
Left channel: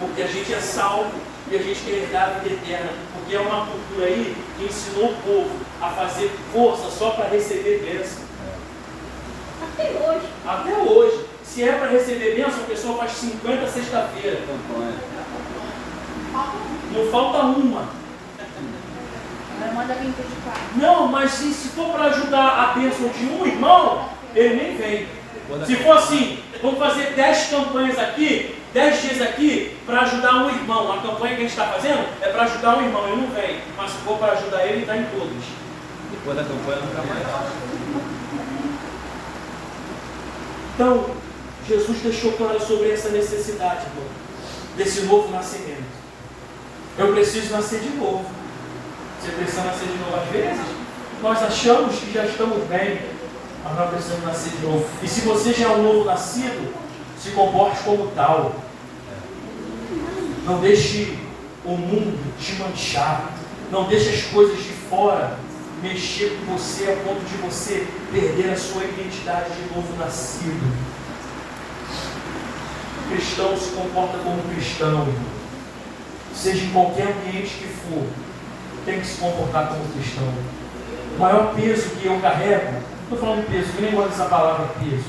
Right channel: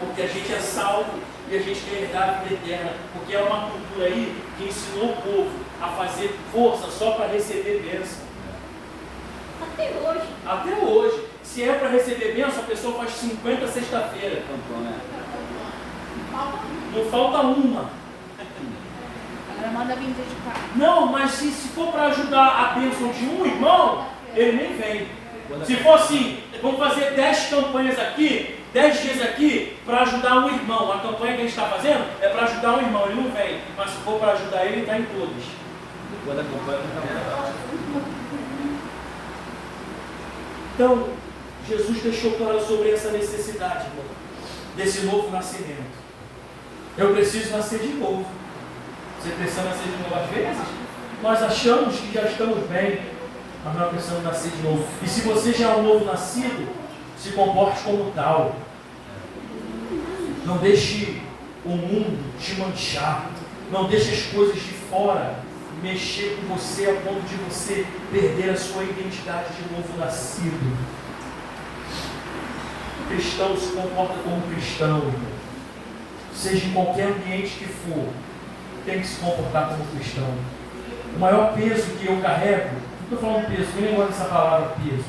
Porque a gente é salvo e a gente quer herdar a vida eterna. Porque é uma cultura aí que ensinou o povo a fazer força só para receber bênção. Até hoje. Até hoje. Se é para receber bênção, a pessoa faz 50 sexta-feira. Não falta uma. Agora manda 24. Não, mas se for para ajudar a bênção de um irmão, ele nem vem. Se for assim, vamos fazer 10 campanhas aqui, 10 dias aqui, para ajudar um irmão. A campanha que a gente está fazendo é para ajudar um irmão, ele não vem. Mas se for para ajudar ele está em todos. Depois da campanha não. Então, Jesus deixou claro sobre essa necessidade, irmão, desse novo nascimento. Eu preciso nascer de novo. Você precisa nascer de novo às vezes? Nós achamos que já estamos bem, mas nós precisamos nascer de novo. E se você já é um novo nascido, se comporte como tal. Não deixe o mundo te manchar. Não deixe as coisas de fora mexer com você a ponto de você perder a sua identidade de novo nascido. O cristão se comporta como cristão, irmão. Seja em qualquer ambiente que for, tem que se comportar como cristão. O maior peso que eu carrego, não estou falando peso, eu nem gosto dessa palavra peso,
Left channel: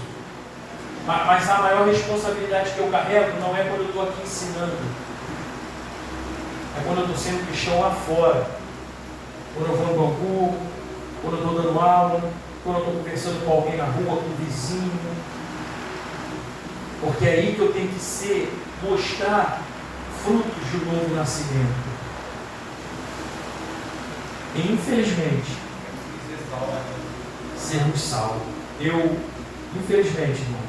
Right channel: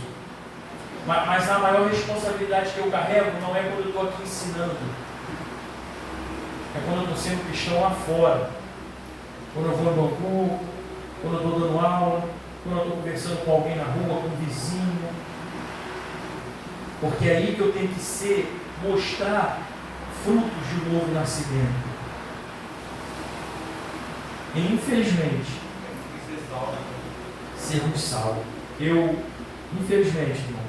mas a maior responsabilidade que eu carrego não é quando eu estou aqui ensinando, é quando eu estou sendo cristão lá fora, quando eu vou no banco, quando eu estou dando aula, quando eu estou conversando com alguém na rua, com um vizinho, porque é aí que eu tenho que mostrar frutos de um novo nascimento. E infelizmente, sermos salvos. Infelizmente, irmãos,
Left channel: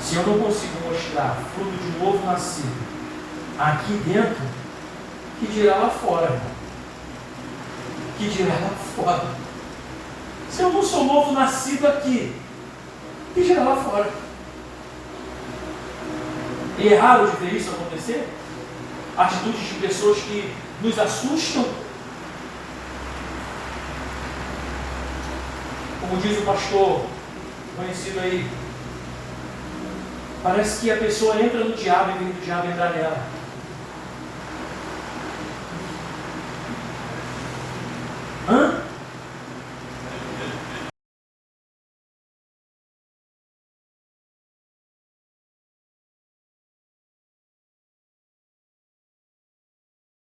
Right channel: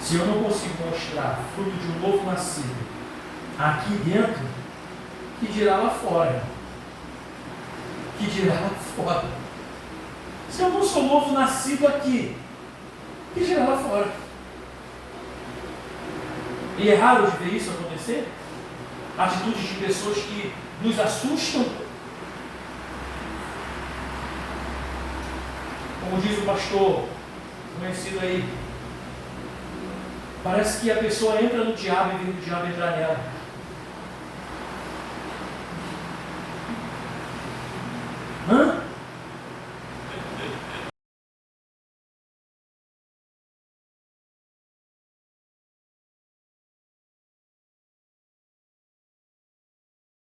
se eu não consigo mostrar fruto de um novo nascido aqui dentro, que dirá lá fora, irmão? Que dirá lá fora? Se eu não sou novo nascido aqui, que dirá lá fora? E é raro de ver isso acontecer? Atitudes de pessoas que nos assustam. Como diz o pastor conhecido aí, parece que a pessoa entra no diabo em vez do diabo entrar nela.